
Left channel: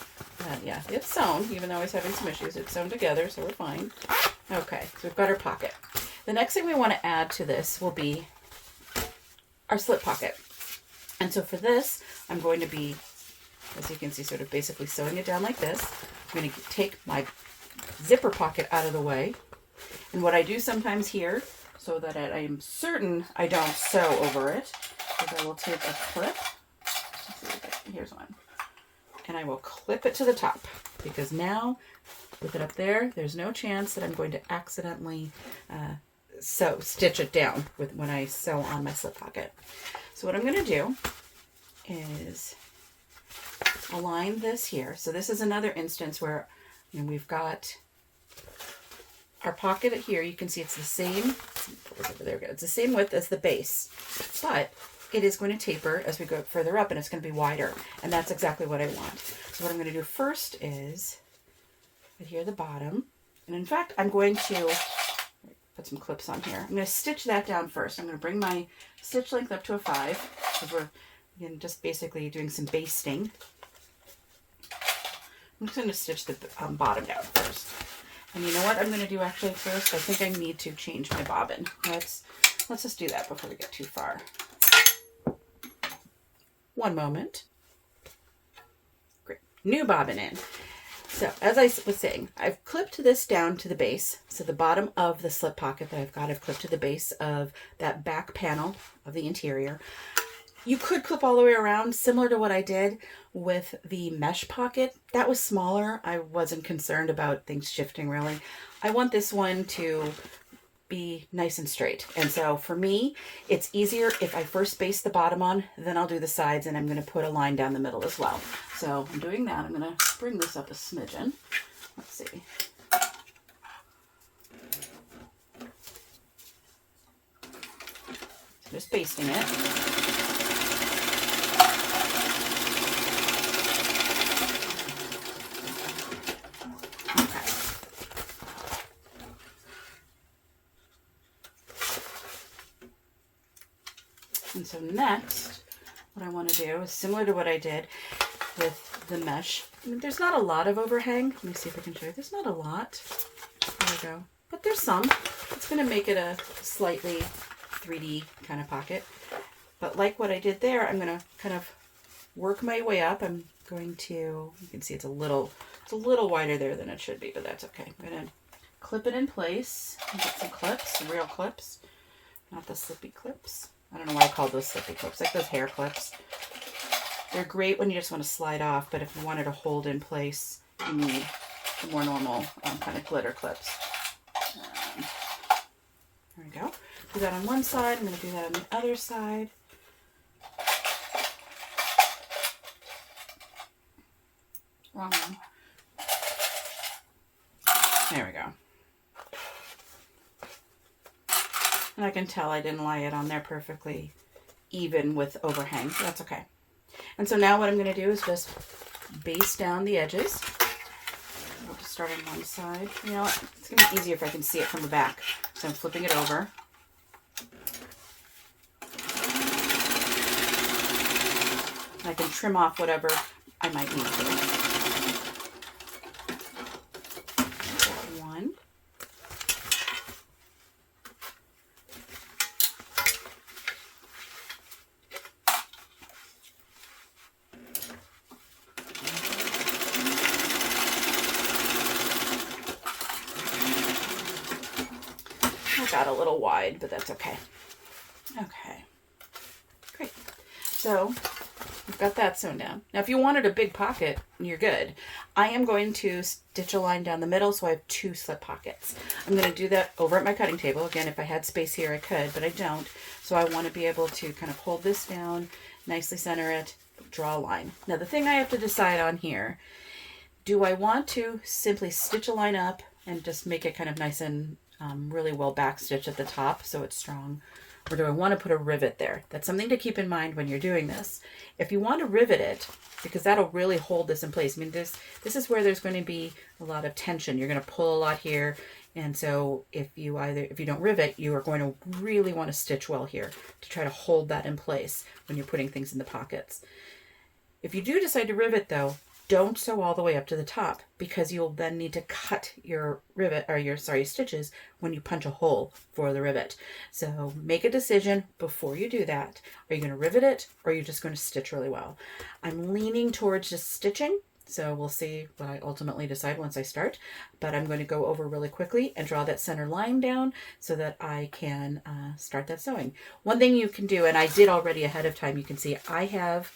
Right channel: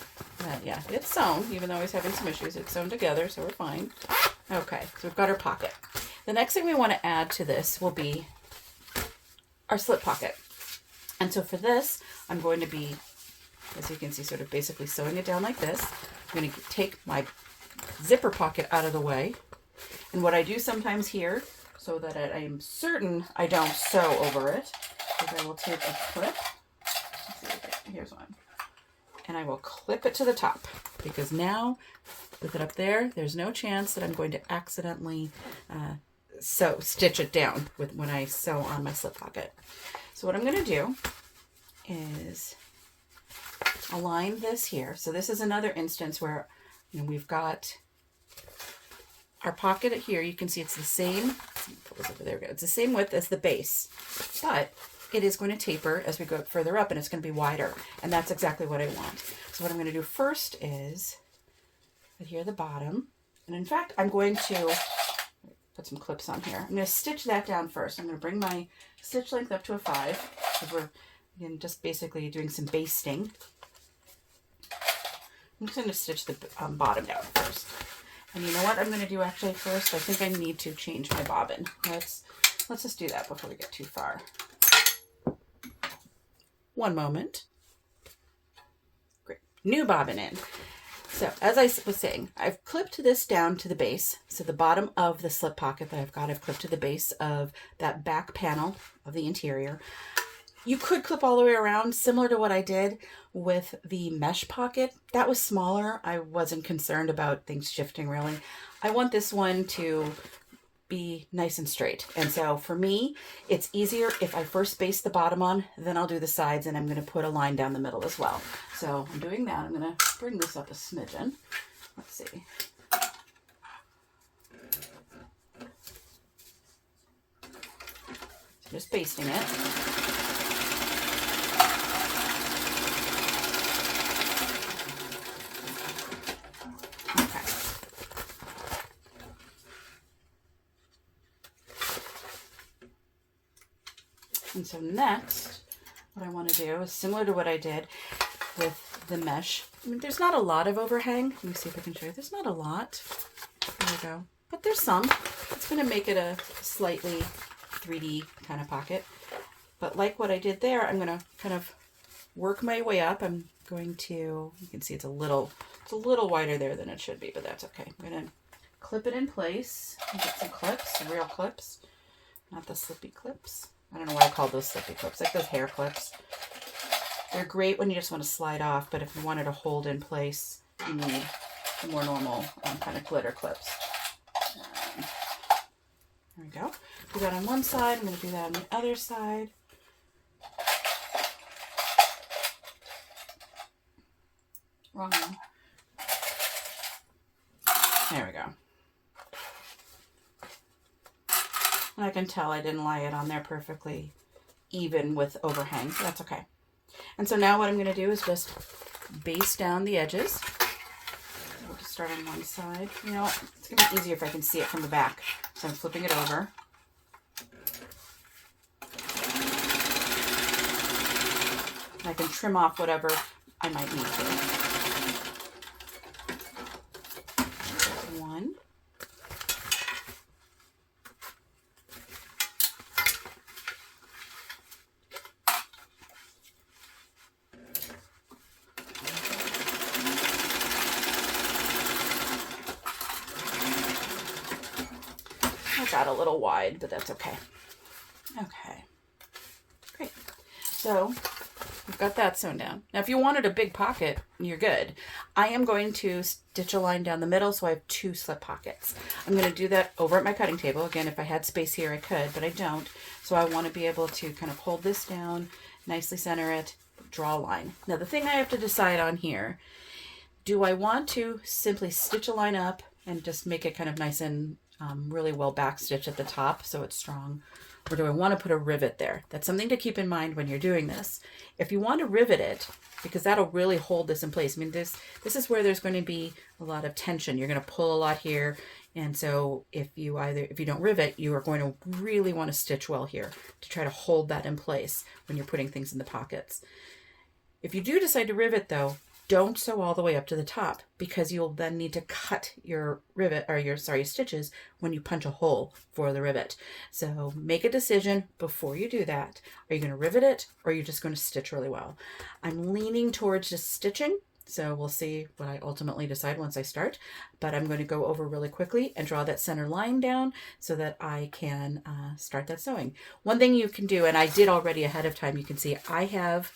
Yeah, it's sewn, even though I was having some issues. It's sewn together, so we're fine. Okay, so we've got our pocket. The next thing we want to add to this will be our slip pocket. And so for this, I'm going to be, as you can see, sort of basically sewing it down like this. I'm going to take my zipper pocket out of the way. And what I do sometimes here, so that I am certain I don't sew over it, is I will take a clip. Here's one. And I will clip it to the top, because now with it up there, there's no chance that I'm going to accidentally stitch it down when I sew on my slip pocket. So what I'm going to do is align this here. So this is another instance where, you know, we've got our pocket here. You can see it's the same. There we go. It's the same width as the base, but it is going to taper as we go further up, and it's going to be wider, and that's exactly what I want. So what I'm going to do first is adhere the bottom, and in fact, I'm going to put some clips on here. I'm going to stitch that down first. I'm going to bring my stitch length up to a 5, because we're again just basically doing some basting. I'm just going to stitch the bottom down first. And you know what I'm going to do actually first? I think I need to change my bobbin. Let's just do that before we get too far. One moment. Great. New bobbin in. So as I was saying, I've clipped this down to the base. So the bottom of the slip pocket that I've clipped to the base of that back panel of the interior. You could clip all the way around, similar to what I did with the mesh pocket. That was smaller. I wasn't concerned about things shifting really. I want this one to be nice and straight. And so for me, it's easier if I first base the bottom on, then I'll do the sides, and I'm going to put a line down the middle as well. So I'm doing that. I'm going to bring this up a smidgen. Let's see. Just basting it. And so next, what I want to do is similar to what I did with the mesh. I mean, there's not a lot of overhang. Let me see if I can show you. There's not a lot. There we go. But there's some. It's going to make it a slightly 3D kind of pocket. But like what I did there, I'm going to kind of work my way up. I'm going to, you can see it's a little wider there than it should be, but that's okay. I'm going to clip it in place and get some clips, some real clips, not the slippy clips. I don't know why I call those slippy clips, like those hair clips. They're great when you just want to slide off, but if you wanted to hold in place, you need the more normal kind of glitter clips. There we go. Do that on one side. I'm going to do that on the other side. Wrong one. There we go. And I can tell I didn't lay it on there perfectly even with overhang. That's okay. And so now what I'm going to do is just base down the edges. We'll just start on one side. You know what? It's going to be easier if I can see it from the back. So I'm flipping it over. And I can trim off whatever I might need to. One. Got a little wide, but that's okay. Okay, great. So we've got that sewn down. Now if you wanted a big pocket, you're good. I am going to stitch a line down the middle, so I have 2 slip pockets. I'm going to do that over at my cutting table. Again, if I had space here I could, but I don't. So I want to be able to kind of hold this down, nicely center it, draw a line. Now the thing I have to decide on here, do I want to simply stitch a line up and just make it kind of nice and really well back stitch at the top so it's strong, or do I want to put a rivet there? That's something to keep in mind when you're doing this. If you want to rivet it, because that'll really hold this in place. I mean, this is where there's going to be a lot of tension. You're going to pull a lot here, And so if you don't rivet, you are going to really want to stitch well here to try to hold that in place when you're putting things in the pockets. If you do decide to rivet though, don't sew all the way up to the top, because you'll then need to cut your rivet, or your stitches when you punch a hole for the rivet. So make a decision before you do that. Are you going to rivet it, or are you just going to stitch really well? I'm leaning towards just stitching, so we'll see what I ultimately decide once I start. But I'm going to go over really quickly and draw that center line down so that I can start that sewing. One thing you can do, and I did already ahead of time, you can see I have,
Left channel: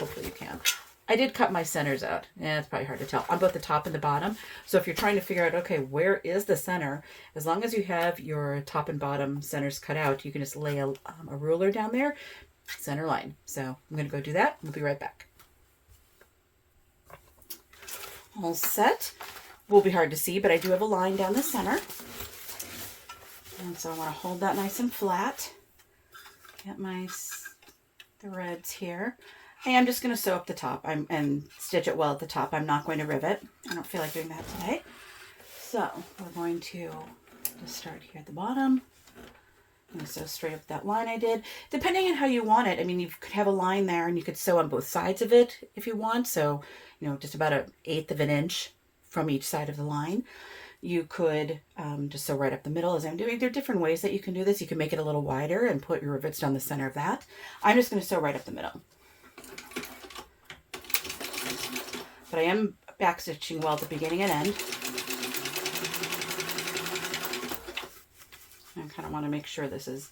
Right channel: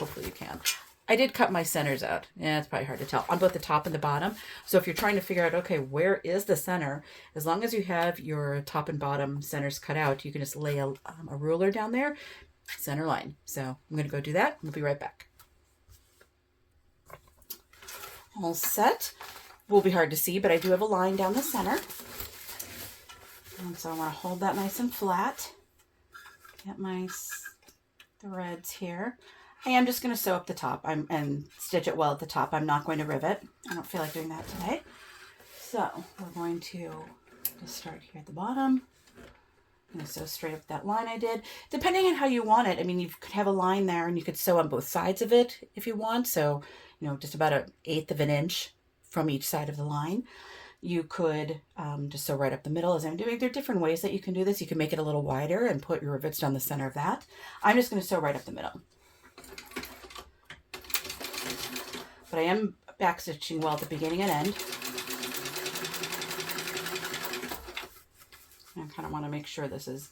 hopefully you can, I did cut my centers out. Yeah, it's probably hard to tell, on both the top and the bottom. So if you're trying to figure out, okay, where is the center? As long as you have your top and bottom centers cut out, you can just lay a ruler down there, center line. So I'm going to go do that. We'll be right back. All set. Will be hard to see, but I do have a line down the center. And so I want to hold that nice and flat. Get my threads here. I am just going to sew up the top and stitch it well at the top. I'm not going to rivet. I don't feel like doing that today. So we're going to just start here at the bottom. I'm going to sew straight up that line I did. Depending on how you want it, I mean, you could have a line there and you could sew on both sides of it if you want. So, you know, just about 1/8 of an inch from each side of the line. You could just sew right up the middle as I'm doing. There are different ways that you can do this. You can make it a little wider and put your rivets down the center of that. I'm just going to sew right up the middle. But I am back stitching well at the beginning and end. I kind of want to make sure this is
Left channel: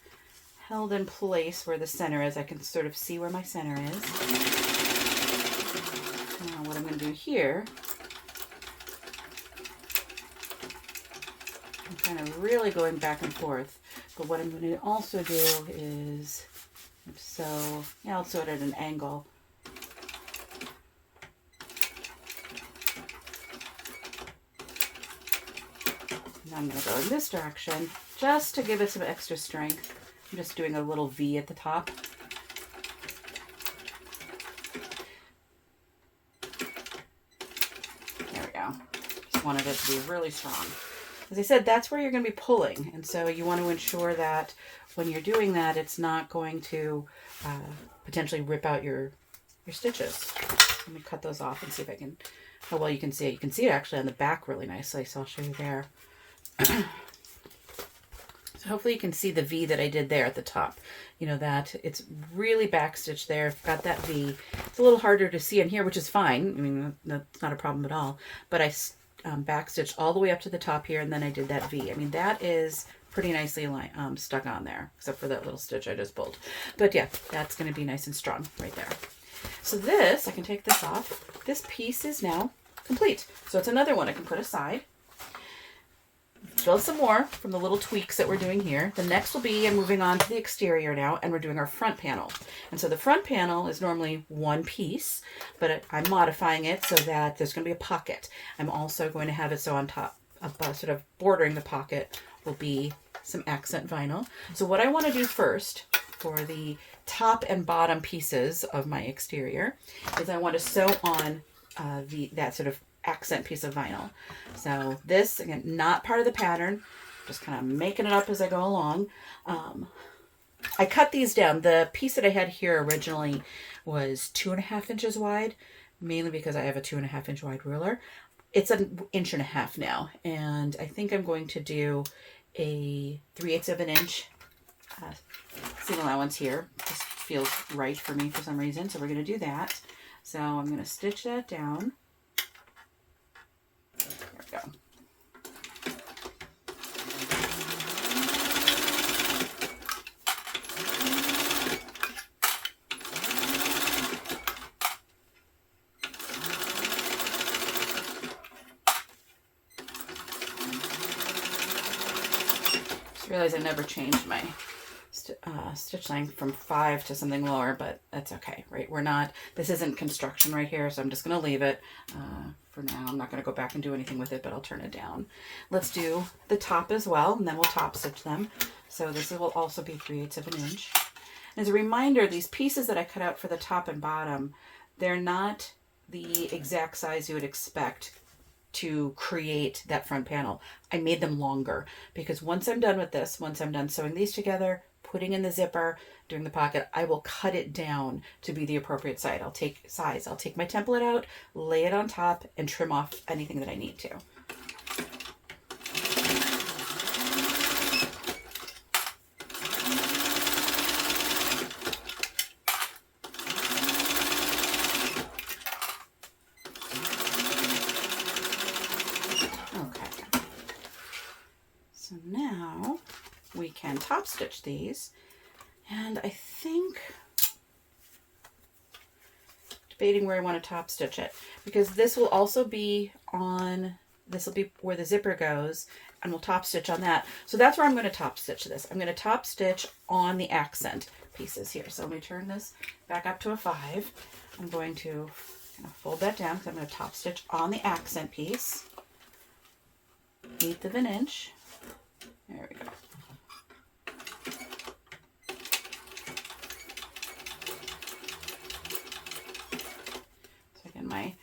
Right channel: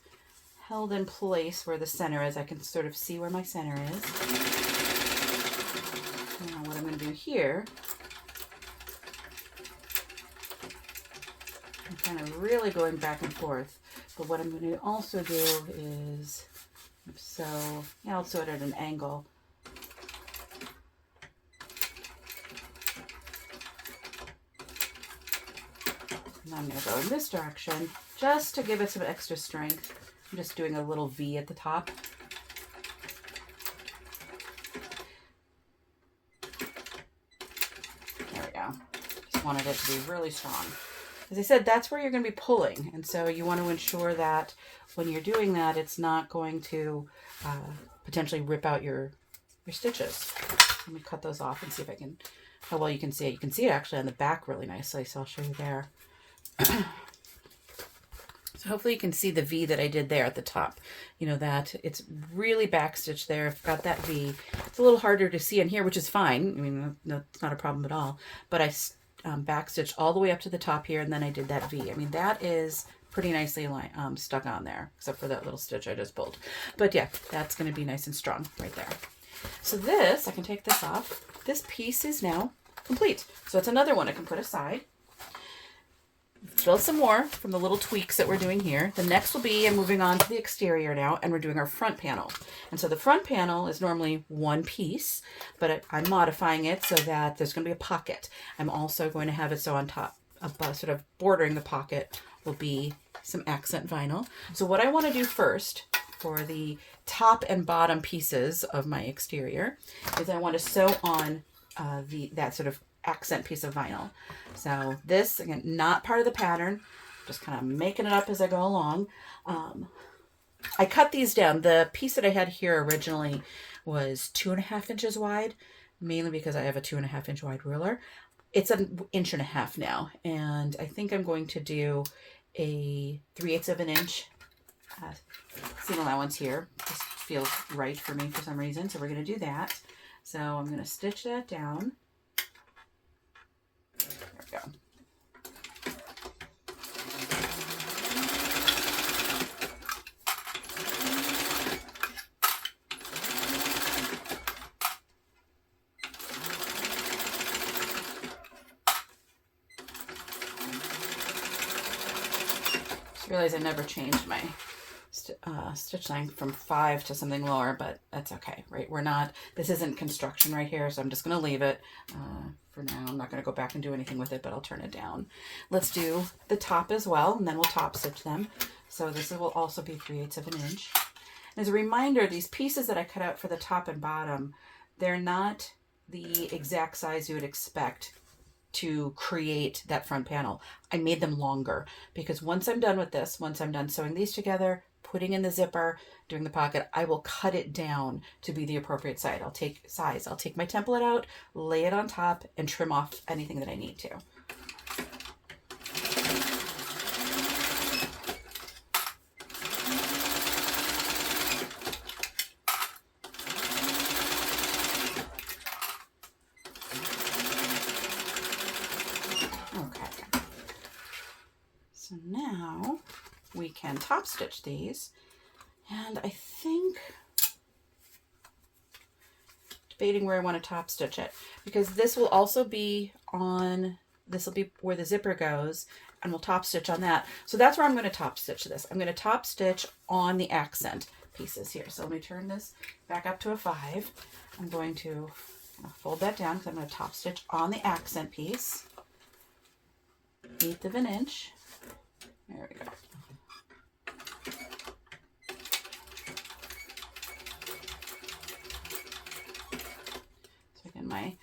held in place where the center is. I can sort of see where my center is. Now what I'm going to do here, I'm kind of really going back and forth. But what I'm going to also do is sew, yeah, I'll sew it at an angle. I'm going to go in this direction just to give it some extra strength. I'm just doing a little V at the top. There we go. Just wanted it to be really strong. As I said, that's where you're going to be pulling. And so you want to ensure that when you're doing that, it's not going to potentially rip out your stitches. Let me cut those off and see if I can, how well you can see it. You can see it actually on the back really nicely, so I'll show you there. So hopefully you can see the V that I did there at the top. You know, that it's really backstitched there. I've got that V. It's a little harder to see in here, which is fine. I mean, that's not a problem at all. But I backstitched all the way up to the top here, and then I did that V. I mean, that is pretty nicely stuck on there, except for that little stitch I just pulled. But yeah, that's going to be nice and strong right there. So this, I can take this off. This piece is now complete. So it's another one I can put aside. Build some more from the little tweaks that we're doing here. The next will be, I'm moving on to the exterior now, and we're doing our front panel. And so the front panel is normally one piece, but I'm modifying it so that there's going to be a pocket. I'm also going to have it so on top, sort of bordering the pocket, will be some accent vinyl. So what I want to do first for the top and bottom pieces of my exterior is I want to sew on that sort of accent piece of vinyl. So this, again, not part of the pattern, just kind of making it up as I go along. I cut these down. The piece that I had here originally was 2.5 inches wide, mainly because I have a 2.5 inch wide ruler. It's 1.5 inches now, and I think I'm going to do a 3/8 of an inch seam allowance here. This feels right for me for some reason, so we're going to do that. So I'm going to stitch that down. There we go. Just realized I never changed my stitch length from 5 to something lower, but that's okay, right? This isn't construction right here, so I'm just going to leave it for now. I'm not going to go back and do anything with it, but I'll turn it down. Let's do the top as well, and then we'll top stitch them. So this will also be 3/8 of an inch. As a reminder, these pieces that I cut out for the top and bottom, they're not the exact size you would expect to create that front panel. I made them longer because once I'm done with this, once I'm done sewing these together, putting in the zipper, doing the pocket, I will cut it down to be the appropriate size. I'll take my template out, lay it on top, and trim off anything that I need to. Okay. So now we can top stitch these, and I think debating where I want to top stitch it, because this will also be on, this will be where the zipper goes, and we'll top stitch on that. So that's where I'm going to top stitch this. I'm going to top stitch on the accent pieces here. So let me turn this back up to a 5. I'm going to kind of fold that down because I'm going to top stitch on the accent piece, 1/8 of an inch. There we go. So again, my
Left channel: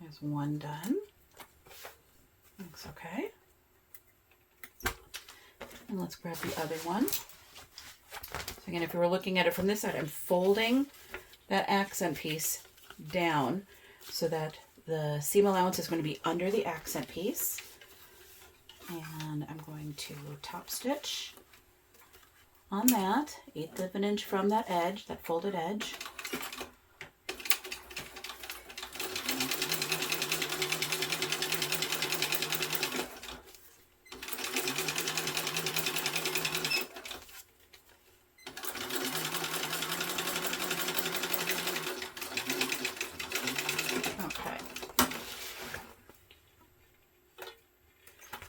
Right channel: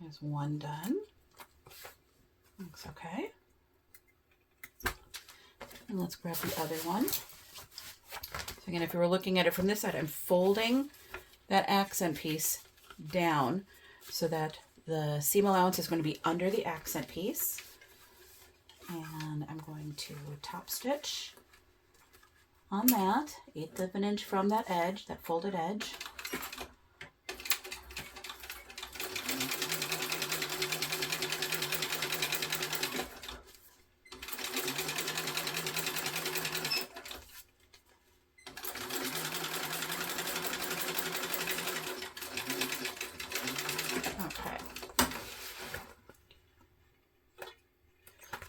there's one done. Looks okay. And let's grab the other one. So again, if you were looking at it from this side, I'm folding that accent piece down so that the seam allowance is going to be under the accent piece. And I'm going to top stitch on that, 1/8 of an inch from that edge, that folded edge.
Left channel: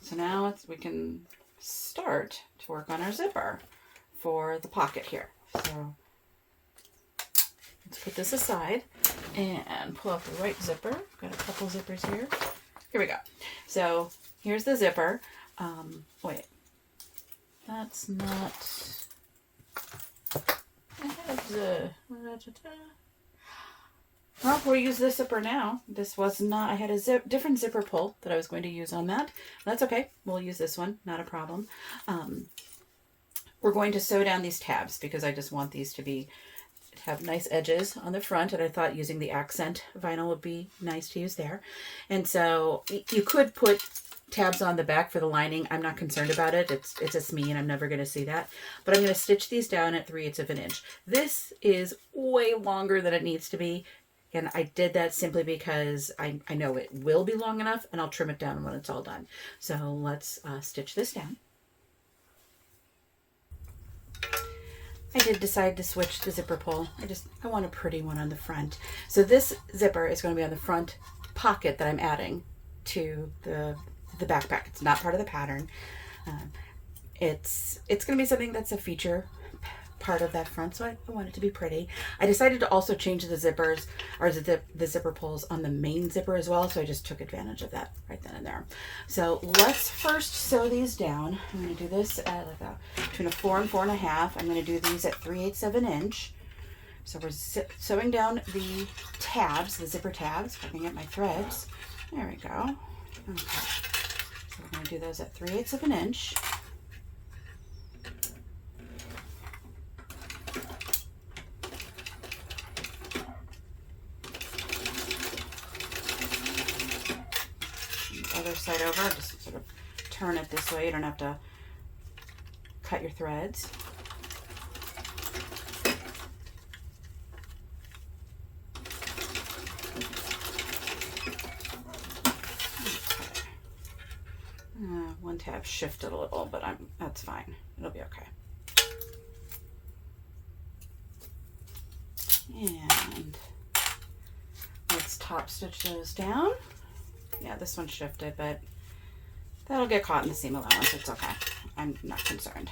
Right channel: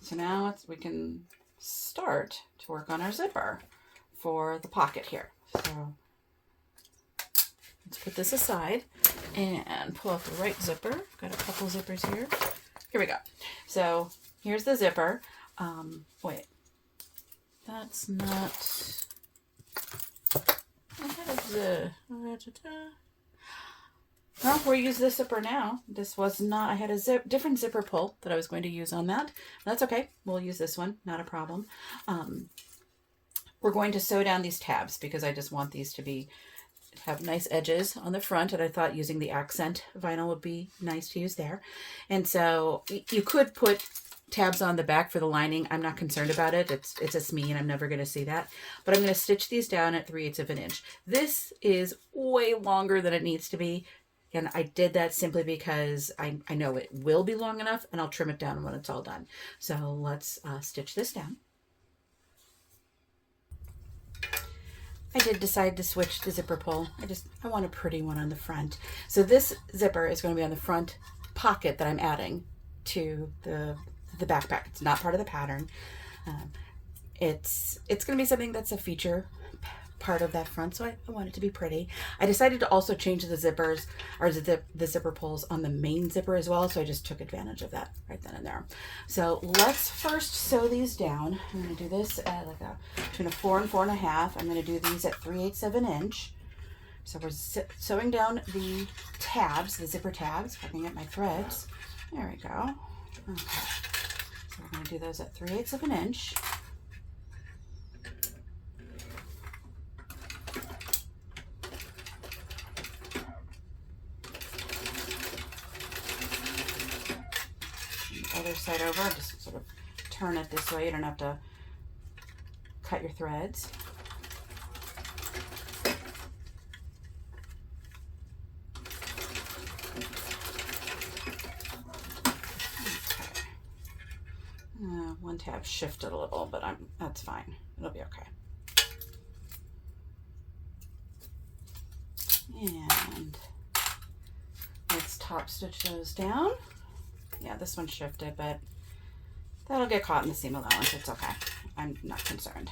So now we can start to work on our zipper for the pocket here. So let's put this aside and pull out the right zipper. Got a couple zippers here. Here we go. So here's the zipper. Wait, that's not. Well, we'll use this zipper now. This was not, I had a different zipper pull that I was going to use on that. That's okay. We'll use this one, not a problem. We're going to sew down these tabs because I just want these to have nice edges on the front, and I thought using the accent vinyl would be nice to use there. And so you could put tabs on the back for the lining. I'm not concerned about it. It's just me and I'm never going to see that. But I'm going to stitch these down at 3/8 of an inch. This is way longer than it needs to be. And I did that simply because I know it will be long enough, and I'll trim it down when it's all done. So let's stitch this down. I did decide to switch the zipper pull. I want a pretty one on the front. So this zipper is going to be on the front pocket that I'm adding to the backpack. It's not part of the pattern. It's going to be something that's a feature part of that front, so I want it to be pretty. I decided to also change the zippers, or the zipper pulls on the main zipper as well, so I just took advantage of that right then and there. So let's first sew these down. I'm going to do this at between a 4 and 4.5. I'm going to do these at 3/8 of an inch. So we're sewing down the tabs, the zipper tabs. If I can get my threads. There we go. Okay. So we're going to do those at 3/8 of an inch. Other side over, just sort of turn it this way. You don't have to cut your threads. One tab shifted a little, but that's fine. It'll be okay. And let's top stitch those down. Yeah, this one shifted, but that'll get caught in the seam allowance. It's okay. I'm not concerned.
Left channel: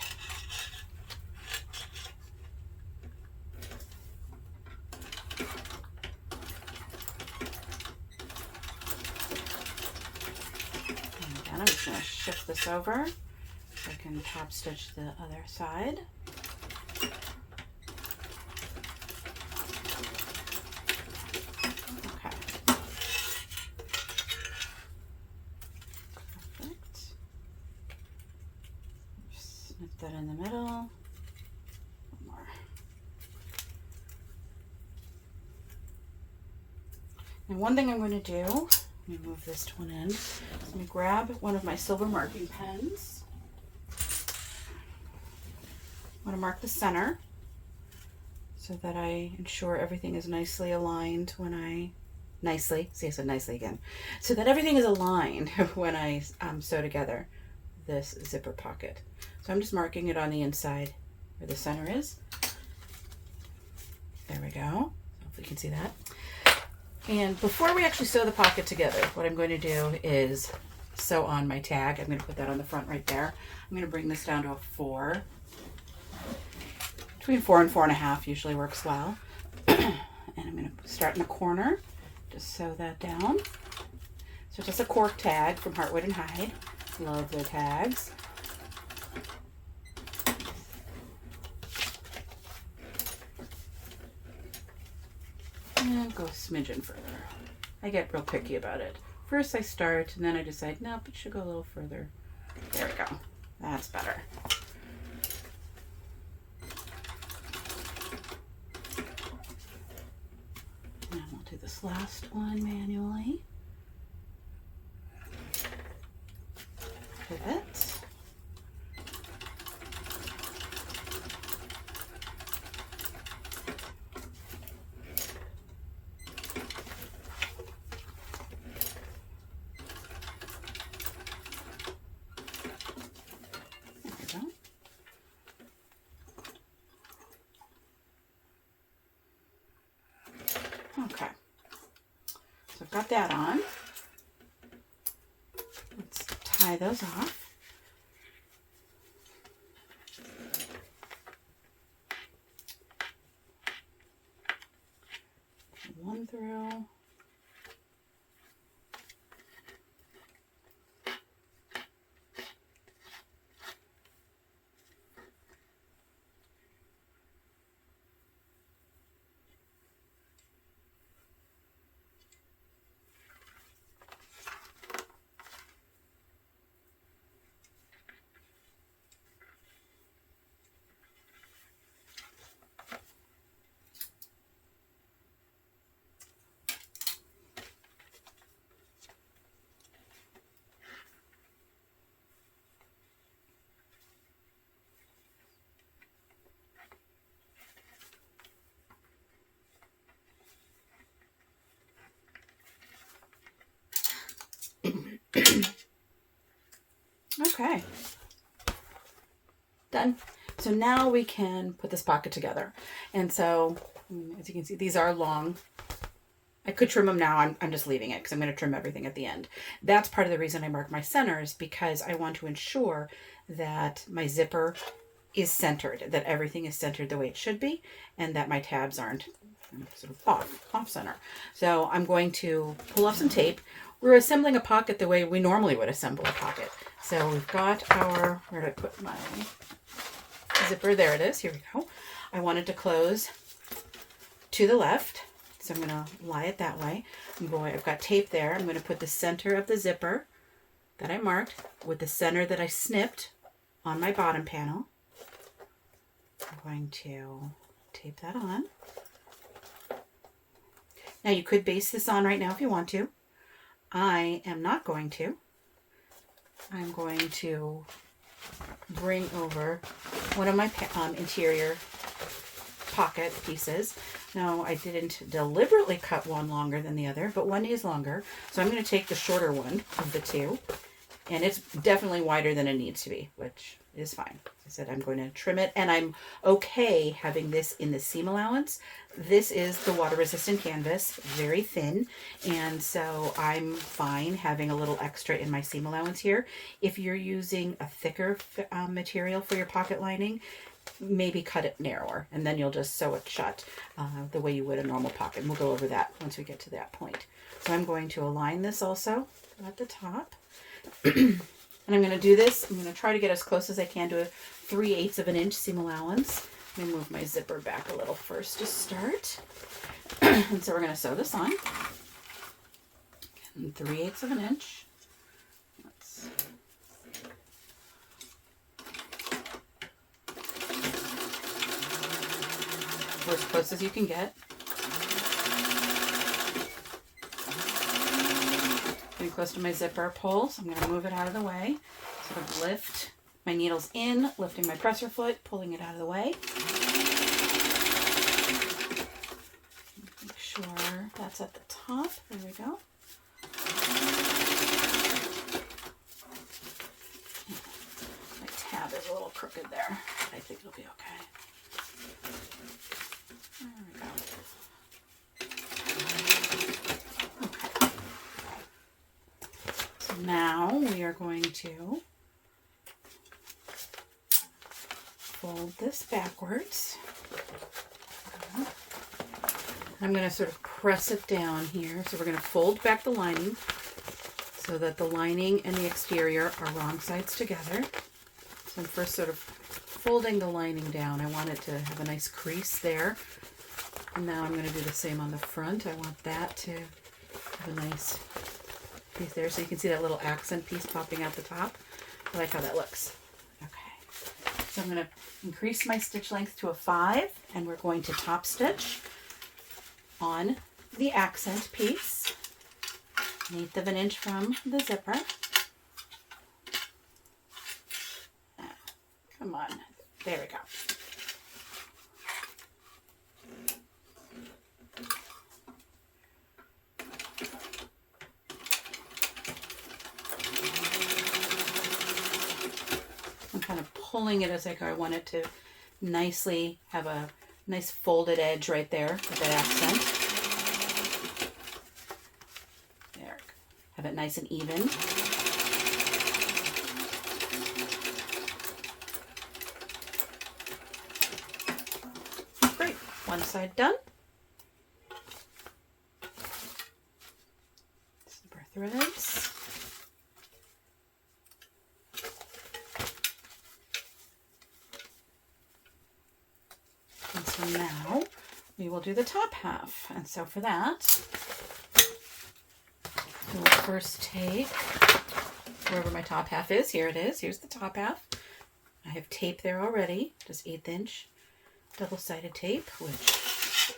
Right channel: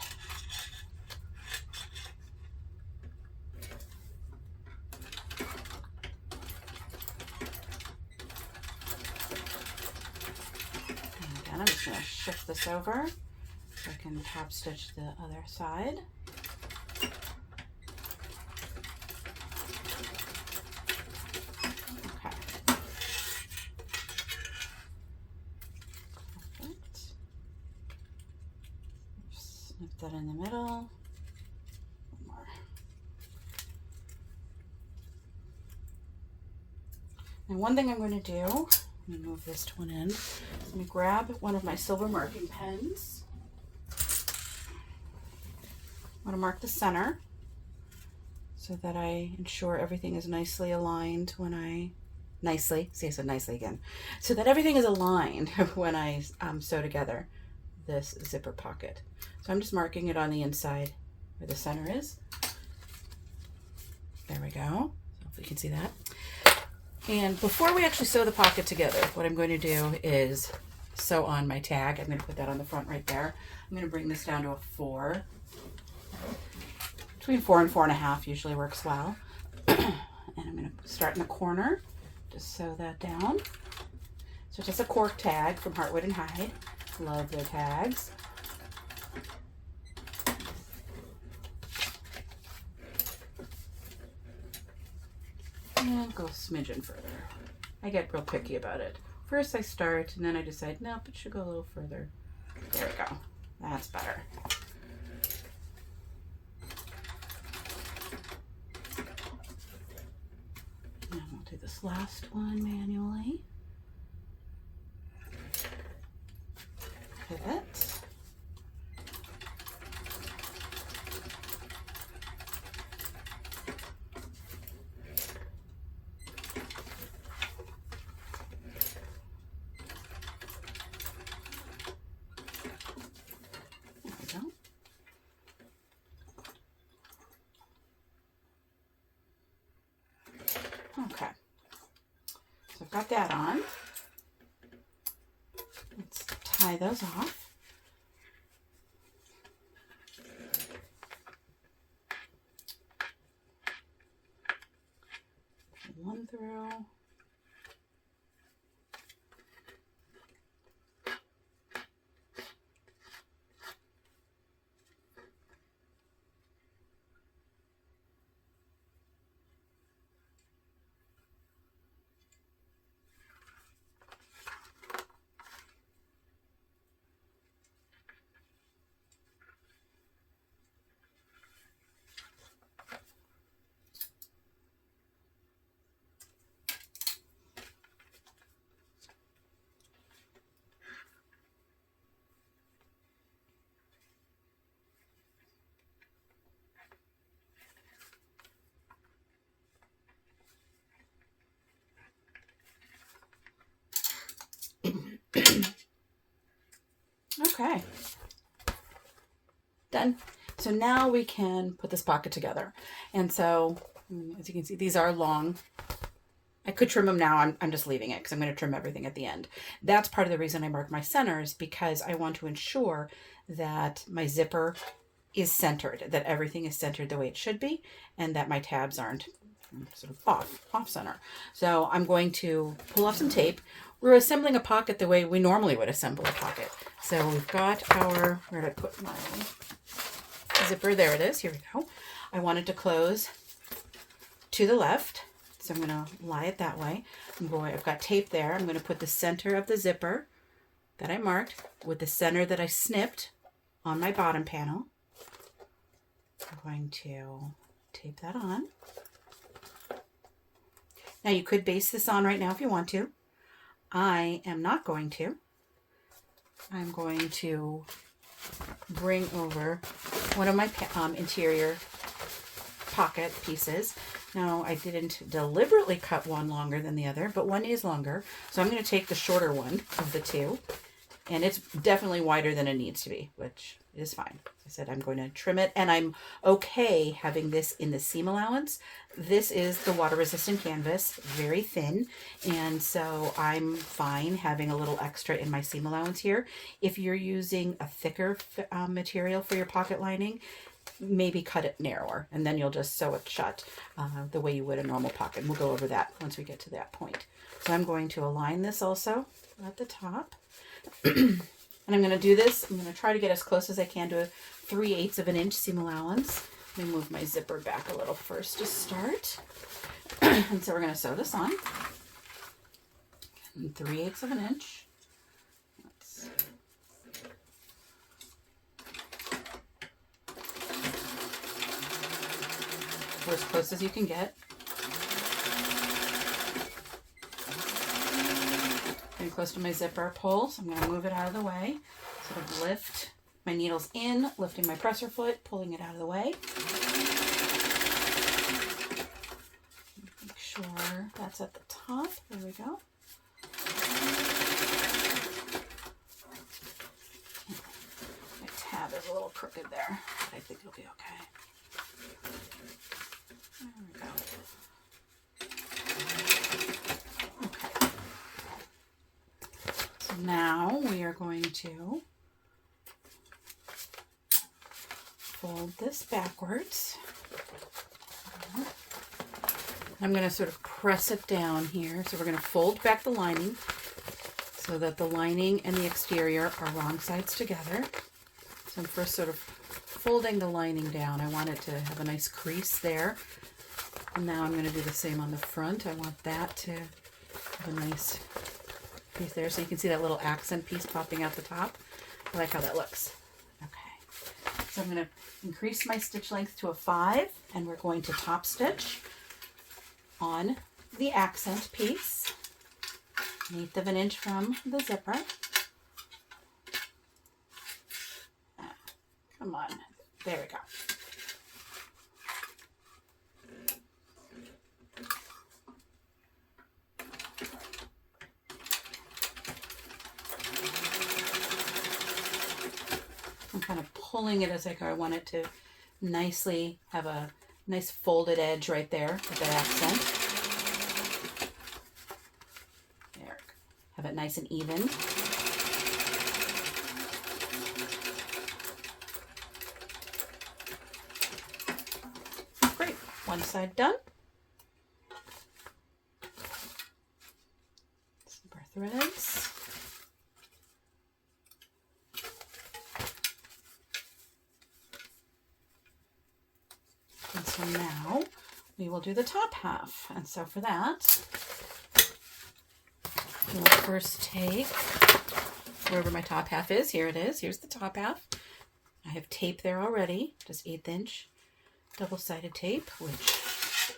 There we And I'm just going to shift this over so I can top stitch the other side. Okay. Perfect. Snip that in the middle. One more. And one thing I'm going to do, let me move this one in. I'm going to grab one of my silver marking pens. I want to mark the center so that I ensure everything is nicely aligned when I, I said nicely again, so that everything is aligned when I sew together this zipper pocket. So I'm just marking it on the inside where the center is. There we go. Hopefully you can see that. And before we actually sew the pocket together, what I'm going to do is sew on my tag. I'm going to put that on the front right there. I'm going to bring this down to a 4. Between 4 and 4.5 usually works well. And I'm going to start in the corner, just sew that down. So just a cork tag from Heartwood and Hide. Love their tags. And go a smidgen further. I get real picky about it. First I start and then I decide, nope, it should go a little further. There we go. That's better. And we'll do this last one manually. Pivot. Okay, so I've got that on. Let's tie those off. One through. Okay, done. So now we can put this pocket together. And so, as you can see, these are long. I could trim them now. I'm just leaving it because I'm going to trim everything at the end. That's part of the reason I mark my centers, because I want to ensure that my zipper is centered, that everything is centered the way it should be, and that my tabs aren't sort of off center. So I'm going to pull off some tape. We're assembling a pocket the way we normally would assemble a pocket. So we've got our, where did I put my zipper? There it is. Here we go. I want it to close to the left. So I'm going to lie it that way. I've got tape there. I'm going to put the center of the zipper that I marked with the center that I snipped on my bottom panel. I'm going to tape that on. Now you could baste this on right now if you want to. I am not going to. I'm going to bring over one of my interior pocket pieces. Now, I didn't deliberately cut one longer than the other, but one is longer. So I'm going to take the shorter one of the two, and it's definitely wider than it needs to be, which is fine. As I said, I'm going to trim it, and I'm okay having this in the seam allowance. This is the water-resistant canvas, very thin, and so I'm fine having a little extra in my seam allowance here. If you're using a thicker material for your pocket lining, maybe cut it narrower, and then you'll just sew it shut the way you would a normal pocket. And we'll go over that once we get to that point. So I'm going to align this also at the top. And I'm going to do this. I'm going to try to get as close as I can to a 3/8 of an inch seam allowance. Let me move my zipper back a little first to start. And so we're going to sew this on. And 3/8 of an inch. We're as close as you can get. Getting close to my zipper pull, so I'm going to move it out of the way. Sort of lift my needles in, lifting my presser foot, pulling it out of the way. Make sure that's at the top. There we go. My tab is a little crooked there, but I think it'll be okay. There we go. Okay. So now we are going to fold this backwards. I'm going to sort of press it down here. So we're going to fold back the lining so that the lining and the exterior are wrong sides together. So I'm first sort of folding the lining down. I want it to have a nice crease there. And now I'm going to do the same on the front. I want that to have a nice piece there. So you can see that little accent piece popping out the top. I like how that looks. Okay. So I'm going to increase my stitch length to a 5, and we're going to top stitch on the accent piece, 1/8 of an inch from the zipper. Come on, there we go. I'm kind of pulling it as I go. I want it to nicely have a nice folded edge right there with that accent. There. Have it nice and even. Great. One side done. Zipper threads. And so now we will do the top half. And so for that, we will first take wherever my top half is. Here it is. Here's the top half. I have tape there already, just 1/8 inch double-sided tape, which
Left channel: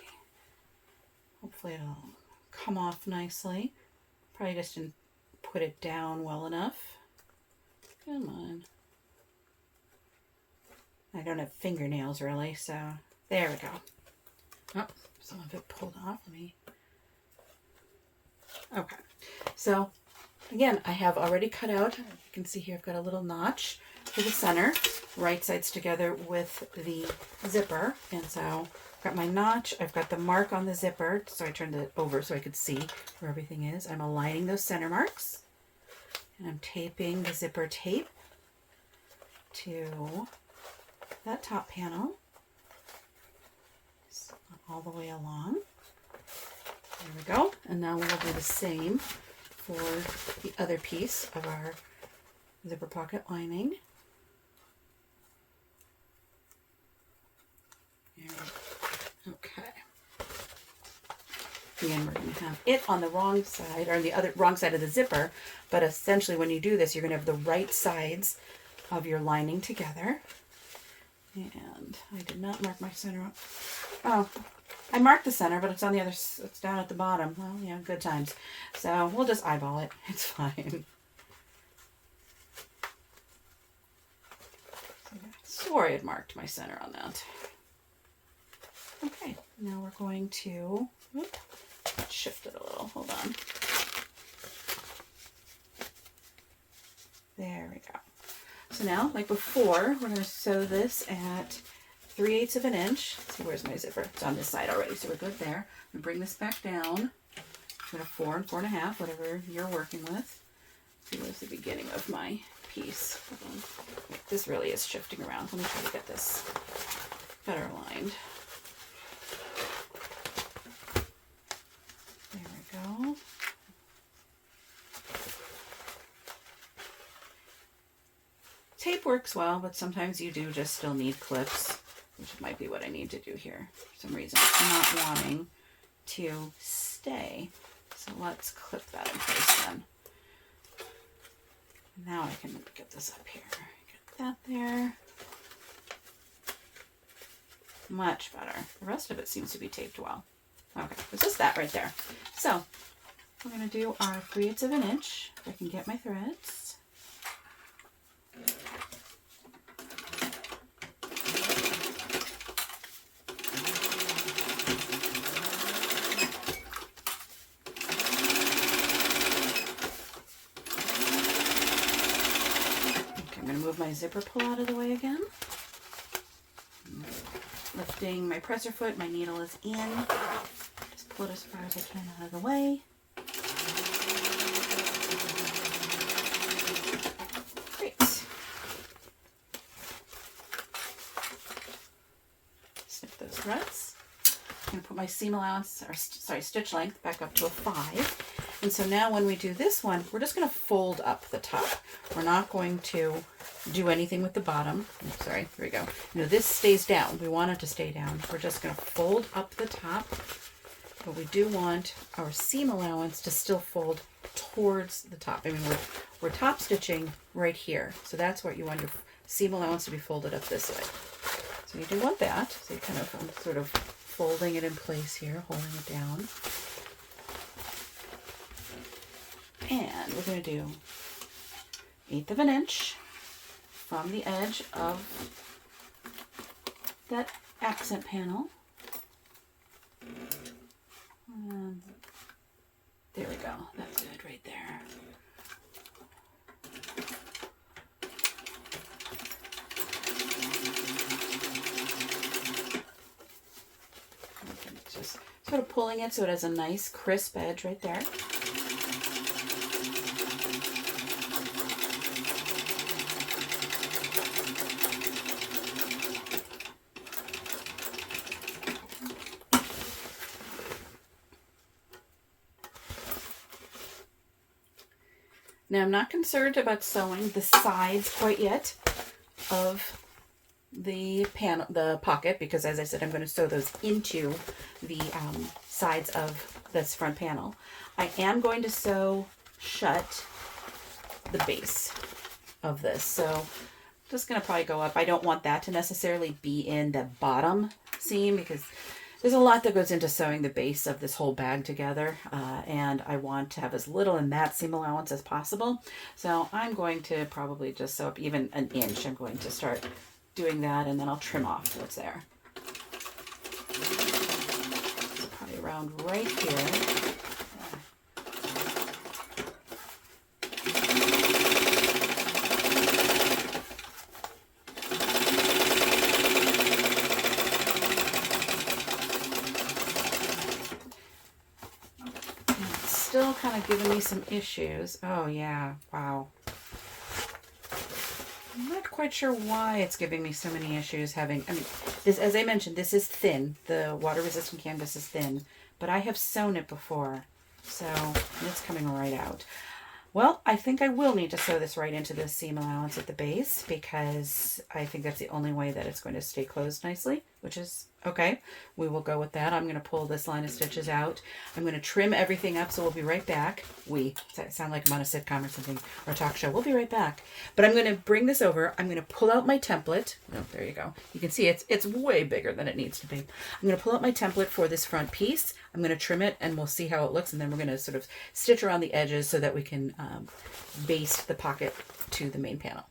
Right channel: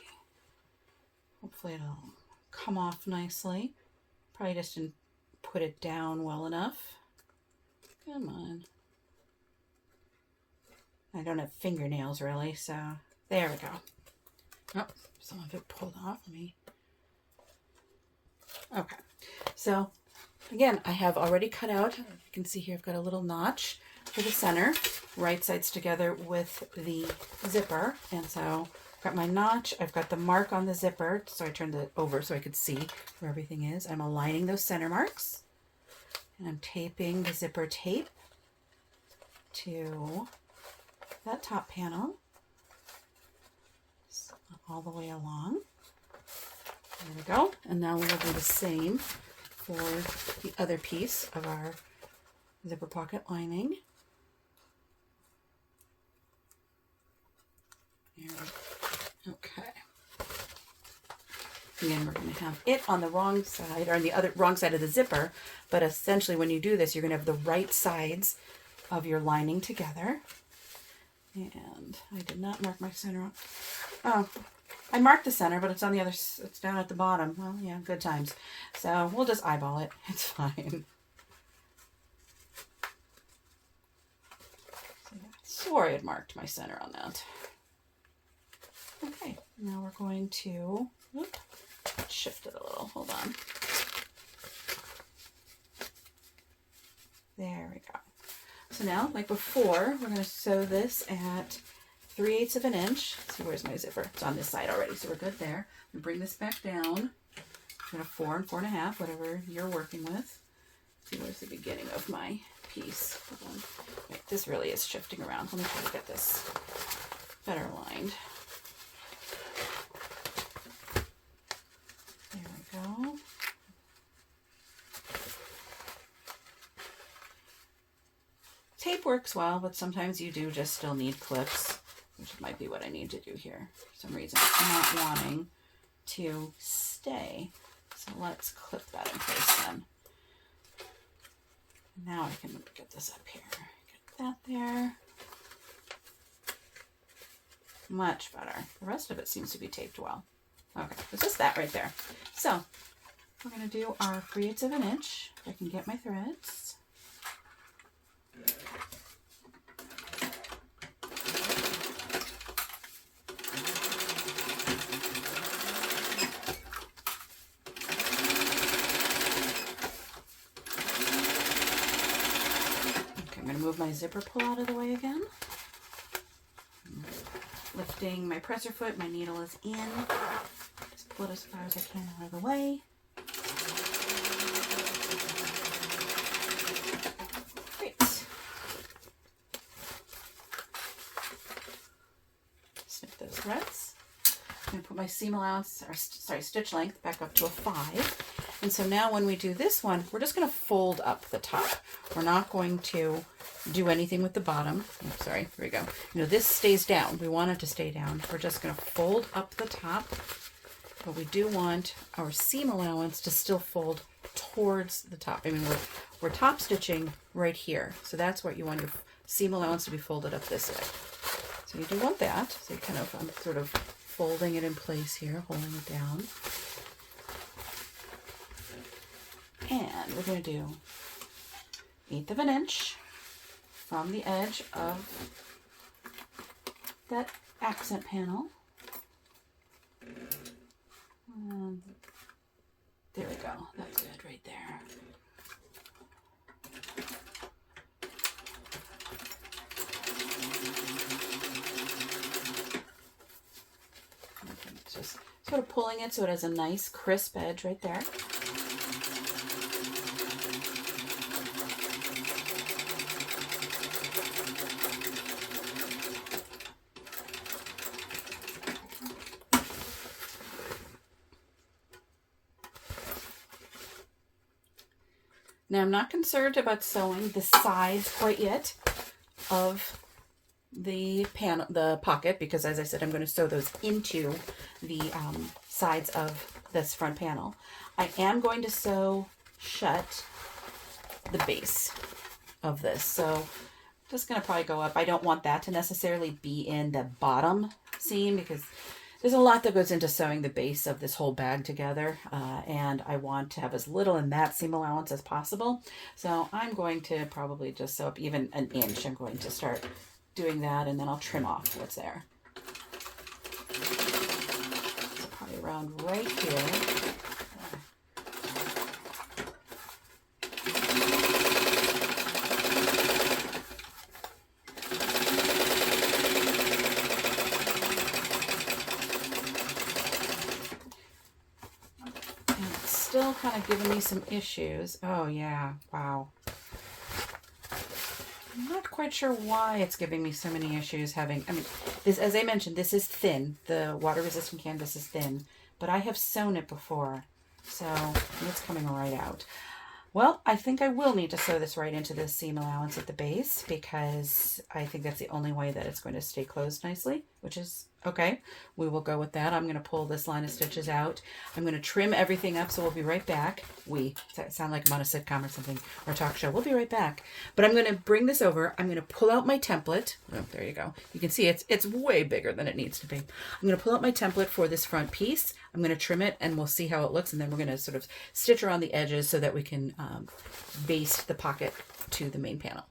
hopefully it'll come off nicely. Probably just didn't put it down well enough. Come on. I don't have fingernails really, so there we go. Oh, some of it pulled off. Let me. Okay. So again, I have already cut out. You can see here I've got a little notch for the center, right sides together with the zipper. And so I've got my notch. I've got the mark on the zipper. So I turned it over so I could see where everything is. I'm aligning those center marks. And I'm taping the zipper tape to that top panel. All the way along. There we go. And now we'll do the same for the other piece of our zipper pocket lining. Okay. And then we're going to have it on the wrong side, or on the other wrong side of the zipper. But essentially when you do this, you're going to have the right sides of your lining together. And I did not mark my center. Oh, I marked the center, but it's on the other, it's down at the bottom. Well, yeah, good times. So we'll just eyeball it. It's fine. Sorry, I had marked my center on that. Okay, now we're going to shift it a little. Hold on. There we go. So now, like before, we're going to sew this at 3/8 of an inch. Let's see, where's my zipper? It's on this side already, so we're good there. And bring this back down. I'm going to 4 and 4.5, whatever you're working with. Let's see, where's the beginning of my piece? Hold on. Wait, this really is shifting around. Let me try to get this better aligned. There we go. tape works well, but sometimes you do just still need clips, which might be what I need to do here. For some reason, it's not wanting to stay. So let's clip that in place then. Now I can get this up here. Get that there. Much better. The rest of it seems to be taped well. Okay, it's just that right there. So we're going to do our 3/8 of an inch. If I can get my threads. Okay, I'm going to move my zipper pull out of the way again. Lifting my presser foot, my needle is in. Just pull it as far as I can out of the way. Great. Snip those threads. I'm going to put my seam allowance, or sorry, stitch length back up to a 5. And so now when we do this one, we're just going to fold up the top. We're not going to do anything with the bottom. Oh, sorry, here we go. You know, this stays down. We want it to stay down. We're just going to fold up the top, but we do want our seam allowance to still fold towards the top. I mean, we're top stitching right here. So that's what you want your seam allowance to be folded up this way. So you do want that. So you kind of, I'm sort of folding it in place here, holding it down. And we're going to do 1/8 of an inch from the edge of that accent panel. And there we go. That's good right there. Just sort of pulling it so it has a nice crisp edge right there. Now I'm not concerned about sewing the sides quite yet of the panel, the pocket, because as I said, I'm going to sew those into the sides of this front panel. I am going to sew shut the base of this. So I'm just going to probably go up. I don't want that to necessarily be in the bottom seam because there's a lot that goes into sewing the base of this whole bag together, and I want to have as little in that seam allowance as possible. So I'm going to probably just sew up even an inch. I'm going to start doing that, and then I'll trim off what's there. So probably around right here. Still kind of giving me some issues. Oh yeah, wow. I'm not quite sure why it's giving me so many issues having, I mean, this, as I mentioned, this is thin. The water resistant canvas is thin, but I have sewn it before, so it's coming right out. Well, I think I will need to sew this right into the seam allowance at the base because I think that's the only way that it's going to stay closed nicely, which is okay. We will go with that. I'm going to pull this line of stitches out. I'm going to trim everything up, so we'll be right back. Sound like I'm on a sitcom or something, or a talk show. We'll be right back. But I'm going to bring this over. I'm going to pull out my template. Oh, there you go. You can see it's way bigger than it needs to be. I'm going to pull out my template for this front piece. I'm going to trim it, and we'll see how it looks, and then we're going to sort of stitch around the edges so that we can baste the pocket to the main panel.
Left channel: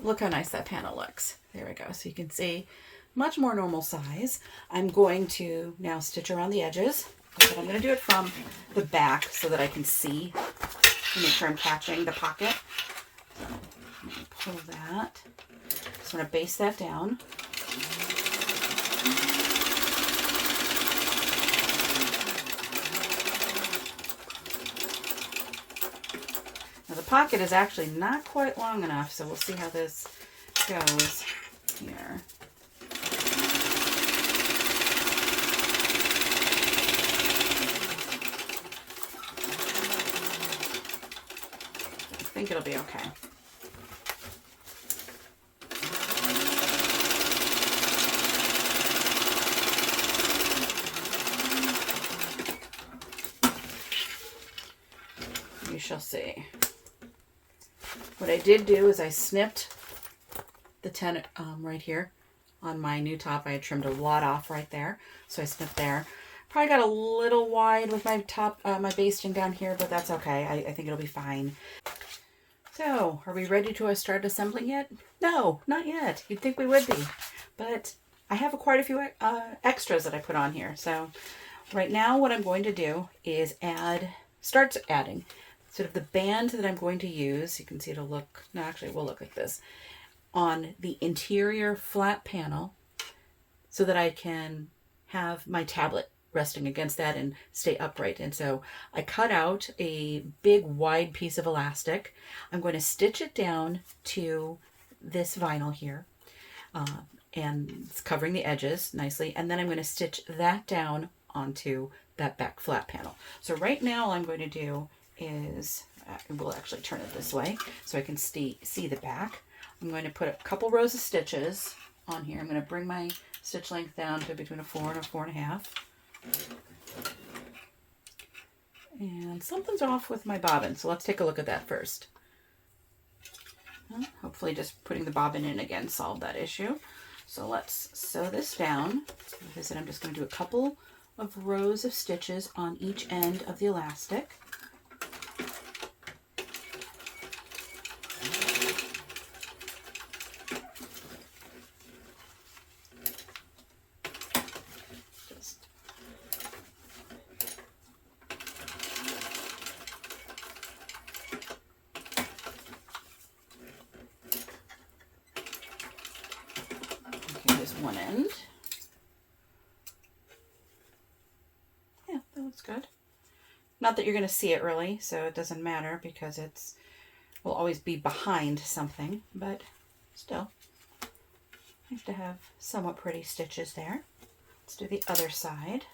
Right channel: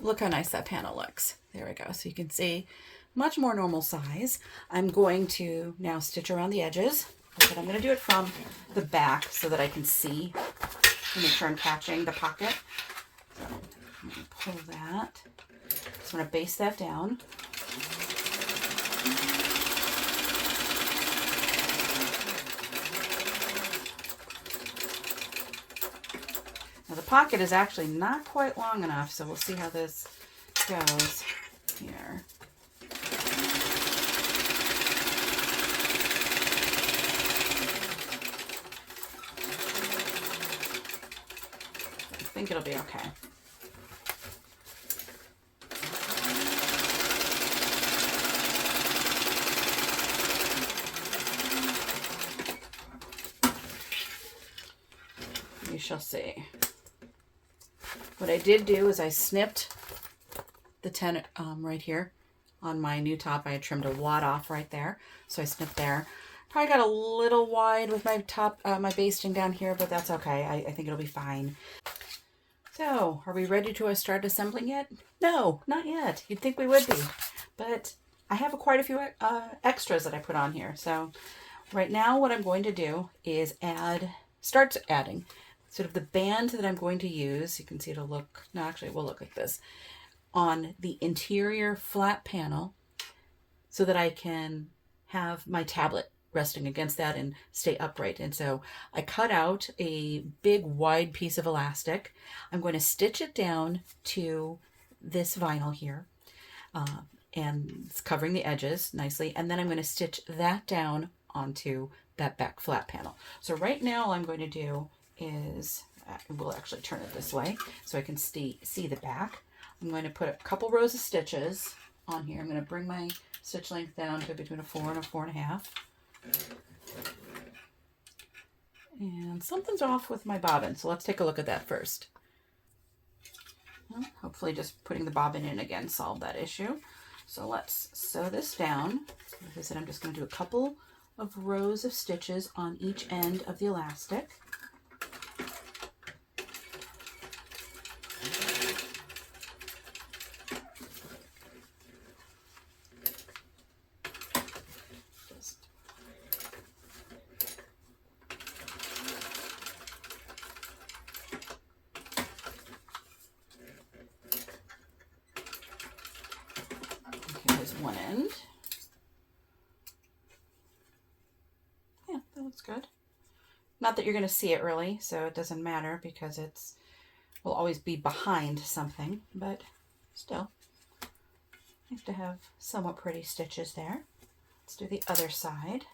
Look how nice that panel looks. There we go. So you can see much more normal size. I'm going to now stitch around the edges, but I'm going to do it from the back so that I can see and make sure I'm catching the pocket. So I'm going to pull that. Just want to baste that down. Now the pocket is actually not quite long enough, so we'll see how this goes here. think it'll be okay. You shall see. What I did do is I snipped the tent right here on my new top. I had trimmed a lot off right there, so I snipped there. Probably got a little wide with my top, my basting down here, but that's okay. I think it'll be fine. So, are we ready to start assembling yet? No, not yet. You'd think we would be, but I have quite a few extras that I put on here. So, right now, what I'm going to do is start adding sort of the band that I'm going to use. You can see it'll look, no, actually, we'll look at this on the interior flat panel so that I can have my tablet resting against that and stay upright. And so I cut out a big wide piece of elastic. I'm going to stitch it down to this vinyl here, and it's covering the edges nicely. And then I'm going to stitch that down onto that back flat panel. So right now all I'm going to do is, we'll actually turn it this way so I can see the back. I'm going to put a couple rows of stitches on here. I'm going to bring my stitch length down to between a 4 and a 4.5. And something's off with my bobbin, so let's take a look at that first. Well, hopefully just putting the bobbin in again solved that issue. So let's sew this down. Like I said, I'm just going to do a couple of rows of stitches on each end of the elastic. One end. Yeah, that looks good. Not that you're going to see it really, so it doesn't matter because will always be behind something, but still, nice to have somewhat pretty stitches there. Let's do the other side.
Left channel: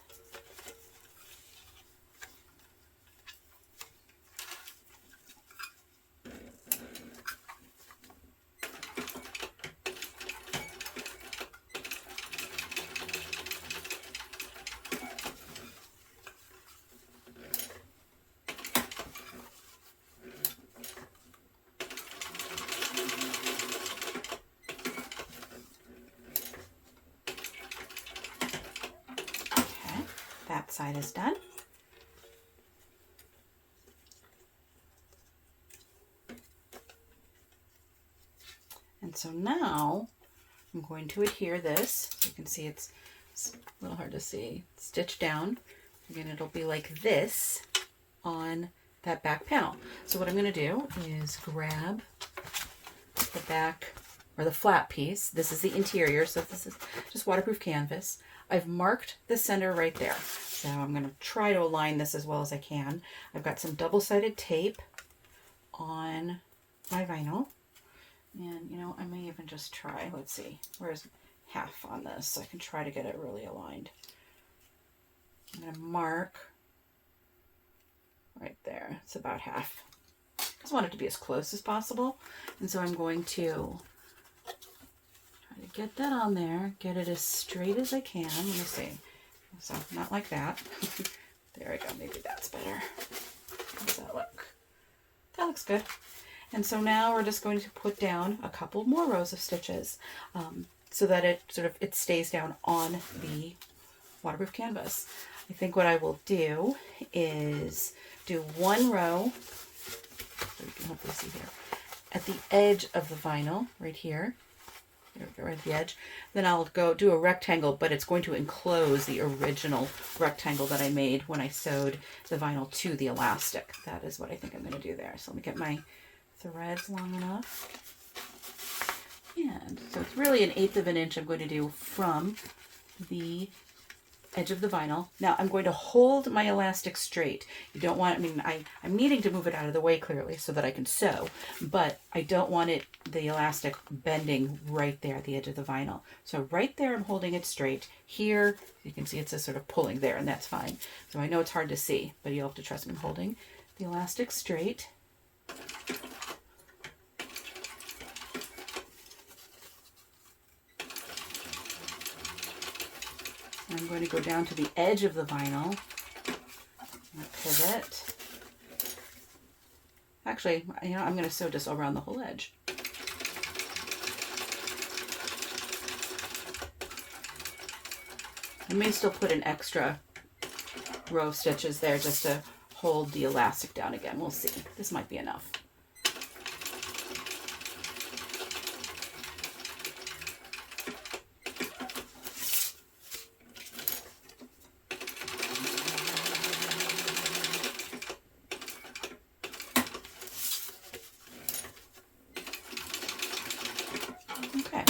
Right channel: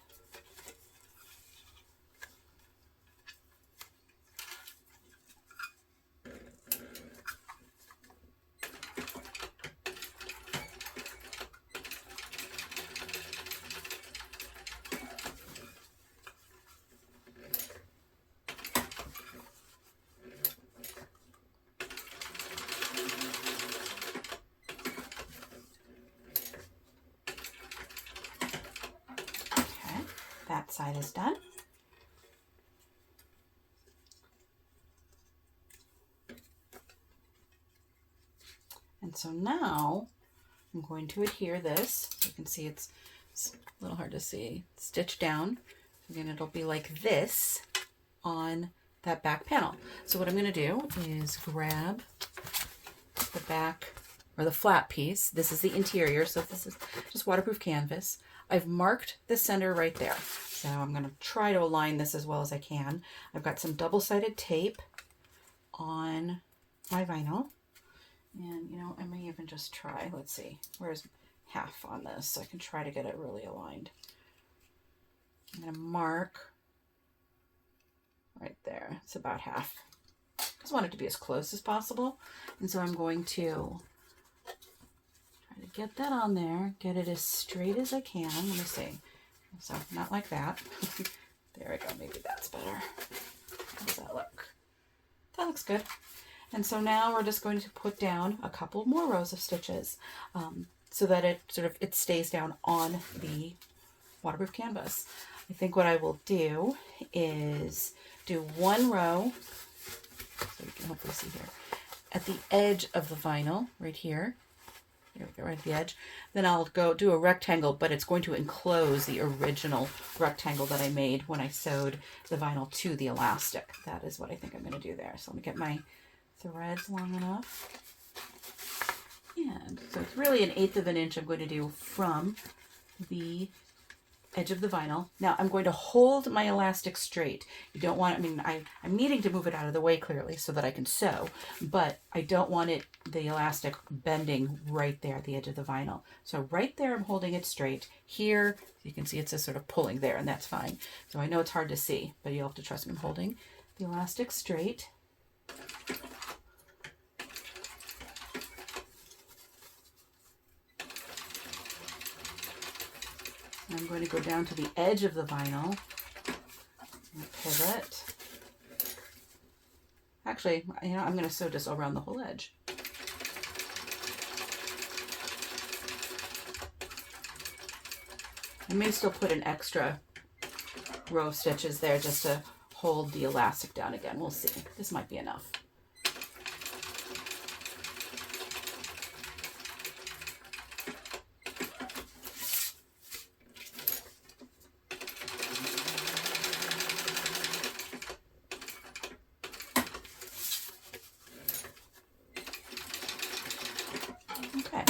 That side is done. And so now I'm going to adhere this. You can see it's a little hard to see. Stitch down. Again, it'll be like this on that back panel. So what I'm going to do is grab the back or the flat piece. This is the interior, so this is just waterproof canvas. I've marked the center right there. So I'm going to try to align this as well as I can. I've got some double-sided tape on my vinyl. And, you know, I may even just try, let's see, where's half on this? So I can try to get it really aligned. I'm going to mark right there. It's about half. I just want it to be as close as possible. And so I'm going to try to get that on there, get it as straight as I can. Let me see. So not like that. There we go. Maybe that's better. How does that look? That looks good. And so now we're just going to put down a couple more rows of stitches so that it stays down on the waterproof canvas. I think what I will do is do one row, so you can hopefully see here, at the edge of the vinyl right here. There we go, right at the edge. Then I'll go do a rectangle, but it's going to enclose the original rectangle that I made when I sewed the vinyl to the elastic. That is what I think I'm going to do there. So let me get my threads long enough. And so it's really 1/8 of an inch I'm going to do from the edge of the vinyl. Now I'm going to hold my elastic straight. You don't want, I mean, I'm needing to move it out of the way clearly so that I can sew, but I don't want the elastic bending right there at the edge of the vinyl. So right there I'm holding it straight. Here you can see it's just sort of pulling there, and that's fine. So I know it's hard to see, but you'll have to trust me. I'm holding the elastic straight. I'm going to go down to the edge of the vinyl and pivot. Actually, you know, I'm going to sew this around the whole edge. I may still put an extra row of stitches there just to hold the elastic down again. We'll see. This might be enough. Okay.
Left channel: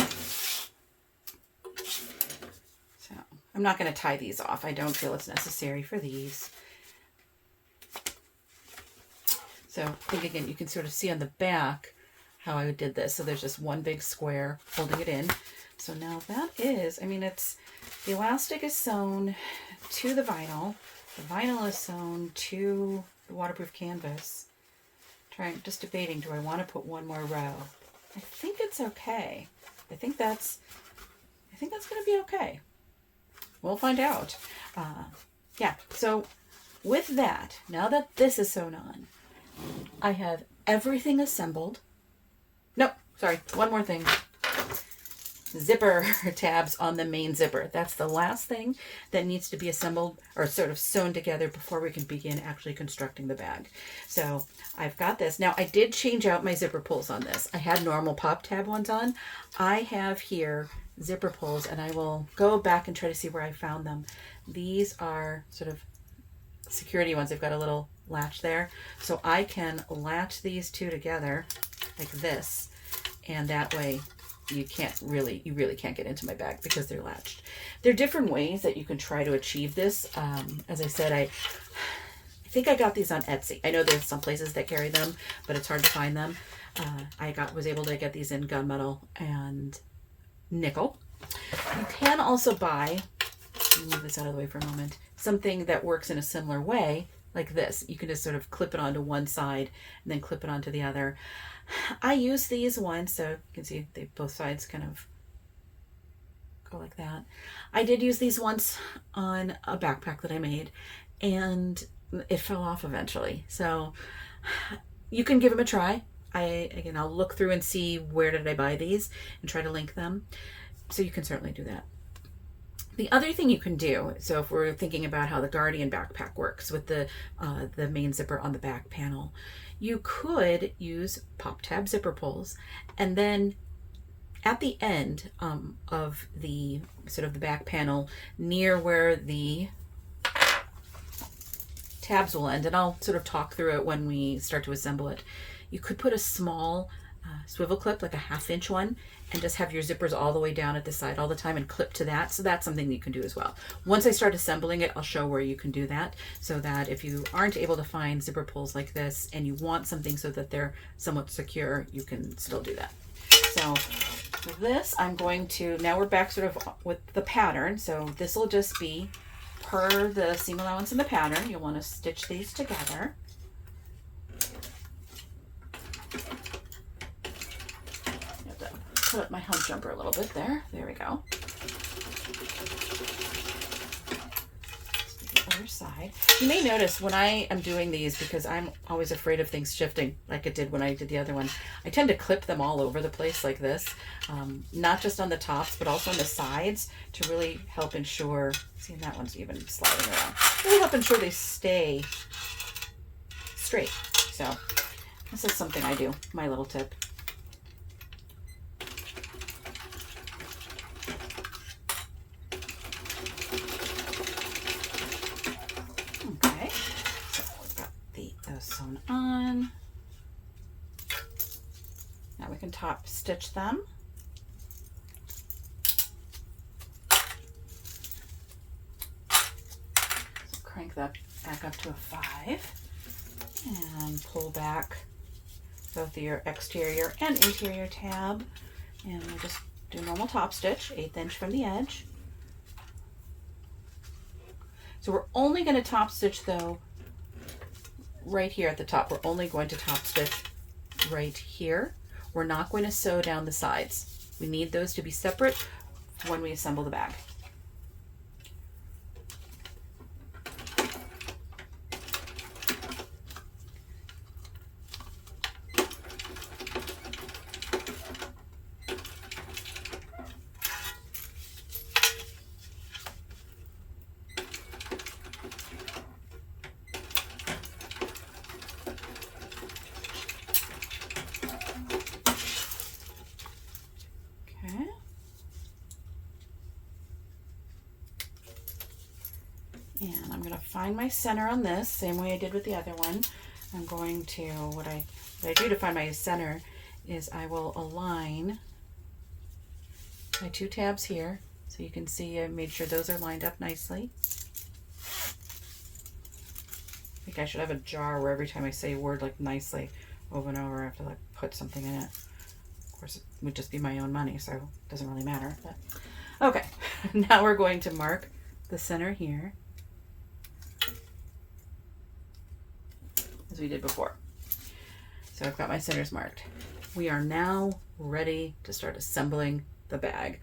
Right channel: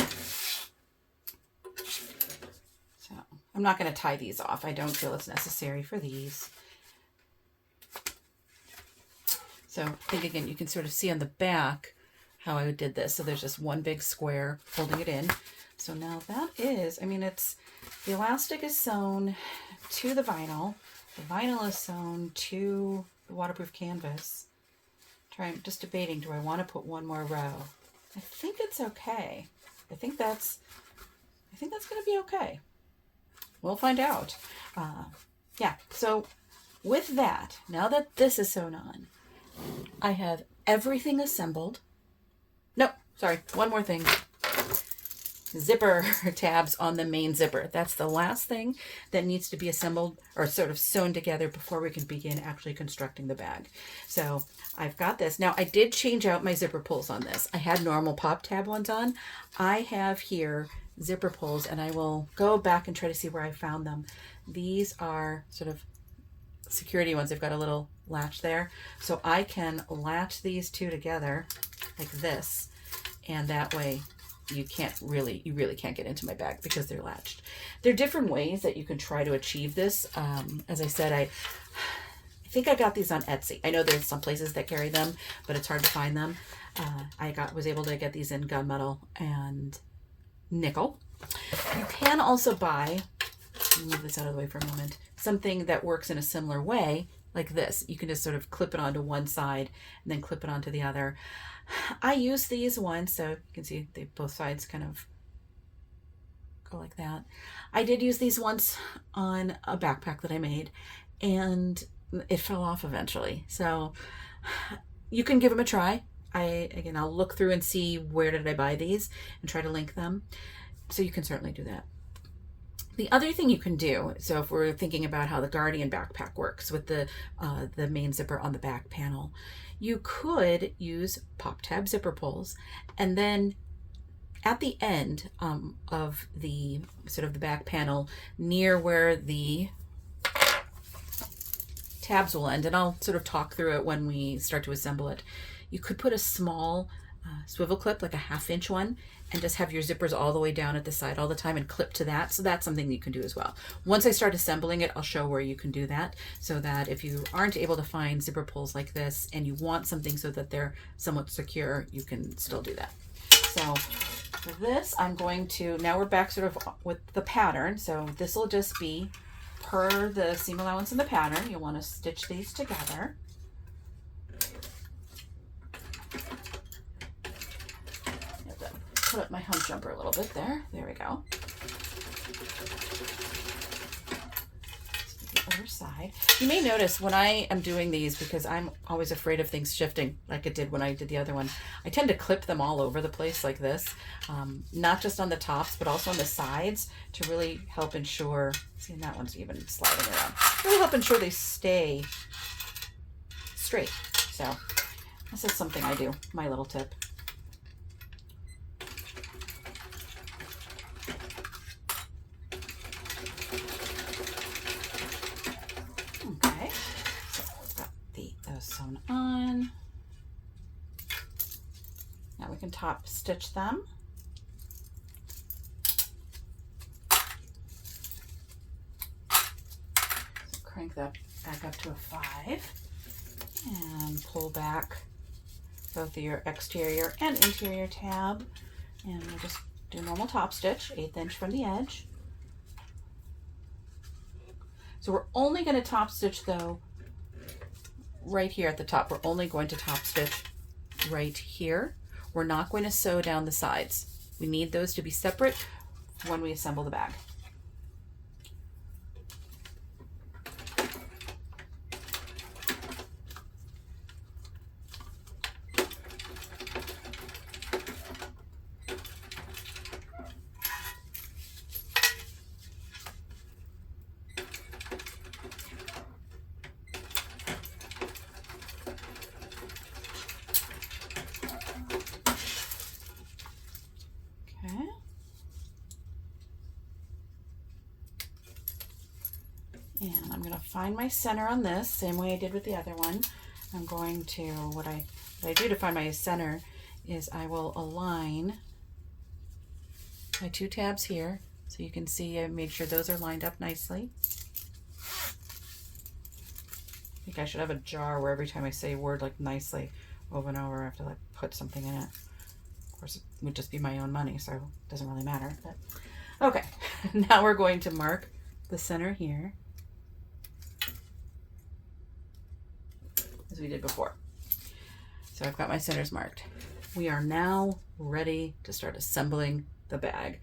So I'm not going to tie these off. I don't feel it's necessary for these. So I think again, you can sort of see on the back how I did this. So there's just one big square holding it in. So now that is, I mean, it's, the elastic is sewn to the vinyl is sewn to the waterproof canvas. Just debating, do I want to put one more row? I think it's okay. I think that's going to be okay. We'll find out. Yeah, so with that, now that this is sewn on, I have everything assembled. Nope, sorry, one more thing. Zipper tabs on the main zipper. That's the last thing that needs to be assembled or sort of sewn together before we can begin actually constructing the bag. So I've got this. Now I did change out my zipper pulls on this. I had normal pop tab ones on. I have here zipper pulls, and I will go back and try to see where I found them. These are sort of security ones. They've got a little latch there. So I can latch these two together like this, and that way you really can't get into my bag because they're latched. There are different ways that you can try to achieve this. As I said, I think I got these on Etsy. I know there's some places that carry them, but it's hard to find them. I was able to get these in gunmetal and nickel. You can also buy, let me move this out of the way for a moment, something that works in a similar way, like this. You can just sort of clip it onto one side and then clip it onto the other. I use these ones, so you can see they both sides kind of go like that. I did use these once on a backpack that I made, and it fell off eventually. So you can give them a try. I'll look through and see where did I buy these and try to link them. So you can certainly do that. The other thing you can do, so if we're thinking about how the Guardian backpack works with the main zipper on the back panel, you could use pop tab zipper pulls, and then at the end of the sort of the back panel near where the tabs will end, and I'll sort of talk through it when we start to assemble it, you could put a small swivel clip, like a 1/2 inch one, and just have your zippers all the way down at the side all the time and clip to that. So that's something that you can do as well. Once I start assembling it, I'll show where you can do that, so that if you aren't able to find zipper pulls like this and you want something so that they're somewhat secure, you can still do that. So for this, I'm going to, now we're back sort of with the pattern. So this will just be per the seam allowance in the pattern. You'll want to stitch these together. Put up my hump jumper a little bit there. There we go. The other side. You may notice when I am doing these, because I'm always afraid of things shifting like it did when I did the other one, I tend to clip them all over the place like this, not just on the tops, but also on the sides to really help ensure, see, that one's even sliding around, really help ensure they stay straight. So this is something I do, my little tip. Sewn on. Now we can top stitch them. So crank that back up to a 5 and pull back both your exterior and interior tab, and we'll just do normal top stitch, 1/8 inch from the edge. So we're only going to top stitch though right here at the top. We're only going to top stitch right here. We're not going to sew down the sides. We need those to be separate when we assemble the bag. find my center on this, same way I did with the other one. I'm going to, what I do to find my center is I will align my 2 tabs here. So you can see I made sure those are lined up nicely. I think I should have a jar where every time I say a word like nicely over and over, I have to like put something in it. Of course, it would just be my own money, so it doesn't really matter. But okay, now we're going to mark the center here, as we did before. So I've got my centers marked. We are now ready to start assembling the bag.